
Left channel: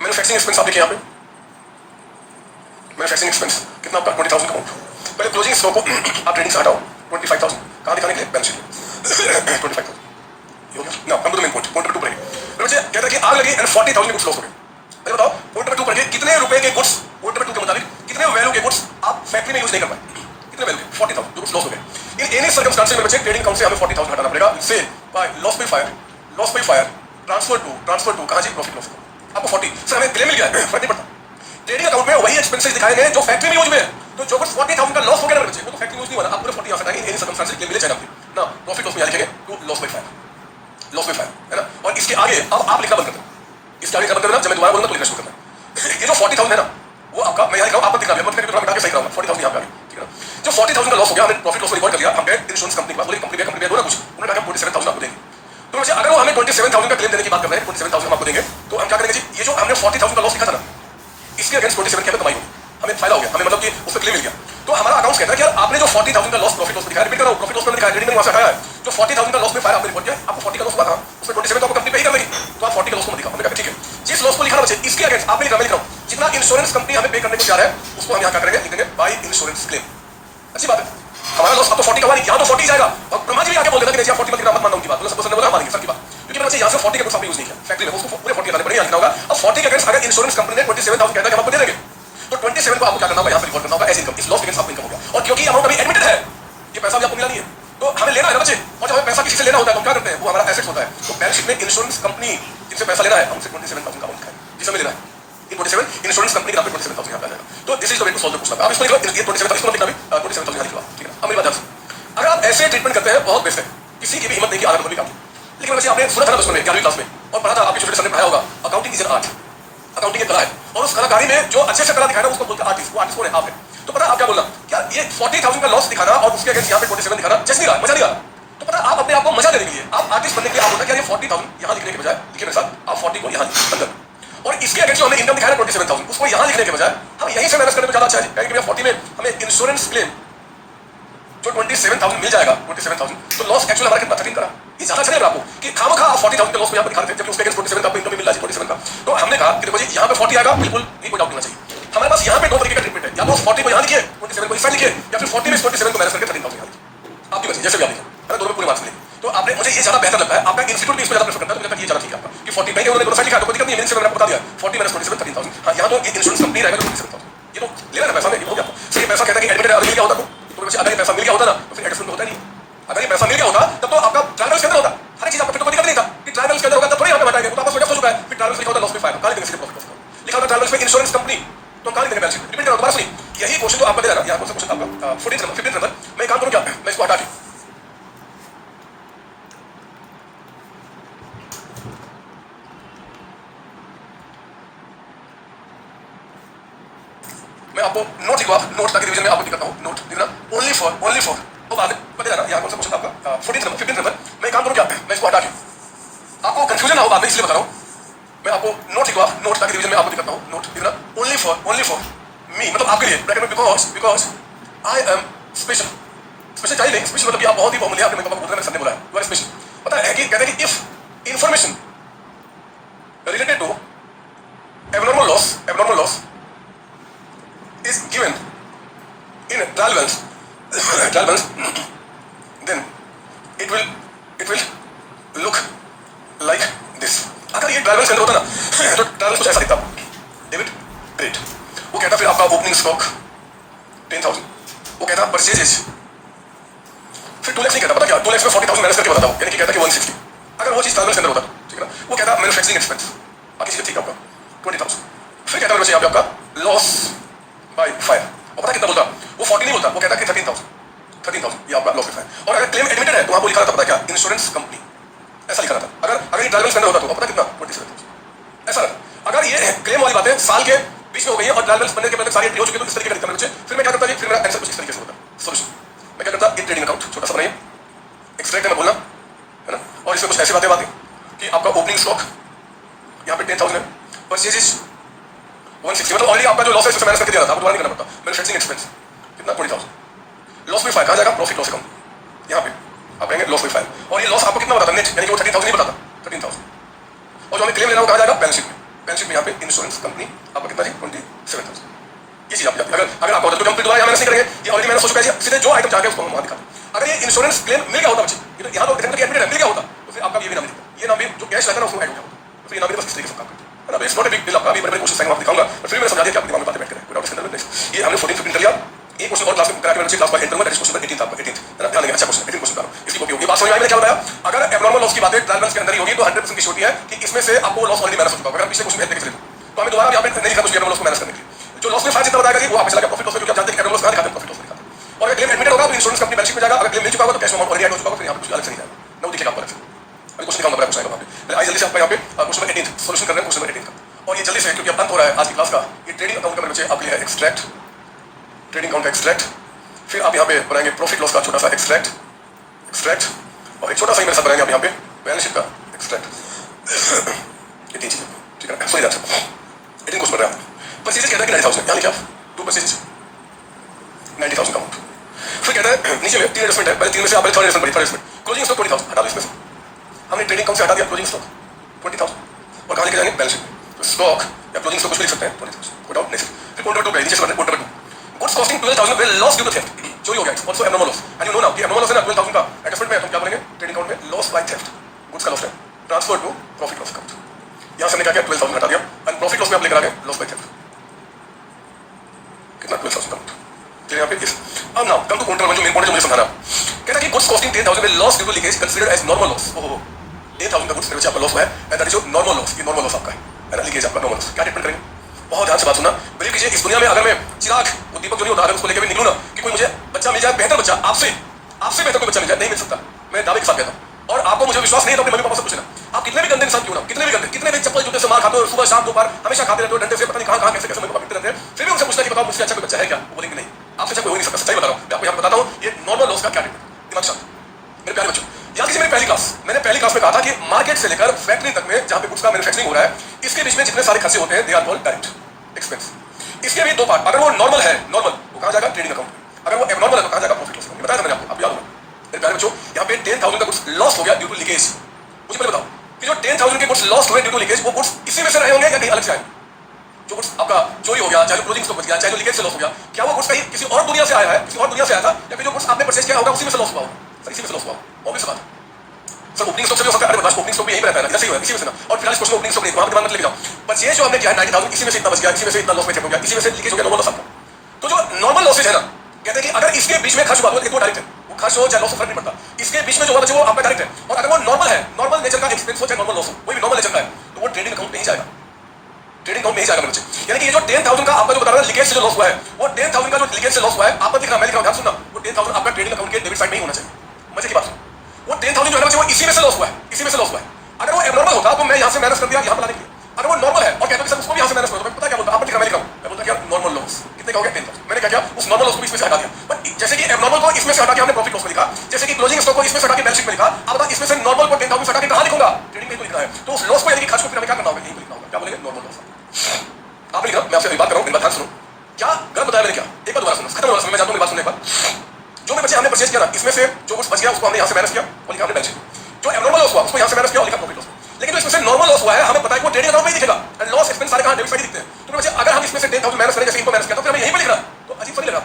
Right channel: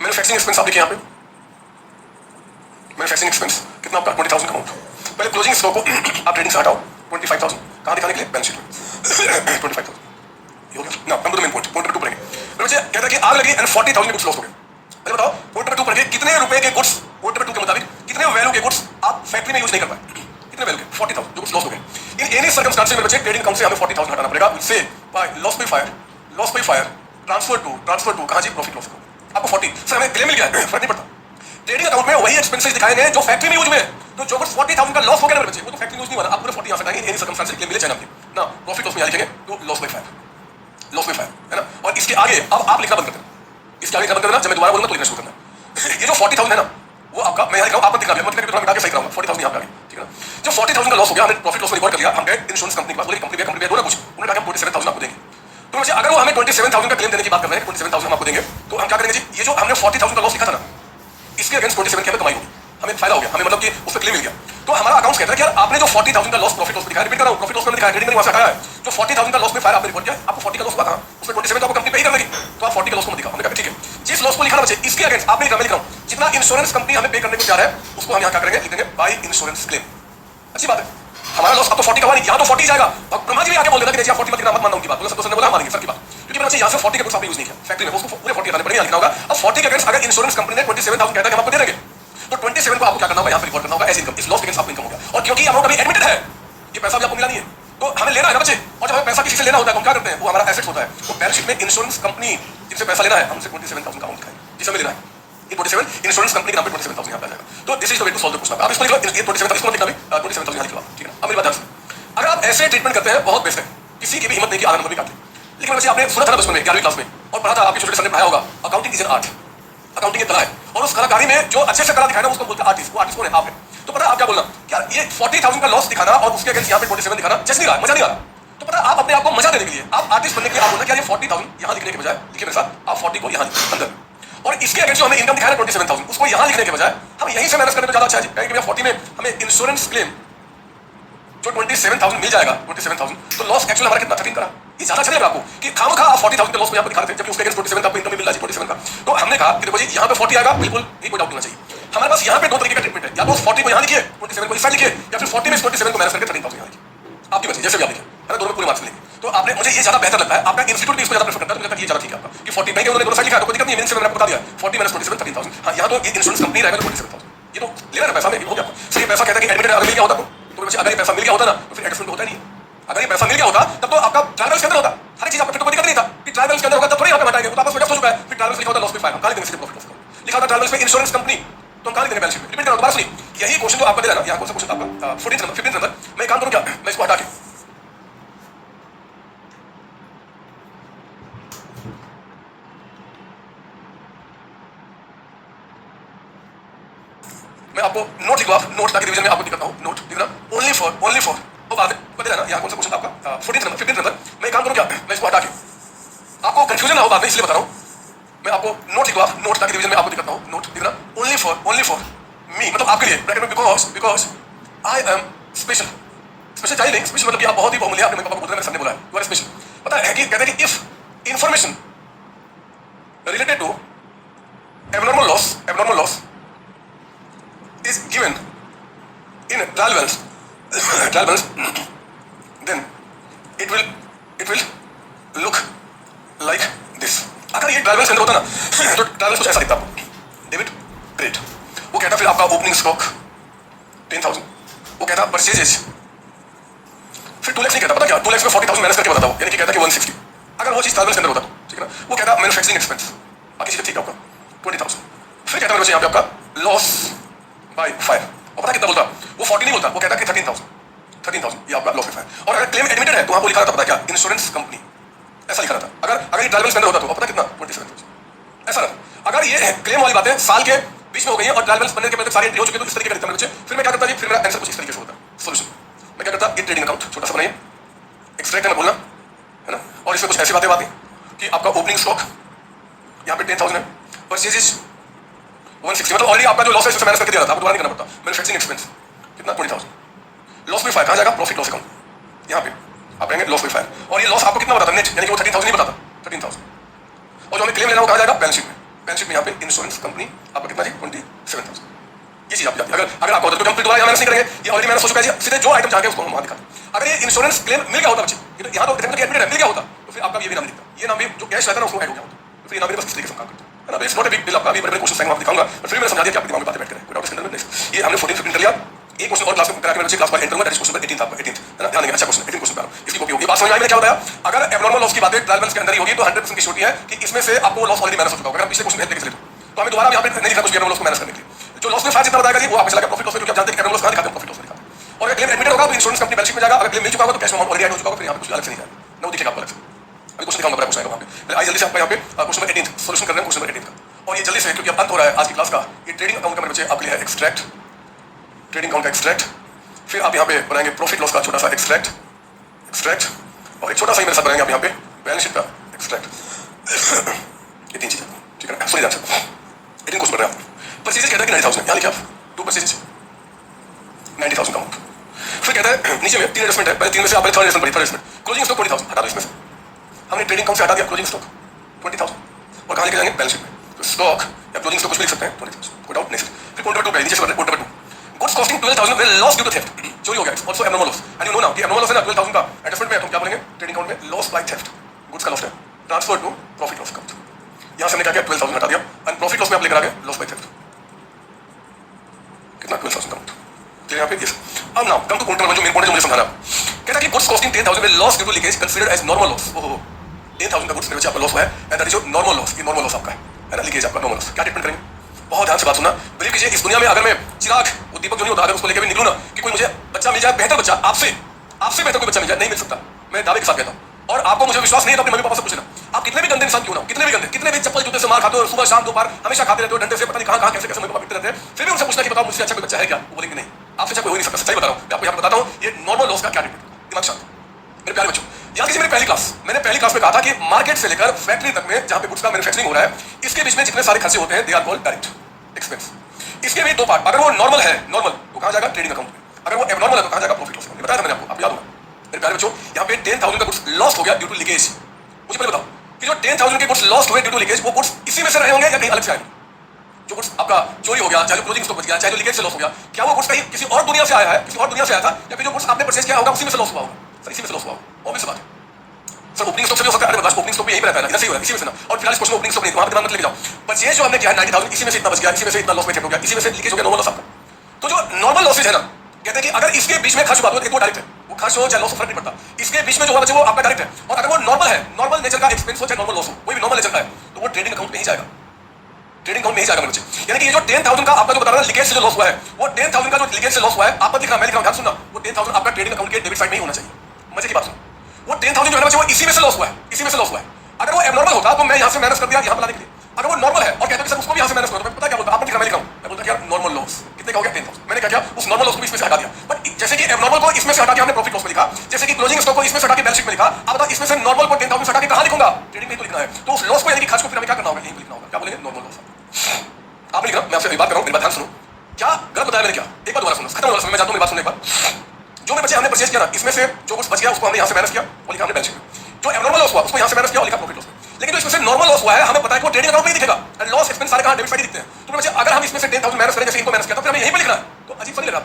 मैन्युफैक्चरिंग एक्सपेंस आप लिखिए यहाँ पे, मैन्युफैक्चरिंग एक्सपेंस कितना आपका 20,000 का अमाउंट। पहले क्लोजिंग स्टॉक को आप ट्रेडिंग से हटाओ 25,000 कहाँ दिखाने के लिए बैलेंस शीट में 25,000 ना। हम तो मेन पॉइंट नंबर 2 पढ़ेंगे। तो बच्चे कहता है कि आग लगी एंड 40,000 गुड्स लॉस हो गए। पहले बताओ पॉइंट नंबर 2 पढ़िए, कितने रुपए के गुड्स, पॉइंट नंबर 2 के मुताबिक कितने वैल्यू के गुड्स आप फैक्ट्री में यूज नहीं कर पाए, कितने वैल्यू के 40,000 जो गुड्स लॉस हो गए। इन एनी सर्कमस्टेंसेस में बच्चे ट्रेडिंग अकाउंट से हमें 40,000 हटाना पड़ेगा। से by loss by fire transfer to कहाँ जी प्रॉफिट लॉस को आपको 40 सर हमें क्लेम मिल गया है, फर्क नहीं पड़ता। ट्रेडिंग अकाउंट में वही एक्सपेंसेस दिखाए गए जो फैक्ट्री में यूज में है। तो जो कुछ 40,000 का लॉस हो गया ना बच्चे, वो तो फैक्ट्री यूज नहीं हुआ, आप पूरे 40 यहाँ से आएंगे एनी सर्कमस्टेंसेस क्लेम मिले चाहे ना। प्रॉफिट लॉस में यहाँ लिखेंगे टू लॉस बाय फायर है ना। और इसके आगे अब आप लिखना बंद कर देना, इसके आगे लिखना बंद करना, जब मैं दोबारा बोलूंगा तो लिखना शुरू करना। ये जो 40,000 है ना वो आपका, मैं यहाँ लिखा हूँ आप दिखा दिया, मतलब कि मिटा के सही कराऊंगा 40,000 यहाँ पे आ गई, ठीक है ना। जो 40,000 का लॉस हो गया हमने प्रॉफिट लॉस को रिकॉर्ड कर लिया, हम गए इंश्योरेंस कंपनी के पास, बोले कंपनी बोला कुछ, उन्होंने कहा 27,000 आपको देंगे। तो वैसे अगर वो हमें 27,000 का क्लेम देने की बात कर रहे हैं, 27,000 आपको देंगे, तो हम क्या करेंगे जी, ये जो हमने 40,000 का लॉस लिखा था ना, इसके अगेंस्ट 27 की कमाई होगी, हमें फायदा हो गया, हमें मतलब कि उसमें क्लेम मिल गया। तो हमारा अकाउंट कहता है कि यार आपने जो 40,000 का लॉस प्रॉफिट लॉस दिखाया, रिपीट कर रहा हूं, प्रॉफिट लॉस में दिखाया, ट्रेडिंग में वहां से हटाया है, जो 40,000 का लॉस में फायर आपने रिपोर्ट किया, आपको 40 का लॉस हुआ था, उसमें 27 तो आपको कंपनी पे ही कर लेगी, तो आप 40 का लॉस को मत दिखाओ। हमने कहा ठीक है, जिस लॉस को लिखना बचे इसके अगेंस्ट आपने लिखा, मैं लिख रहा हूं जितना इंश्योरेंस कंपनी हमें पे करने को जा रहा है उसको हम यहां क्या करेंगे, लिखेंगे बाय इंश्योरेंस क्लेम। अच्छी बात है, हमारा लॉस अब तो 40 का हुआ नहीं, यहां तो 40 जाएगा। और ब्रह्मा जी आके बोल देना कि देखिए 40 मत गिना, मत मानना उनकी बात, बोला सब ने बोला मानेंगे सर की बात, क्योंकि बच्चे यहां से 40 का कुछ आपने यूज नहीं किया फैक्ट्री में, उसको पूरे 40 लगाने पड़ेंगे, लिखना होगा। अब 40 के अगेंस्ट अगर इंश्योरेंस कंपनी ने 27,000 कहता है कि हम आपको दे देंगे, तो 27 को आपको क्या करना होगा, यहाँ पे रिपोर्ट करना होगा एज इनकम, इस लॉस के अगेंस्ट आपको इनकम हो गया। और क्योंकि अमाउंट अभी एडमिटेड है, ये पैसा भी आपको मिला नहीं है, तो हमें लेना है ना बच्चे। और जब हमें पैसा किसी से लेना होता है तो क्या करते हैं, वो हमारा एसेट होता है, तो बैलेंस शीट में इंश्योरेंस कंपनी जिससे पैसा लेना है हमसे 27,000 का अमाउंट है जिसे हमें लेना है, ये 27 इंश्योरेंस कंपनी के नाम पे 27,000 यहाँ पे आएगा। तो this is the way to solve the question. आप इसको लिखो, ये 27 इसको लिखना भी 27,000 लिखवा, ठीक है। अब मेरी बात ध्यान से, अगर आप ऐसे ट्रीटमेंट करते हैं बहुत बेस्ट है, किसी की भी हिम्मत देखिए आदत कभी काटी। लेकिन वैसे आपने सुना था बचपन में 11वीं क्लास में और पढ़ा था, आपके छोटे सर ने पढ़ाया होगा, accounting is an art, accounting एक कला है, और उस कलाकारी में जो अच्छे से कला दिखाना उसको बोलते हैं आर्टिस्ट। वो आर्टिस्ट कौन है, आप है। तो पता आप क्या बोलना, यार ये 40,000 का लॉस दिखाना और उसके अगेंस्ट यहाँ पे 27 दिखाना जस्ट नहीं रहा, मजा नहीं आ रहा। तो पता आप अपने आप को मजा देने के लिए, आप आर्टिस्ट बनने के लिए आप बोलते हैं ये 40,000 यहाँ लिखने के बजाय, लिखे मेरे साथ आप 40 को यहाँ अंदर, और इसके अगेंस्ट जो हमें इनकम दिखाया 27,000 उसको यहाँ लिखने के बजाय हम यहीं से मैनेज करने में ज्यादा अच्छा है। क्योंकि 40 में हमें इंश्योरेंस क्लेम जो 27,000 मिल जाएगा, 27,000 तो लॉस एक्चुअल हमारा कितना 13 का, ये ज्यादा चलेगा आपको कि खामखा आप 40,000 का लॉस को यहाँ पर दिखा रहे थे, जबकि उसके अगेंस्ट 27 का आपको इनकम मिल रहा है 47 का। तो हमने कहा कि देखो जी यहाँ पे 40 आएगा, बिल्कुल ये कोई डाउट नहीं चाहिए। हमारे पास यहाँ पे दो तरीके का ट्रीटमेंट है, या तो 40 को यहाँ लिखिए, 27 को इस साइड लिखिए, या फिर 40 में 27 को मैनेज करके 13,000 यहाँ लिखिए, आपकी मर्जी जैसे भी आप लिखें, है ना, दोनों में पूरे मार्क्स मिलेंगे। तो आपने, मुझे ये ज्यादा बेहतर लगता है, आपका इंस्टीट्यूट भी इस पे ज्यादा प्रेफर करता है, मुझे लगता है ये ज्यादा ठीक है आपका कि 40 नहीं उन्होंने दोनों साइड लिखा तो कोई दिक्कत नहीं है, मैंने आपको बता दिया 40 माइनस 27 13,000। हाँ यहाँ तो ये इंश्योरेंस कंपनी रहेगा 27,000, ये तो लेना ना पैसा में, ये हो गया। सही पैसा कहता है कि एडमिटेड अगर मिल गया होता तो बच्चे अगर पैसा मिल गया होता ना तो फिर एडजस्टमेंट होता नहीं, अगर ये पैसा मिल गया होता तब तो आपका ट्रायल बैलेंस करना होता, हर चीज आपको फिर तो कोई दिक्कत नहीं था कि ट्रायल बैलेंस करना होगा तब थोड़ी यहाँ पे बताएंगे, तो आपका स्वेट हो चुका है, फिर ट्रायल बैलेंस लिखा होता लॉस में फायर, कहां देंगे प्रॉफिट लॉस लिखा होता ट्रायल बैलेंस में इंश्योरेंस कंपनी, तो कहां देंगे बैलेंस शीट। रिपीट करो दोबारा सुनिए, यही क्वेश्चन जो आपका दे रहा है ना, यहाँ कौन सा क्वेश्चन आपका 14 नंबर 15 नंबर, मैं काम करूं क्या, मैं इसको हटा के मैं आपको नोट लिखवा, नोट ताकि रिवीजन में आपको दिखाता हूं, नोट लिखना ओनली फॉर वो बात बता रहा यहाँ कौन सा क्वेश्चन आपका 14 नंबर 15 नंबर, मैं काम करूं क्या, मैं इसको हटा के आपको कंफ्यूजन ना हो बाद में इसलिए बता रहा हूं, मैं आपको नोट लिखवा, नोट ताकि रिवीजन में आपको दिखाता हूं, नोट लिखना ओनली फॉर मी, मतलब आपके लिए ब्रैकेट में, because I am special, special चाहिए नहीं, स्पेशल मतलब कि आप बहुत ही बहुमूल्य, आपने मेरे पापा को बोला, मेरे सर ने बोला है यू आर स्पेशल। पता है कि कहते हैं कि if information related to abnormal loss is given in trial balance, then it will look like this। अगर ये ट्रायल बैलेंस करना होता ना तो ट्रायल बैलेंस कुछ ऐसा दिखता, डेबिट क्रेडिट, वो कहता फिर आपका ओपनिंग स्टॉक 10,000, वो कहता परचेजेज, फिर 2 लाख नहीं कहता, पता क्या 2 लाख में 40,000 माइनस करके बताता हूँ, यानी कि कहता कि 160, अगर वो चीज ट्रायल बैलेंस करना होता ठीक है ना, वो कहता मैन्युफैक्चरिंग एक्सपेंस बाकी चीजें ठीक है आपका 20,000, फिर कहता है यहाँ पे आपका लॉस बाय फायर, और पता कितना बोलता, वो 40 नहीं बोलता, वो कहता कि 13,000 ये आपका लॉस बाय फायर, और अगर क्लेम एडमिटेड है तो वहां पर लिखा रहता पता क्या, इंश्योरेंस कंपनी, ऐसा लिखा रहता। अगर ये ट्रायल बैलेंस करना होता तो पता कितना 27,000 ऐसा रहता। अगर ये क्लेम वाली बातें साल के बीच में हो गई है और ट्रायल बैलेंस बनने के पहले सारी हो चुकी है तो इस तरीके का दिखता है, फिर मैं क्या करता, फिर मेरा आंसर कुछ इस तरीके से होता सॉल्यूशन, मैं क्या करता, एक ट्रेडिंग अकाउंट छोटा सा बनाइए, एक्सट्रैक्ट में बोलना है ना, और इसमें कुछ ऐसी बातें कि आपका ओपनिंग स्टॉक यहाँ पे 10,000 है, परचेजेज 160, मतलब ऑलरेडी आपका जो लॉस है उससे माइनस करके दिया था, आपको दोबारा नहीं करना पड़ता, मैन्युफैक्चरिंग एक्सपेंस कितना 20,000, लॉस बाय फायर कहाँ जाएगा, प्रॉफिट लॉस अकाउंट, यहाँ पे आप कहेंगे लॉस बाय फायर, और ये लॉस आपको कितना बताता नेट, यानी कि वो 13,000 नहीं बताता 13,000, और जो हमें क्लेम लेना वो कहाँ जाएगा, बैलेंस शीट में यहाँ पे इंश्योरेंस कंपनी आपका कितना जी 27,000, ये चीज आप जाती है। अगर आपको होता तो हम दोबारा यहाँ मैंने नहीं करेंगे, ये ऑलरेडी मैंने सोच चुका है, सीधे जो आइटम चाहते हैं उसको हम वहाँ दिखाते। अगर ये इंश्योरेंस क्लेम मिल गया होता बच्चे, यहाँ तो एडमिट मिल गया होता तो फिर आपका ये भी नाम नहीं, ये नाम भी जो कैश रहता है उसको ऐड हो गया होता, तो फिर ये नाम भी बस इस तरीके से काम करता है। It's not a big deal, आपका अभी बड़े क्वेश्चन आएंगे आपको दिखाऊंगा, फिर मैंने समझा दिया कि आपके दिमाग में बातें बैठ करें विदाउट स्टैंडर्ड नेक्स्ट। ये हमने 14 15 कर लिया, एक क्वेश्चन और क्लास में करा के मैं क्लास पर एंड करूंगा, दैट इज क्वेश्चन 18 आपका 18 है ना, ध्यान देंगे, अच्छा क्वेश्चन 18 क्वेश्चन करो, इसकी कॉपी होगी। बात समझ में आई, मैंने क्या बताया, अगर एब्नॉर्मल लॉस की बातें ट्रायल बैलेंस के अंदर ही होगी तो 100% की श्योरिटी है कि इसमें से आपको लॉस ऑलरेडी माइनस हो चुका होगा। अगर पिछले क्वेश्चन में देख लेते तो हमें दोबारा यहाँ पे नहीं लिखा कुछ एब्नॉर्मल लॉस को माइनस करने के लिए, जो लॉस में फाइल जितना बताएगा जी वो आपको चला प्रॉफिट लॉस में, जो आप जानते हैं एब्नॉर्मल लॉस कहां दिखाते हैं, प्रॉफिट लॉस में दिखाते हैं। और अगर क्लेम एडमिटेड होगा तो इंश्योरेंस कंपनी बैलेंस शीट में जाएगा, अगर क्लेम मिल चुका होगा तो कैश अमाउंट ऑलरेडी ऐड हो चुका होगा, फिर यहाँ पे कुछ अलग से नहीं आएगा ना, वो दिखेगा आपको अलग से। अभी क्वेश्चन दिखाऊंगा, बड़ा क्वेश्चन आएगा वहाँ पे, पहले आइए जल्दी से आपका यहाँ पे क्वेश्चन नंबर 18 सॉल्यूशन कर रहे हैं, क्वेश्चन नंबर 18 का। और ये जल्दी से क्योंकि अब अंत हो रहा है आज की क्लास का, ये ट्रेडिंग अकाउंट का मेरे बच्चे आपके लिए एक्सट्रैक्ट, ट्रेडिंग अकाउंट का एक्सट्रैक्ट, फिर आप यहाँ पे बनाएंगे प्रॉफिट लॉस का छोटा सा एक्सट्रैक्ट, और एक छोटा सा ही मेरे साथ बनाएंगे आप यहाँ पे बैलेंस शीट का एक्सट्रैक्ट, ये 3 चीजें ठीक है ना, सॉरी दैट्स 18 क्वेश्चन बन रहा है। परचेजेज कहता है कि 90,000, यानी क्या 2 परचेजेज 90,000 का अमाउंट, फिर कहता है नीचे में 3 एडजस्टमेंट है, पहले 3 में से आप पहले थर्ड एडजस्टमेंट, क्लोजिंग स्टॉक 20,000 हटा दो, इसमें से हमने ट्रेडिंग अकाउंट से हटा दिया क्लोजिंग स्टॉक 20,000, और कहां लेके जाएंगे बैलेंस शीट, तो स्टॉक या क्लोजिंग स्टॉक कुछ भी लिख सकते हैं 20,000 कोट आउट नेक्स्ट। फिर कोट नंबर 2 नीचे से quote number 2, goods costing 12,000 will loss due to theft, चोरी हो गया, also abnormal loss, and you know now कि एब्नॉर्मल लॉस है ना 12,000 का एडजस्टमेंट में, तो क्या बोलेंगे ट्रेडिंग अकाउंट में लॉस बाय थेफ्ट, गुड्स का लॉस है transfer to profit loss account, यहां से हमने क्या किया 12,000 हटा दिया, एंड प्रॉफिट लॉस में आप लेकर आ गए लॉस बाय थेफ्ट कितना 12,000 का अमाउंट, चलिए यहाँ पे इस अब नाउ कम टू काउंटर जो मेन पॉइंट जो मुझे समझा रहा कहता कि goods costing 10,000 will loss due to leakage considered as normal loss, ओहो 10,000 का गुड्स मेरे बच्चे आपका लॉस हुआ है, and that is your normal loss, ये नॉर्मल लॉस आपका है ना, लीकेज आपका नॉर्मल लॉस, क्या ट्रीटमेंट करेंगे, बहुत ध्यान से बात सुनना, बिलीव कीजिए इस दुनिया में अगर मैं चिराग वो दीपक जो नहीं होता अगर उसको लेकर भी निकलूं ना कि कोई मुझे बच्चा मिल जाए, बेहतर बच्चा आपसे बेहतर कोई बच्चा मिल जाए, नहीं मिल सकता, मैं दावे के साथ कहता हूं, और आपको मुझे विश्वास नहीं है तो अपने मम्मी पापा से पूछना, आप कितने भी गंदे इंसान क्यों ना, कितने भी गंदे, कितने भी चप्पल जूते से मार खाते हो, सुबह शाम दोपहर हमेशा खाते रहते हो डंडे से, पता नहीं कहां कैसे कैसे मम्मी पापा पिटते रहते हैं, फिर भी उनसे पूछना कि बताओ मुझसे अच्छा कोई बच्चा है क्या, वो बोलेंगे नहीं, आपसे अच्छा कोई हो नहीं सकता, सच्चाई बता रहा हूं, मैं आपको यहाँ बताता हूं ये नॉर्मल लॉस का क्या ट्रीटमेंट, दिमाग शांत मेरे प्यारे बच्चों। याद कीजिए मेरी पहली क्लास, मैंने पहली क्लास में कहा था कि मार्केट से लेकर फैक्ट्री तक में जहां पे गुड्स का मैन्युफैक्चरिंग हो रहा है, इसके बीच में जितने सारे खर्चे होते हैं they are called direct expense. इसके भी 2 पार्ट, अगर वो नॉर्मल है नॉर्मल तो कहां जाएगा ट्रेडिंग अकाउंट, अगर वो एबनॉर्मल है तो कहां जाएगा प्रॉफिट लॉस अकाउंट, बताया था मैंने आपको, आप याद होगा मेरे प्यारे बच्चों। यहाँ पे 10,000 का गुड्स लॉस हो गया ड्यू टू लीकेज, मुझे पहले बताओ कि जो 10,000 के गुड्स लॉस हुए ड्यू टू लीकेज वो गुड्स इसी में से रहे होंगे या कहीं अलग से आएंगे, जो गुड्स आपका चोरी हो गया, चाहे क्लोजिंग स्टॉक बच गया, चाहे लीकेज से लॉस हो गया, क्या वो गुड्स कहीं किसी और दुनिया से आया है, किसी और दुनिया से आया था, या फिर जो गुड्स आपने परचेज किया होगा उसी में से लॉस हुआ होगा, इसी में से लॉस हुआ होगा, ऑब्वियस बात सर ओपनिंग स्टॉक से भी हो सकता है, अरे बताओ ओपनिंग स्टॉक भी यही रहता है ना, ऐसे ही हो इसी में से ना, और फिलहाल क्वेश्चन ओपनिंग स्टॉक नहीं वहां दिमाग मत लेके जाओ, परचेज जो हमने किया है 90,000 इसी में से इतना बच गया, इसी में से इतना लॉस में हो गया, इसी में से लीकेज हो गया, नॉर्मल लॉस आपका। तो जो नॉर्मल लॉसेज है ना कहते हैं कि अगर इसके बीच में खर्च हुआ तो वो डायरेक्ट है, वो खर्च हो चाहे लॉस हो फर्क नहीं पड़ता, इसके बीच में जो होना चाहिए वो आपका डायरेक्ट है। और अगर वो नॉर्मल है, नॉर्मल नेचर का एक्सपेंस हो चाहे नॉर्मल लॉस हो, कोई भी नॉर्मल नेचर का है, तो वो ट्रेडिंग अकाउंट में ही जाएगा, ट्रेडिंग अकाउंट में ही जाएगा मेरे बच्चे। यानी कि ये जो 10,000 का आपका जो बता रहा है लीकेज से जो लॉस हुआ है, वो 10,000 का जो लीकेज से लॉस हुआ है, आपका दिख रहा है, मैं दिख रहा हूं, ध्यान सुनना, वो 10,000 आपका ट्रेडिंग अकाउंट के डेबिट साइड में ही होना चाहिए। मजे की बात सुन, वो 10,000 जो है वो इसी में से लॉस हुआ है, इसी में से लॉस हुआ है। अगर वो एबनॉर्मल होता तो मैं यहां से माइनस कर दिया यहां पर लाने के लिए। अगर वो नॉर्मल है और कहते हैं सर उसको भी यहां से माइनस करो, तो मैं पता क्या बोलता, आपको दिख रहा है, मैं लिख रहा हूं, मैं बोलता क्या नॉर्मल लॉस कितने का हो गया 10,000। मैंने क्या किया, उस नॉर्मल लॉस को इसमें से हटा दिया। बट जैसे कि एबनॉर्मल को इसमें से हटा के हमने प्रॉफिट लॉस में लिखा, जैसे कि क्लोजिंग स्टॉक को इसमें से हटा के बैलेंस शीट में लिखा, अब बता इसमें से नॉर्मल को 10,000 हटा के कहां लिखूंगा, ट्रेडिंग में तो लिखना है। तो उस लॉस को यानी कि खर्च को फिर हमें क्या करना होगा, यही लिखना होगा, क्या बोलेंगे, नॉर्मल लॉस। आप लिख रहा हूं, मैं आपसे एक बात कर रहा हूं, मेरी बात ध्यान सुनो, क्या गलत बताया मैंने क्या, एक बार दोबारा सुनो, खत्म होगा समय, मैं जानता हूं मेरी बात सुनने पर। जो मैं बच्चे हमने परचेज किया ना, इसमें से जो कुछ बच गया उसको हमने यहां से माइनस किया और लिखा हमने बैलेंस शीट। जो एबनॉर्मल लॉस हुआ उसको यहां से माइनस किया और लिखा प्रॉफिट लॉस। लेकिन जो इसमें से नॉर्मल लॉस हुआ है, हमें पता है कि वो ट्रेडिंग अकाउंट में ही दिखेगा, एंड लॉस एक्सपेंस सारे कहां डेबिट साइड दिखते हैं। तो बच्चे अगर हम इसमें से 10,000 माइनस करें, जैसे इनको माइनस किया, तो फिर हमें यहीं पे लिखना है, तो अजीब फर्क लगा,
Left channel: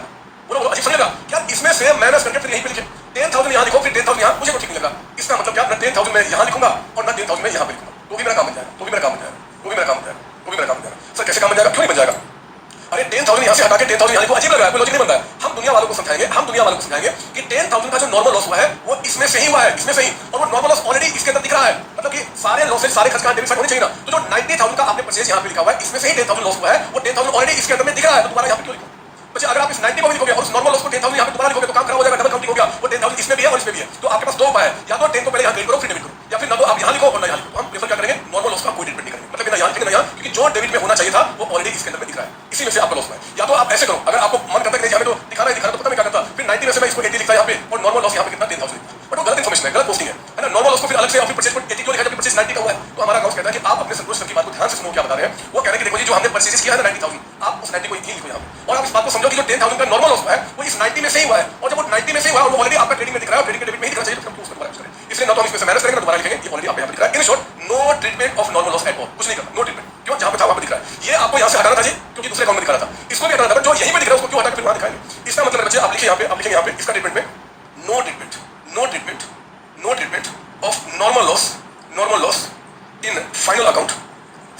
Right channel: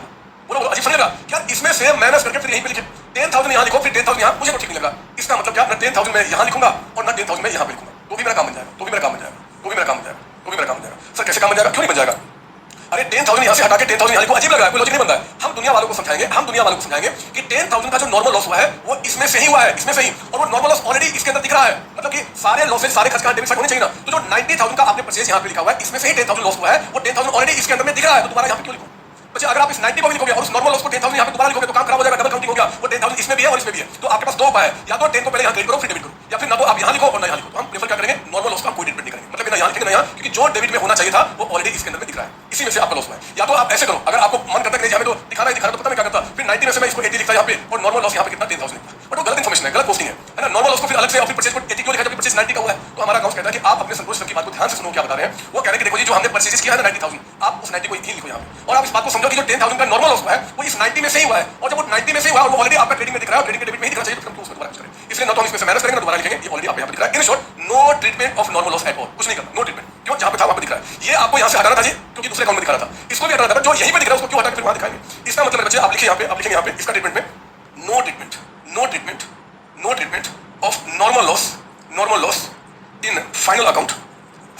बोलो बोलो, अजीब फर्क लगा क्या, इसमें से माइनस करके फिर यहीं पे लिखे 10,000 यहां लिखो, फिर 10,000 यहां, मुझे तो ठीक नहीं लगा। इसका मतलब क्या, ना 10,000 मैं यहां लिखूंगा और ना 10,000 मैं यहां पे लिखूंगा, तो भी मेरा काम बन जाएगा, तो भी मेरा काम बन जाएगा, तो भी मेरा काम बन जाएगा, तो भी मेरा काम बन जाएगा। सर कैसे काम बन जाएगा, क्यों नहीं बन जाएगा? अरे 10,000 यहां से हटा के 10,000 यहां को अजीब लग रहा है, कोई लॉजिक नहीं बनता है। हम दुनिया वालों को समझाएंगे, हम दुनिया वालों को समझाएंगे कि 10,000 का जो नॉर्मल लॉस हुआ है वो इसमें से ही हुआ है, इसमें से ही, और वो नॉर्मल लॉस ऑलरेडी इसके अंदर दिख रहा है। मतलब कि सारे लॉसेस सारे खर्च का डेबिट साइड होने चाहिए ना। तो जो 90,000 का आपने परचेज यहां पे लिखा हुआ है, इसमें से ही 10,000 लॉस हुआ है, वो 10,000 ऑलरेडी इसके अंदर में दिख रहा है, तो दोबारा यहां पे क्यों लिखो? बच्चे अगर आप इस 90 को भी लिखोगे और उस नॉर्मल लॉस को 10,000 यहां पे दोबारा लिखोगे तो काम खराब हो जाएगा, डबल काउंटिंग हो गया। वो 10,000 इसमें भी है और इसमें भी है, तो आपके पास दो उपाय है, या तो 10 को पहले यहां डेबिट करो फिर डेबिट करो, या फिर ना तो आप यहां लिखो और ना यहां लिखो। तो हम प्रेफर क्या करेंगे, नॉर्मल लॉस का कोई ट्रीटमेंट नहीं करेंगे, मतलब ना यहां लिखेंगे ना यहां, क्योंकि जो डेबिट में होना चाहिए था वो ऑलरेडी इसके अंदर में दिख रहा है, इसी में से आपका लॉस हुआ है। या तो आप ऐसे करो, अगर आपको मन करता है कि यहां पे तो दिखा रहा है, तो पता नहीं क्या करता, फिर 90 में से मैं इसको 80 लिखता यहां पे और नॉर्मल लॉस यहां पे कितना 10,000, बट वो गलत इन्फॉर्मेशन है, गलत पोस्टिंग है ना। नॉर्मल लॉस को फिर अलग से अपनी परचेज को 80 क्यों लिखा, जबकि परचेज 90 का हुआ है। तो हमारा अकाउंट कहता है कि आप अपने संतोष सर की बात को ध्यान से सुनो, क्या बता रहे हैं। वो कह रहे हैं कि देखो जी जो हमने परचेज किया है 90,000, आप उस 90 को ही लिखो यहां पे, और आप इस बात को समझो कि जो 10,000 का नॉर्मल लॉस हुआ है वो इस 90 में से ही हुआ है, और जब वो 90 में से हुआ वो ऑलरेडी आपका ट्रेडिंग में दिख रहा है, ट्रेडिंग के डेबिट में ही दिखना चाहिए, तो उसको दोबारा यूज करें। इसलिए ना तो हम इसमें से माइनस करेंगे ना दोबारा लिखेंगे, ये ऑलरेडी आपको यहां पे दिख रहा है। In short, no treatment of normal loss at all, कुछ नहीं करना, नो ट्रीटमेंट। क्यों, जहां पे था वहां पे दिख रहा है। ये आपको यहां से हटाना चाहिए क्योंकि दूसरे अकाउंट में दिखा रहा था, इसको भी हटाना था, जो यहीं पे दिख रहा है उसको क्यों हटा के फिर वहां दिखाएंगे। इसका मतलब बच्चे आप लिखिए यहां पे, आप लिखेंगे यहां पे इसका ट्रीटमेंट में, no treatment, no treatment, no treatment of normal loss in final account,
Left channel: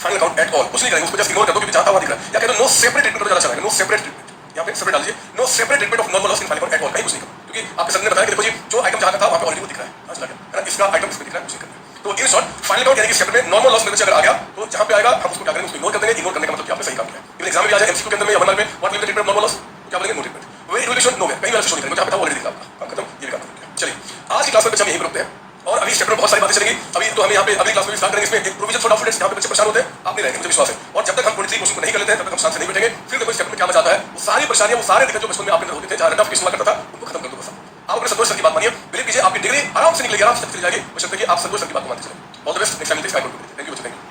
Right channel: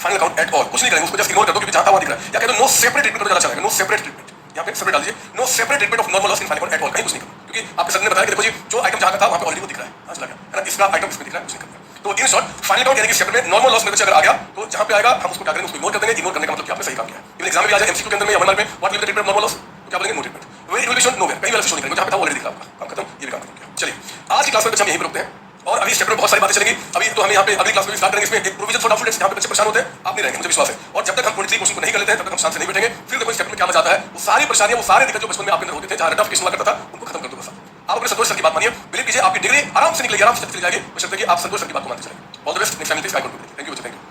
final account at all, कुछ नहीं करेंगे, उसको जस्ट इग्नोर कर दो क्योंकि जहां था वहां दिख रहा है। या कहते नो सेपरेट ट्रीटमेंट ज्यादा चलेगा, नो सेपरेट ट्रीटमेंट, यहां पे सेपरेट डालिए, no separate treatment of normal loss in final account at all, कहीं कुछ नहीं करो, क्योंकि आपके सर ने बताया कि देखो जी जो आइटम जहां का था वहां पे ऑलरेडी वो दिख रहा है, समझ लगा है ना, इसका आइटम इसमें दिख रहा है, कुछ नहीं करना। तो इन शॉर्ट फाइनल अकाउंट यानी कि सेपरेट में नॉर्मल लॉस में अगर आ गया तो जहां पे आएगा हम उसको क्या करेंगे, उसको इग्नोर कर देंगे। इग्नोर करने का मतलब कि आपने सही काम किया। फिर एग्जाम में भी आ जाए एमसीक्यू के अंदर में या 1 मार्क में what will the treatment of normal loss, तो क्या बोलेंगे, no treatment. Very relation no way, कहीं वाला शो नहीं करेंगे, जहां पे था ऑलरेडी दिख रहा है, काम खत्म, ये भी काम खत्म। चलिए आज की क्लास में बच्चे हम यहीं पे रुकते हैं, और अभी चैप्टर में बहुत सारी बातें चलेंगी। अभी तो हम यहाँ पे अगली क्लास में स्टार्ट करेंगे, इसमें एक प्रोविजन फॉर डॉक्यूमेंट्स, यहाँ पे बच्चे परेशान होते हैं, आप नहीं रहेंगे, मुझे विश्वास है। और जब तक हम 23 क्वेश्चन को नहीं कर लेते हैं तब तक हम शांत से नहीं बैठेंगे। फिर देखो इस चैप्टर में क्या मजा आता है, वो सारी परेशानियां, वो सारे दिक्कत जो बचपन में आपके अंदर होते थे, जहां रट ऑफ किस्म करता था, उनको खत्म कर दो बस। आप अपने संतोष सर की बात मानिए, बिलीव कीजिए आपकी डिग्री आराम से निकलेगी, आराम से चली जाएगी, बशर्ते कि आप संतोष सर की बात को मानते चलेंगे। All the best, next time, thank you.